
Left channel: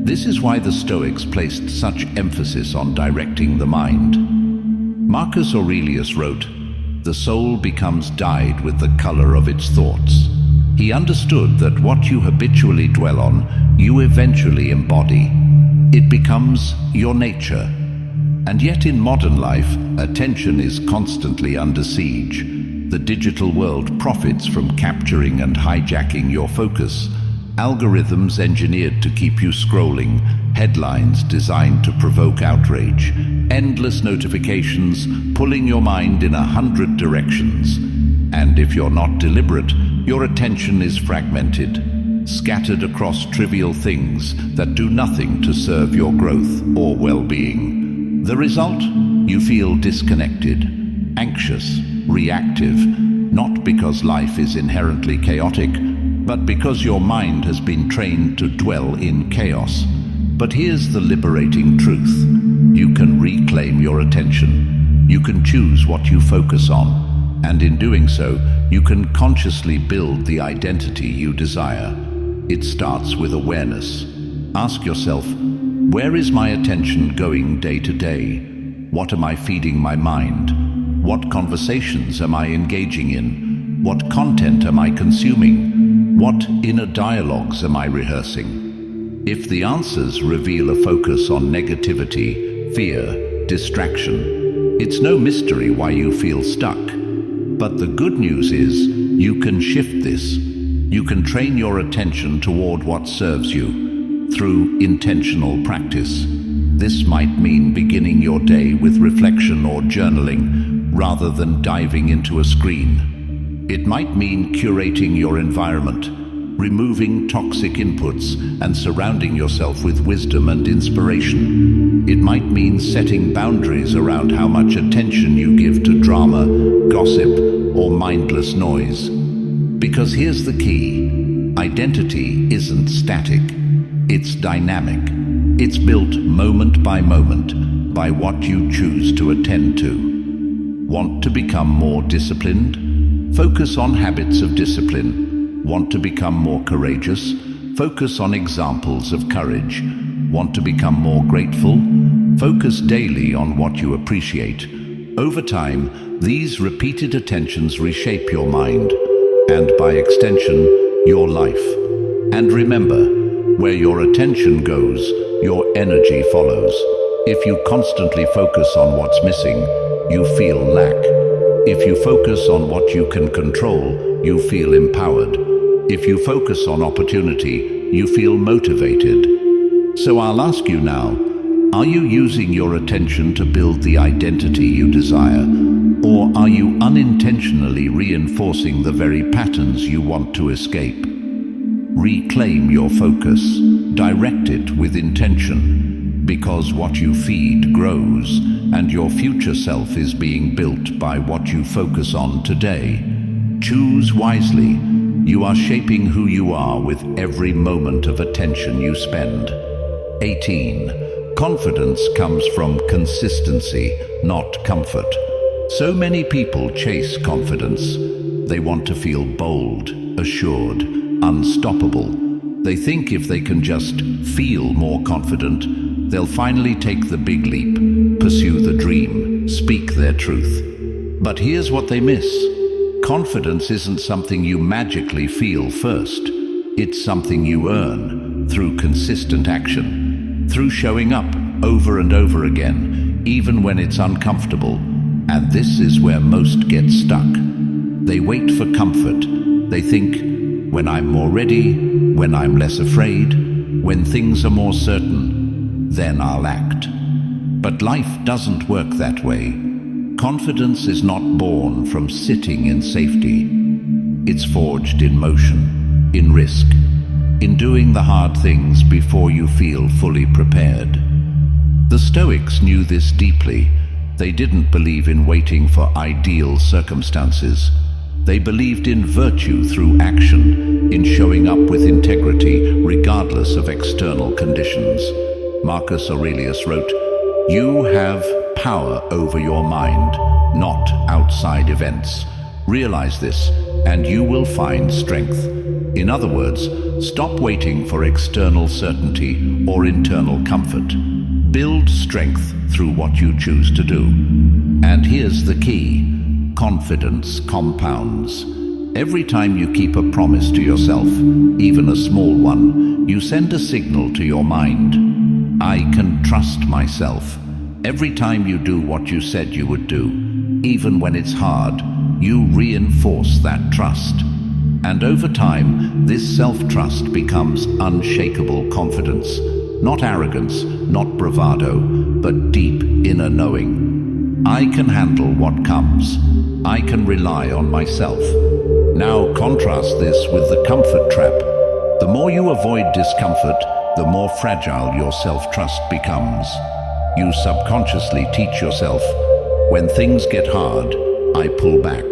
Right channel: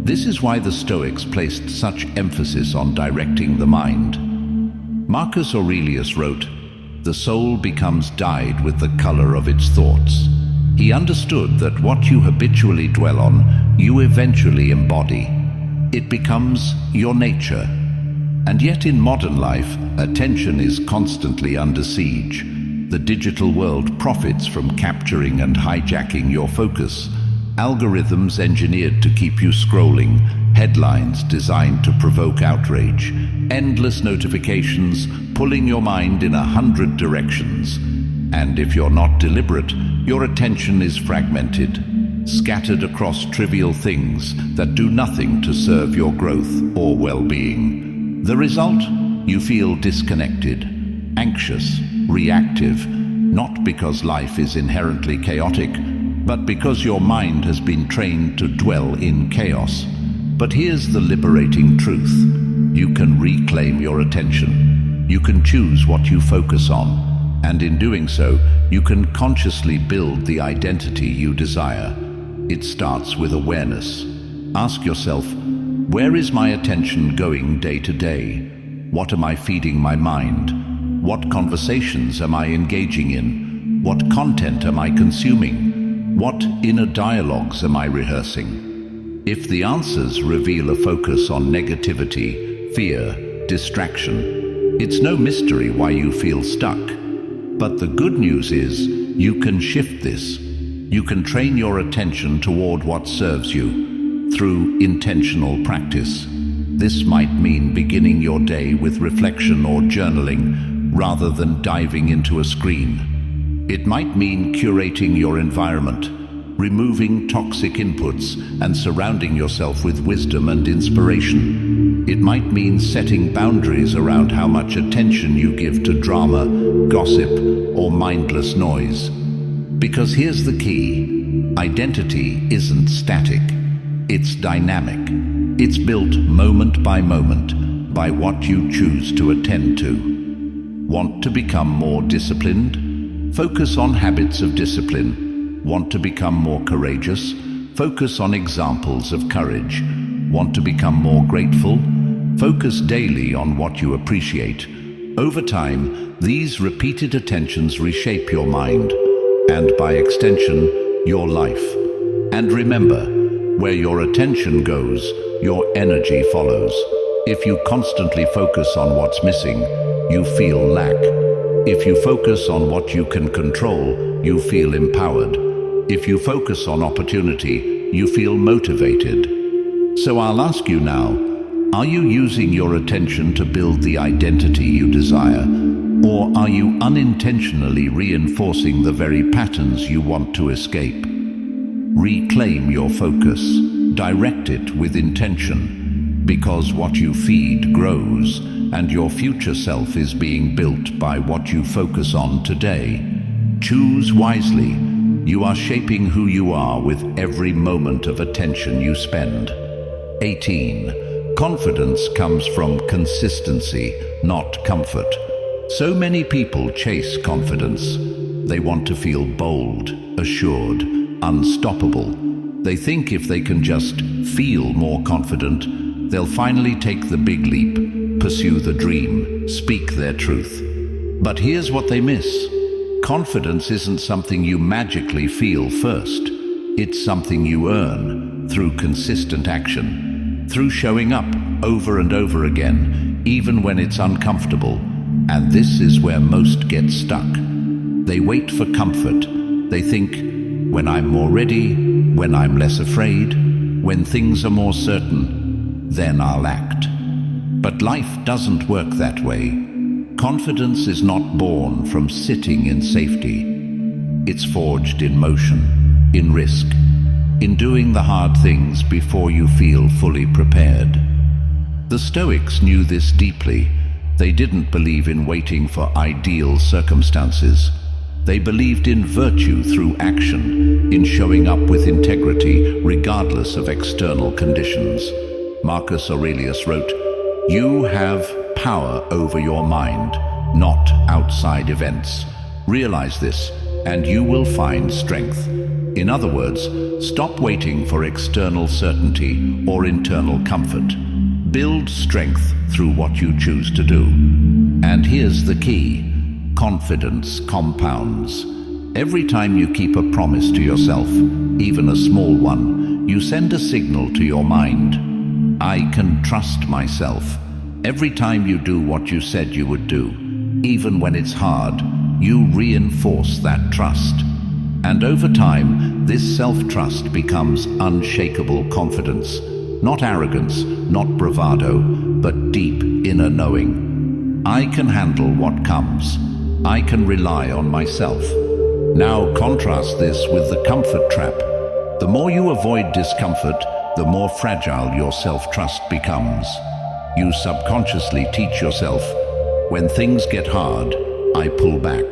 This is why the Stoics placed such emphasis on directing the mind. Marcus Aurelius wrote, "The soul becomes dyed with the color of its thoughts." He understood that what you habitually dwell on, you eventually embody. It becomes your nature. And yet in modern life, attention is constantly under siege. The digital world profits from capturing and hijacking your focus. Algorithms engineered to keep you scrolling, headlines designed to provoke outrage, endless notifications pulling your mind in 100 directions. And if you're not deliberate, your attention is fragmented, scattered across trivial things that do nothing to serve your growth or well-being. The result? You feel disconnected, anxious, reactive, not because life is inherently chaotic, but because your mind has been trained to dwell in chaos. But here's the liberating truth. You can reclaim your attention. You can choose what you focus on. And in doing so, you can consciously build the identity you desire. It starts with awareness. Ask yourself, where is my attention going day to day? What am I feeding my mind? What conversations am I engaging in? What content am I consuming? What inner dialogues am I rehearsing? If the answers reveal a focus on negativity, fear, distraction, it's no mystery why you feel stuck. But the good news is, you can shift this. You can train your attention toward what serves you through intentional practice. This might mean beginning your day with reflection or journaling rather than diving into a screen. It might mean curating your environment, removing toxic inputs and surrounding yourself with wisdom and inspiration. It might mean setting boundaries around how much attention you give to drama, gossip, or mindless noise. Because here's the key: identity isn't static, it's dynamic. It's built moment by moment by what you choose to attend to. Want to become more disciplined? Focus on habits of discipline. Want to become more courageous? Focus on examples of courage. Want to become more grateful? Focus daily on what you appreciate. Over time, these repeated attentions reshape your mind, and by extension, your life. And remember, where your attention goes, your energy follows. If you constantly focus on what's missing, you feel lack. If you focus on what you can control, you feel empowered. If you focus on opportunity, you feel motivated. So I'll ask you now, are you using your attention to build the identity you desire? Or are you unintentionally reinforcing the very patterns you want to escape? Reclaim your focus. Direct it with intention. Because what you feed grows, and your future self is being built by what you focus on today. Choose wisely. You are shaping who you are with every moment of attention you spend. 18. Confidence comes from consistency, not comfort. So many people chase confidence. They want to feel bold, assured, unstoppable. They think if they can just feel more confident, they'll finally take the big leap, pursue the dream, speak their truth. But here's what they miss. Confidence isn't something you magically feel first. It's something you earn through consistent action, through showing up over and over again, even when it's uncomfortable. And this is where most get stuck. They wait for comfort. They think, when I'm more ready, when I'm less afraid, when things are more certain, then I'll act. But life doesn't work that way. Confidence is not born from sitting in safety. It's forged in motion, in risk, in doing the hard things before you feel fully prepared. The Stoics knew this deeply. They didn't believe in waiting for ideal circumstances. They believed in virtue through action, in showing up with integrity regardless of external conditions. Marcus Aurelius wrote, "You have power over your mind, not outside events. Realize this, and you will find strength. In other words, stop waiting for external certainty or internal comfort. Build strength through what you choose to do. And here's the key: confidence compounds. Every time you keep a promise to yourself, even a small one, you send a signal to your mind. I can trust myself. Every time you do what you said you would do, even when it's hard, you reinforce that trust. And over time, this self-trust becomes unshakable confidence. Not arrogance, not bravado, but deep inner knowing. I can handle what comes. I can rely on myself. Now contrast this with the comfort trap. The more you avoid discomfort, the more fragile your self-trust becomes. You subconsciously teach yourself, when things get hard, I pull back.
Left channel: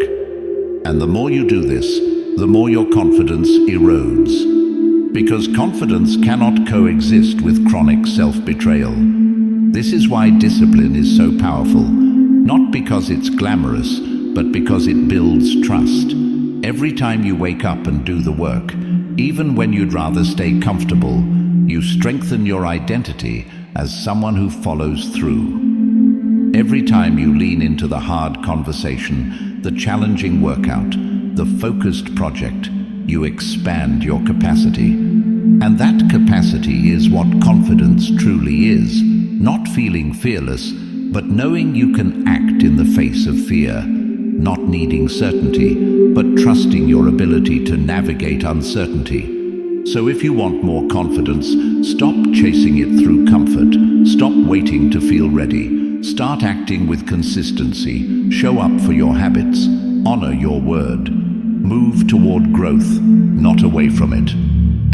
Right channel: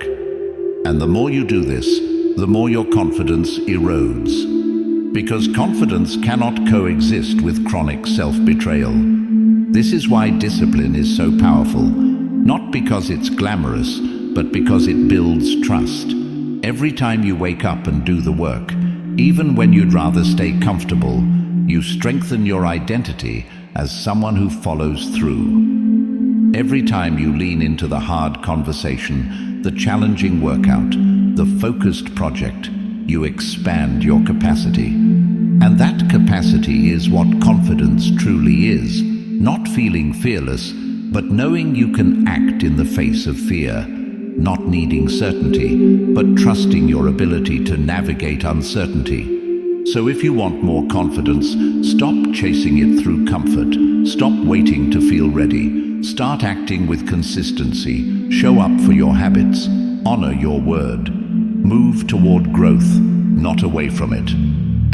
And the more you do this, the more your confidence erodes. Because confidence cannot coexist with chronic self-betrayal. This is why discipline is so powerful. Not because it's glamorous, but because it builds trust. Every time you wake up and do the work, even when you'd rather stay comfortable, you strengthen your identity as someone who follows through. Every time you lean into the hard conversation, the challenging workout, the focused project, you expand your capacity. And that capacity is what confidence truly is. Not feeling fearless, but knowing you can act in the face of fear. Not needing certainty, but trusting your ability to navigate uncertainty. So if you want more confidence, stop chasing it through comfort. Stop waiting to feel ready. Start acting with consistency. Show up for your habits. Honor your word. Move toward growth, not away from it.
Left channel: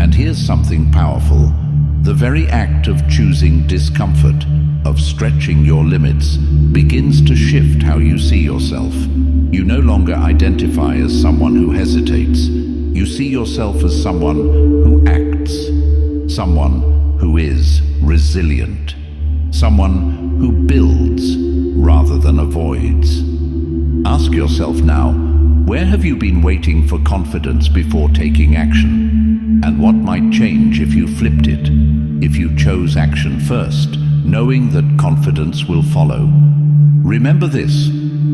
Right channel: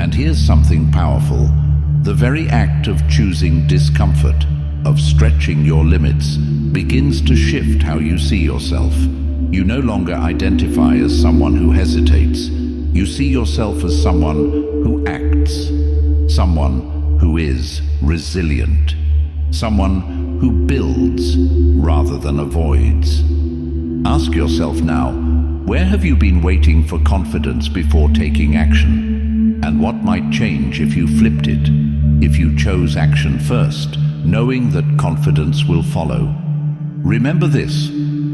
And here's something powerful. The very act of choosing discomfort, of stretching your limits, begins to shift how you see yourself. You no longer identify as someone who hesitates. You see yourself as someone who acts, someone who is resilient, someone who builds rather than avoids. Ask yourself now, where have you been waiting for confidence before taking action? And what might change if you flipped it? If you chose action first, knowing that confidence will follow. Remember this,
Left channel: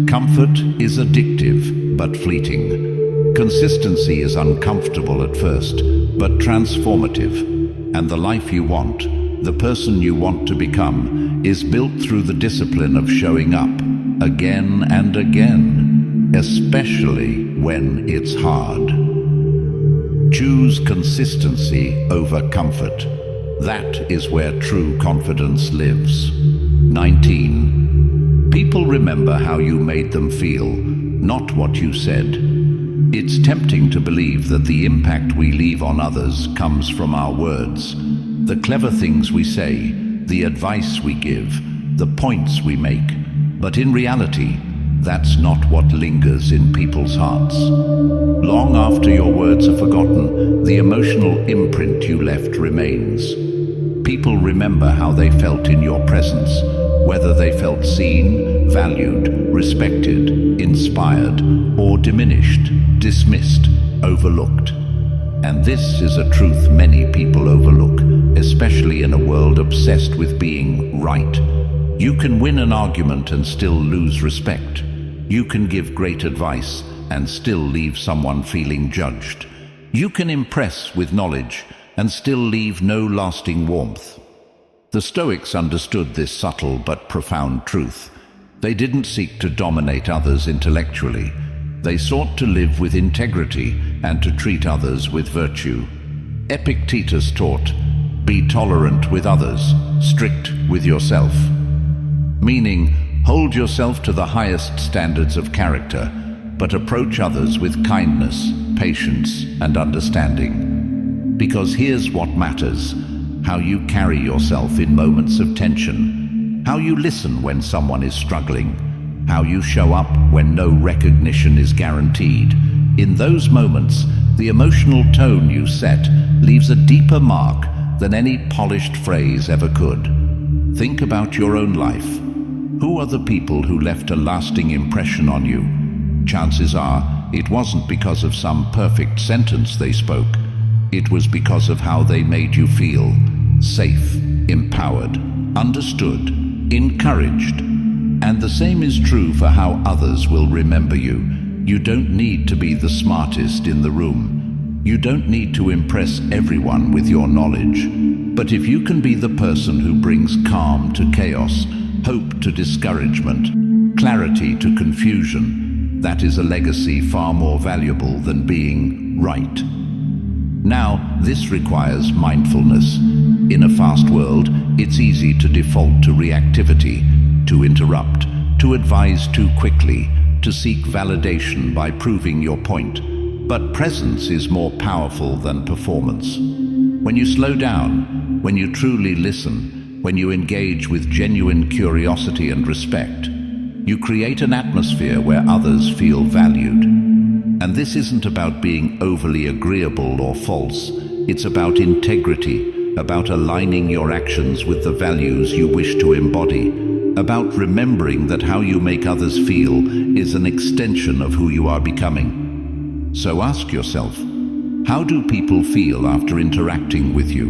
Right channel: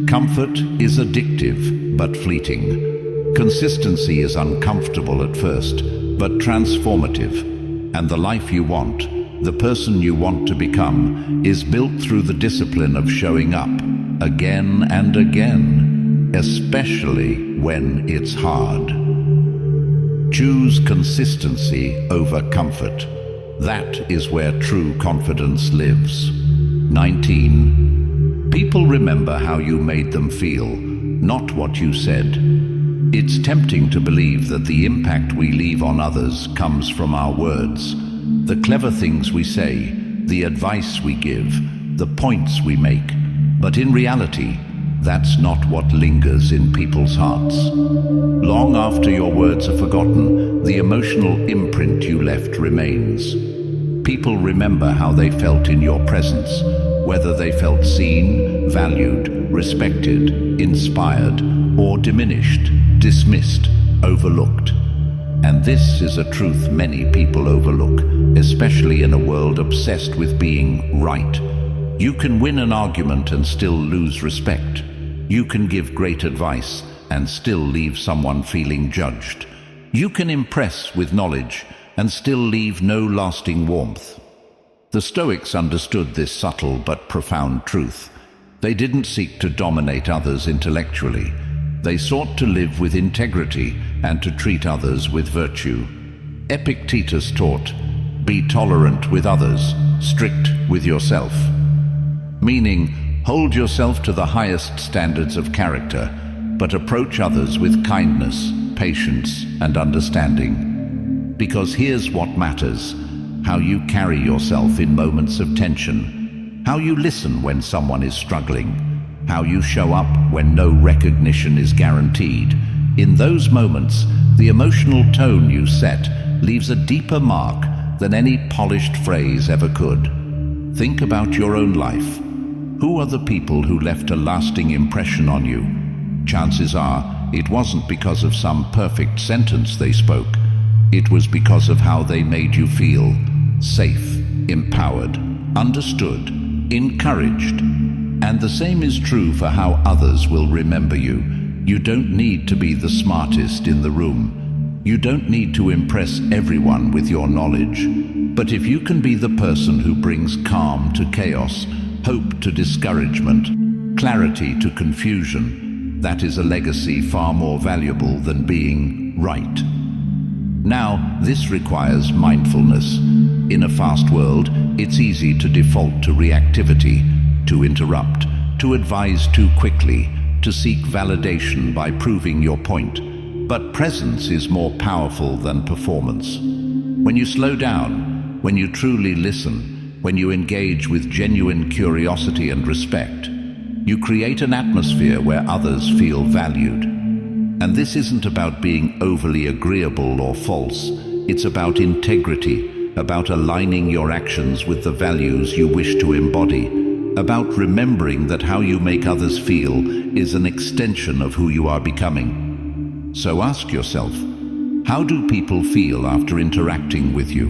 comfort is addictive but fleeting. Consistency is uncomfortable at first, but transformative. And the life you want, the person you want to become, is built through the discipline of showing up again and again. Especially when it's hard. Choose consistency over comfort. That is where true confidence lives. 19. People remember how you made them feel, not what you said. It's tempting to believe that the impact we leave on others comes from our words. The clever things we say, the advice we give, the points we make. But in reality, that's not what lingers in people's hearts. Long after your words are forgotten, the emotional imprint you left remains. People remember how they felt in your presence, whether they felt seen, valued, respected, inspired, or diminished, dismissed, overlooked. And this is a truth many people overlook, especially in a world obsessed with being right. You can win an argument and still lose respect. You can give great advice and still leave someone feeling judged. You can impress with knowledge and still leave no lasting warmth. The Stoics understood this subtle but profound truth. They didn't seek to dominate others intellectually. They sought to live with integrity and to treat others with virtue. Epictetus taught, "Be tolerant with others, strict with yourself." Meaning, hold yourself to the highest standards of character, but approach others with kindness, patience, and understanding. Because here's what matters: how you carry yourself in moments of tension, how you listen when someone is struggling, how you show up when no recognition is guaranteed. In those moments, the emotional tone you set leaves a deeper mark than any polished phrase ever could. Think about your own life. Who are the people who left a lasting impression on you? Chances are, it wasn't because of some perfect sentence they spoke, It was because of how they made you feel: safe, empowered, understood, encouraged. And the same is true for how others will remember you. You don't need to be the smartest in the room. You don't need to impress everyone with your knowledge. But if you can be the person who brings calm to chaos, hope to discouragement, clarity to confusion, that is a legacy far more valuable than being right. Now, this requires mindfulness. In a fast world, it's easy to default to reactivity, to interrupt, to advise too quickly, to seek validation by proving your point. But presence is more powerful than performance. When you slow down, when you truly listen, when you engage with genuine curiosity and respect, you create an atmosphere where others feel valued. And this isn't about being overly agreeable or false. It's about integrity, about aligning your actions with the values you wish to embody, about remembering that how you make others feel is an extension of who you are becoming. So ask yourself, how do people feel after interacting with you?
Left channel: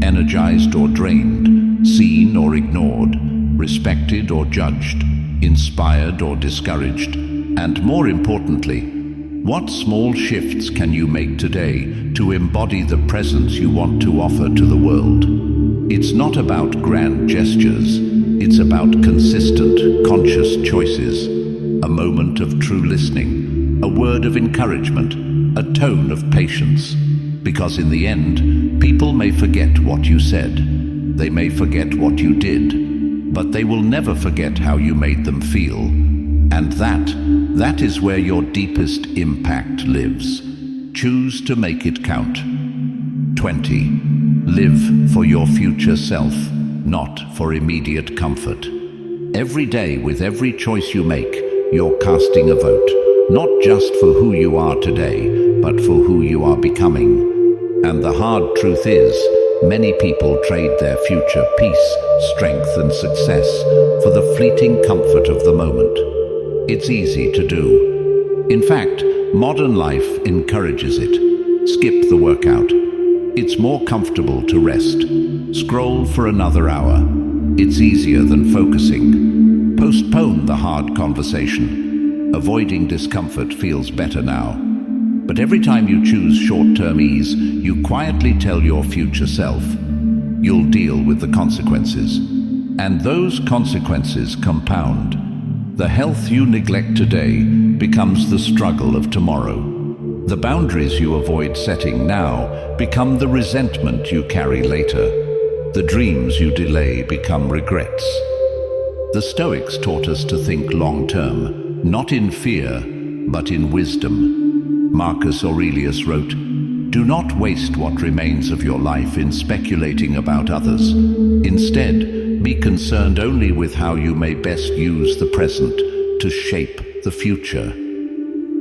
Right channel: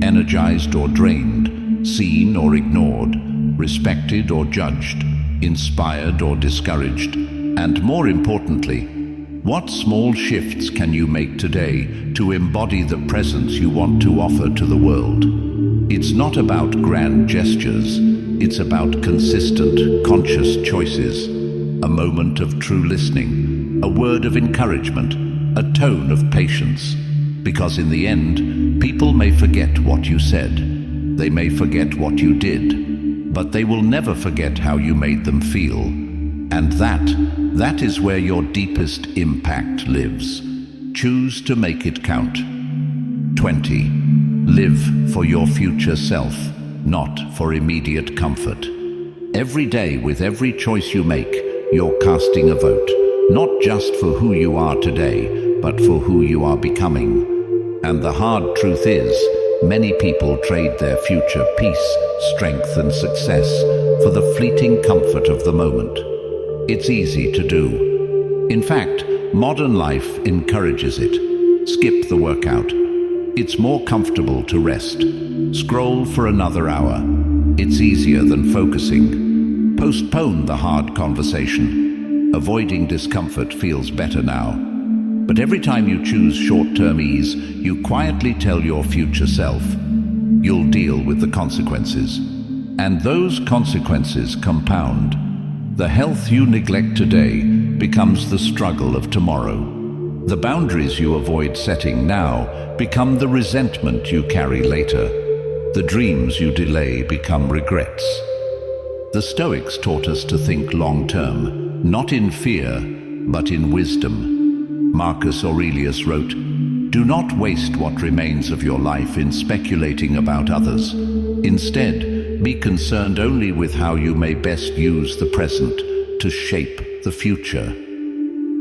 Energized or drained, seen or ignored, respected or judged, inspired or discouraged? And more importantly, what small shifts can you make today to embody the presence you want to offer to the world? It's not about grand gestures. It's about consistent, conscious choices. A moment of true listening, a word of encouragement, a tone of patience. Because in the end, people may forget what you said. They may forget what you did, but they will never forget how you made them feel. And that is where your deepest impact lives. Choose to make it count. 20. Live for your future self, not for immediate comfort. Every day, with every choice you make, you're casting a vote, not just for who you are today, but for who you are becoming. And the hard truth is, many people trade their future peace, strength, and success for the fleeting comfort of the moment. It's easy to do. In fact, modern life encourages it. Skip the workout. It's more comfortable to rest. Scroll for another hour. It's easier than focusing. Postpone the hard conversation. Avoiding discomfort feels better now. But every time you choose short-term ease, you quietly tell your future self, you'll deal with the consequences. And those consequences compound. The health you neglect today becomes the struggle of tomorrow. The boundaries you avoid setting now become the resentment you carry later. The dreams you delay become regrets. The Stoics taught us to think long-term, not in fear, but in wisdom. Marcus Aurelius wrote, "Do not waste what remains of your life in speculating about others. Instead, be concerned only with how you may best use the present to shape the future."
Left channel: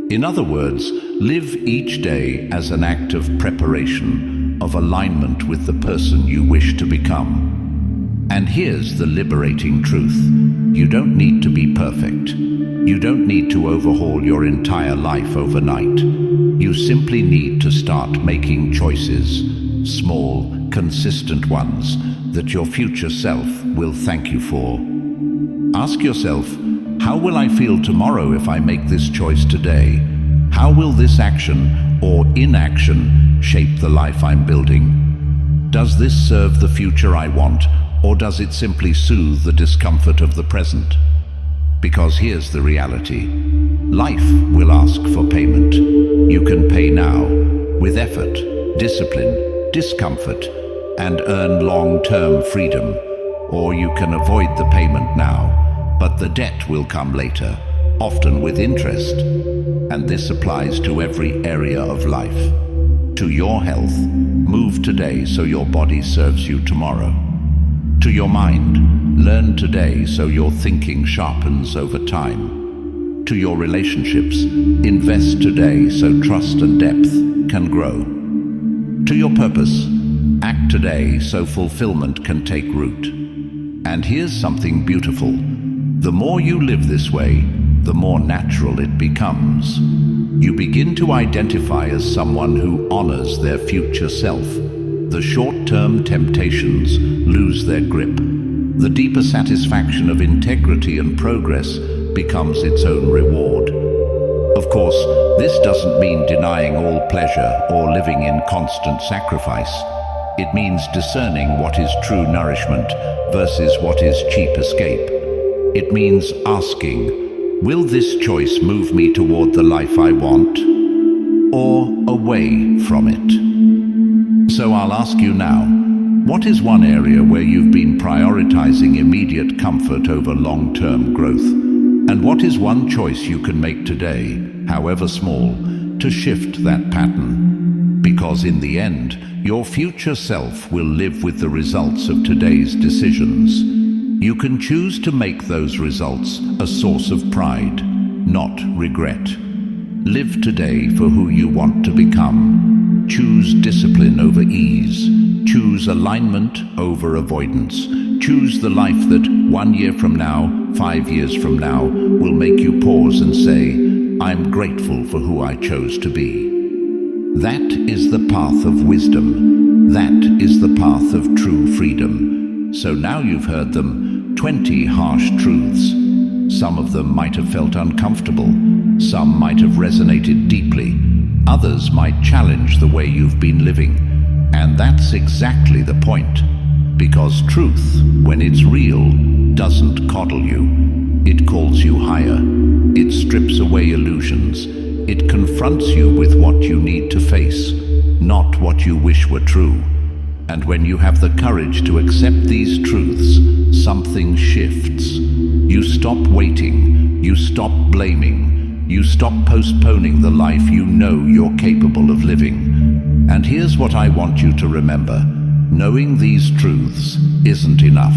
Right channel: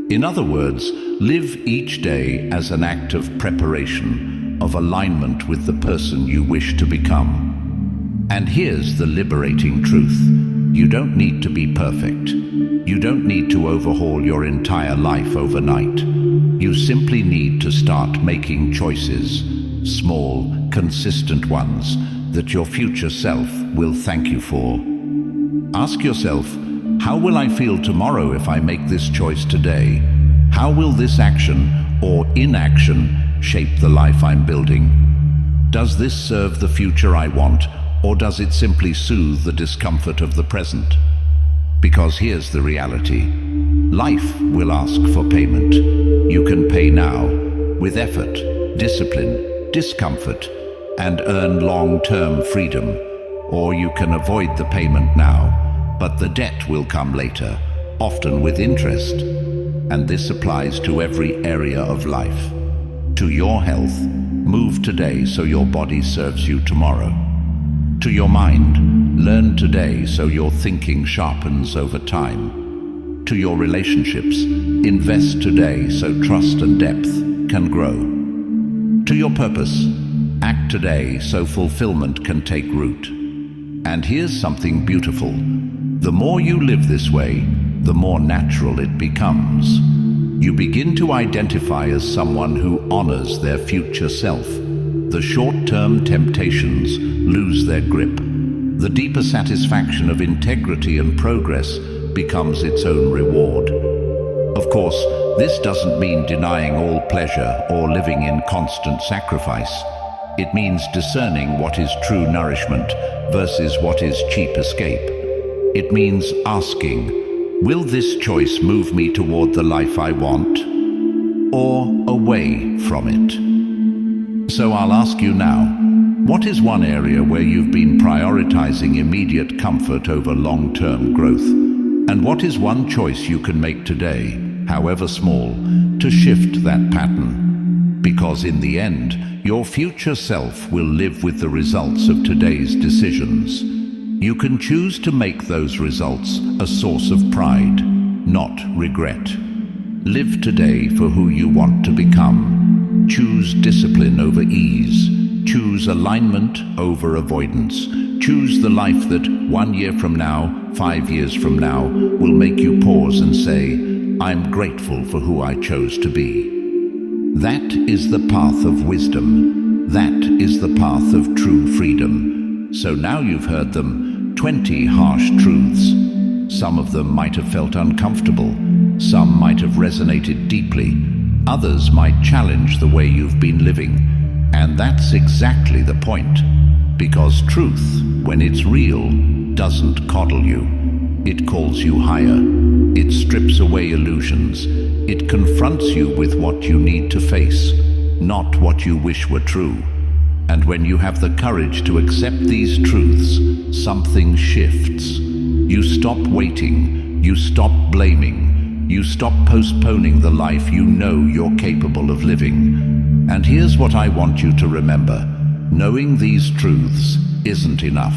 In other words, live each day as an act of preparation, of alignment with the person you wish to become. And here's the liberating truth. You don't need to be perfect. You don't need to overhaul your entire life overnight. You simply need to start making choices, small, consistent ones, that your future self will thank you for. Ask yourself, how will I feel tomorrow if I make this choice today? How will this action or inaction shape the life I'm building? Does this serve the future I want, or does it simply soothe the discomfort of the present? Because here's the reality. Life will ask for payment. You can pay now, with effort, discipline, discomfort, and earn long-term freedom. Or you can avoid the payment now, but the debt will come later, often with interest. And this applies to every area of life. To your health, move today so your body serves you tomorrow. To your mind, learn today so your thinking sharpens over time. To your relationships, invest today so trust and depth can grow. To your purpose, act today so fulfillment can take root. And here's something beautiful. The more you live this way, the more natural it becomes. You begin to identify as someone who honors their future self. The short-term temptations lose their grip. The deeper satisfaction of integrity and progress becomes its own reward. Of course, this doesn't mean denying all pleasure or living in constant sacrifice. It means discerning what is true nourishment versus what is cheap escape. It means asking, will this choice move me toward the life I want, or away from it? So I'll ask you now, what is one area where you've been prioritizing immediate comfort over long-term growth? And what is one choice you can make today, however small, to shift that pattern? Because in the end, your future self will live with the results of today's decisions. You can choose to make those results a source of pride, not regret. Live today for who you want to become. Choose discipline over ease. Choose alignment over avoidance. Choose the life that 1 year from now, 5 years from now, will make you pause and say, I'm grateful for who I chose to be. That is the path of wisdom. That is the path of true freedom. So now you've heard them, 20 harsh truths. Some of them might have felt uncomfortable. Some might have resonated deeply. Others might challenge the way you've been living. And that's exactly the point. Because truth, when it's real, doesn't coddle you. It calls you higher. It strips away illusions. It confronts you with what you need to face, not what you wish were true. And when you have the courage to accept these truths, something shifts. You stop waiting. You stop blaming. You stop postponing the life you know you're capable of living. And here's what I want you to remember. Knowing these truths isn't enough.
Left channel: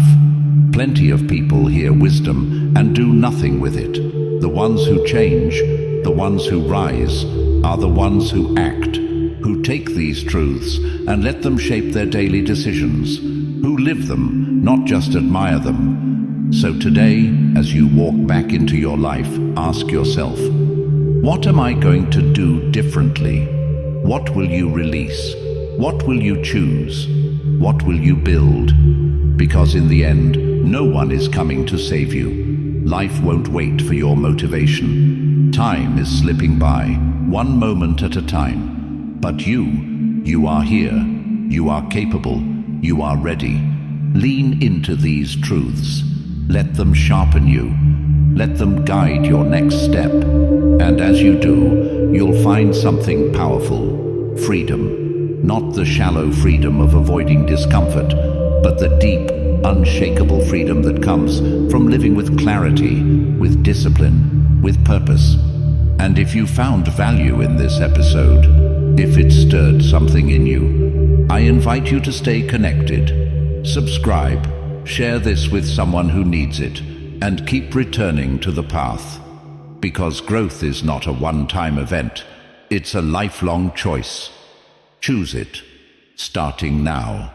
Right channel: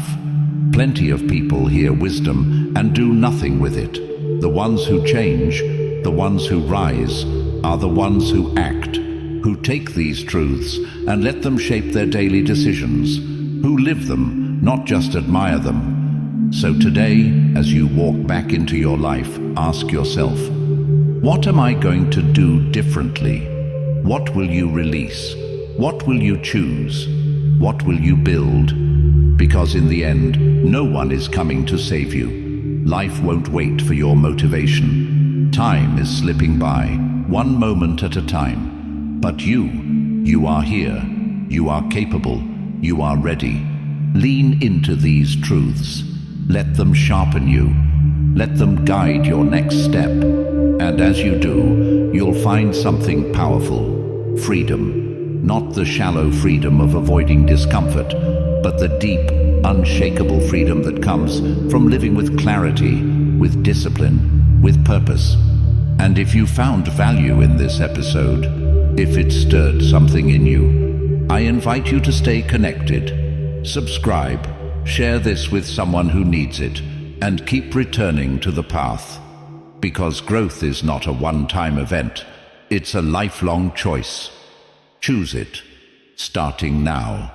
Plenty of people hear wisdom and do nothing with it. The ones who change, the ones who rise, are the ones who act, who take these truths and let them shape their daily decisions, who live them, not just admire them. So today, as you walk back into your life, ask yourself, what am I going to do differently? What will you release? What will you choose? What will you build? Because in the end, no one is coming to save you. Life won't wait for your motivation. Time is slipping by, one moment at a time. But you are here. You are capable. You are ready. Lean into these truths. Let them sharpen you. Let them guide your next step. And as you do, you'll find something powerful. Freedom. Not the shallow freedom of avoiding discomfort, but the deep, unshakable freedom that comes from living with clarity, with discipline, with purpose. And if you found value in this episode, if it stirred something in you, I invite you to stay connected. Subscribe, share this with someone who needs it, and keep returning to the path. Because growth is not a one-time event, it's a lifelong choice. Choose it, starting now.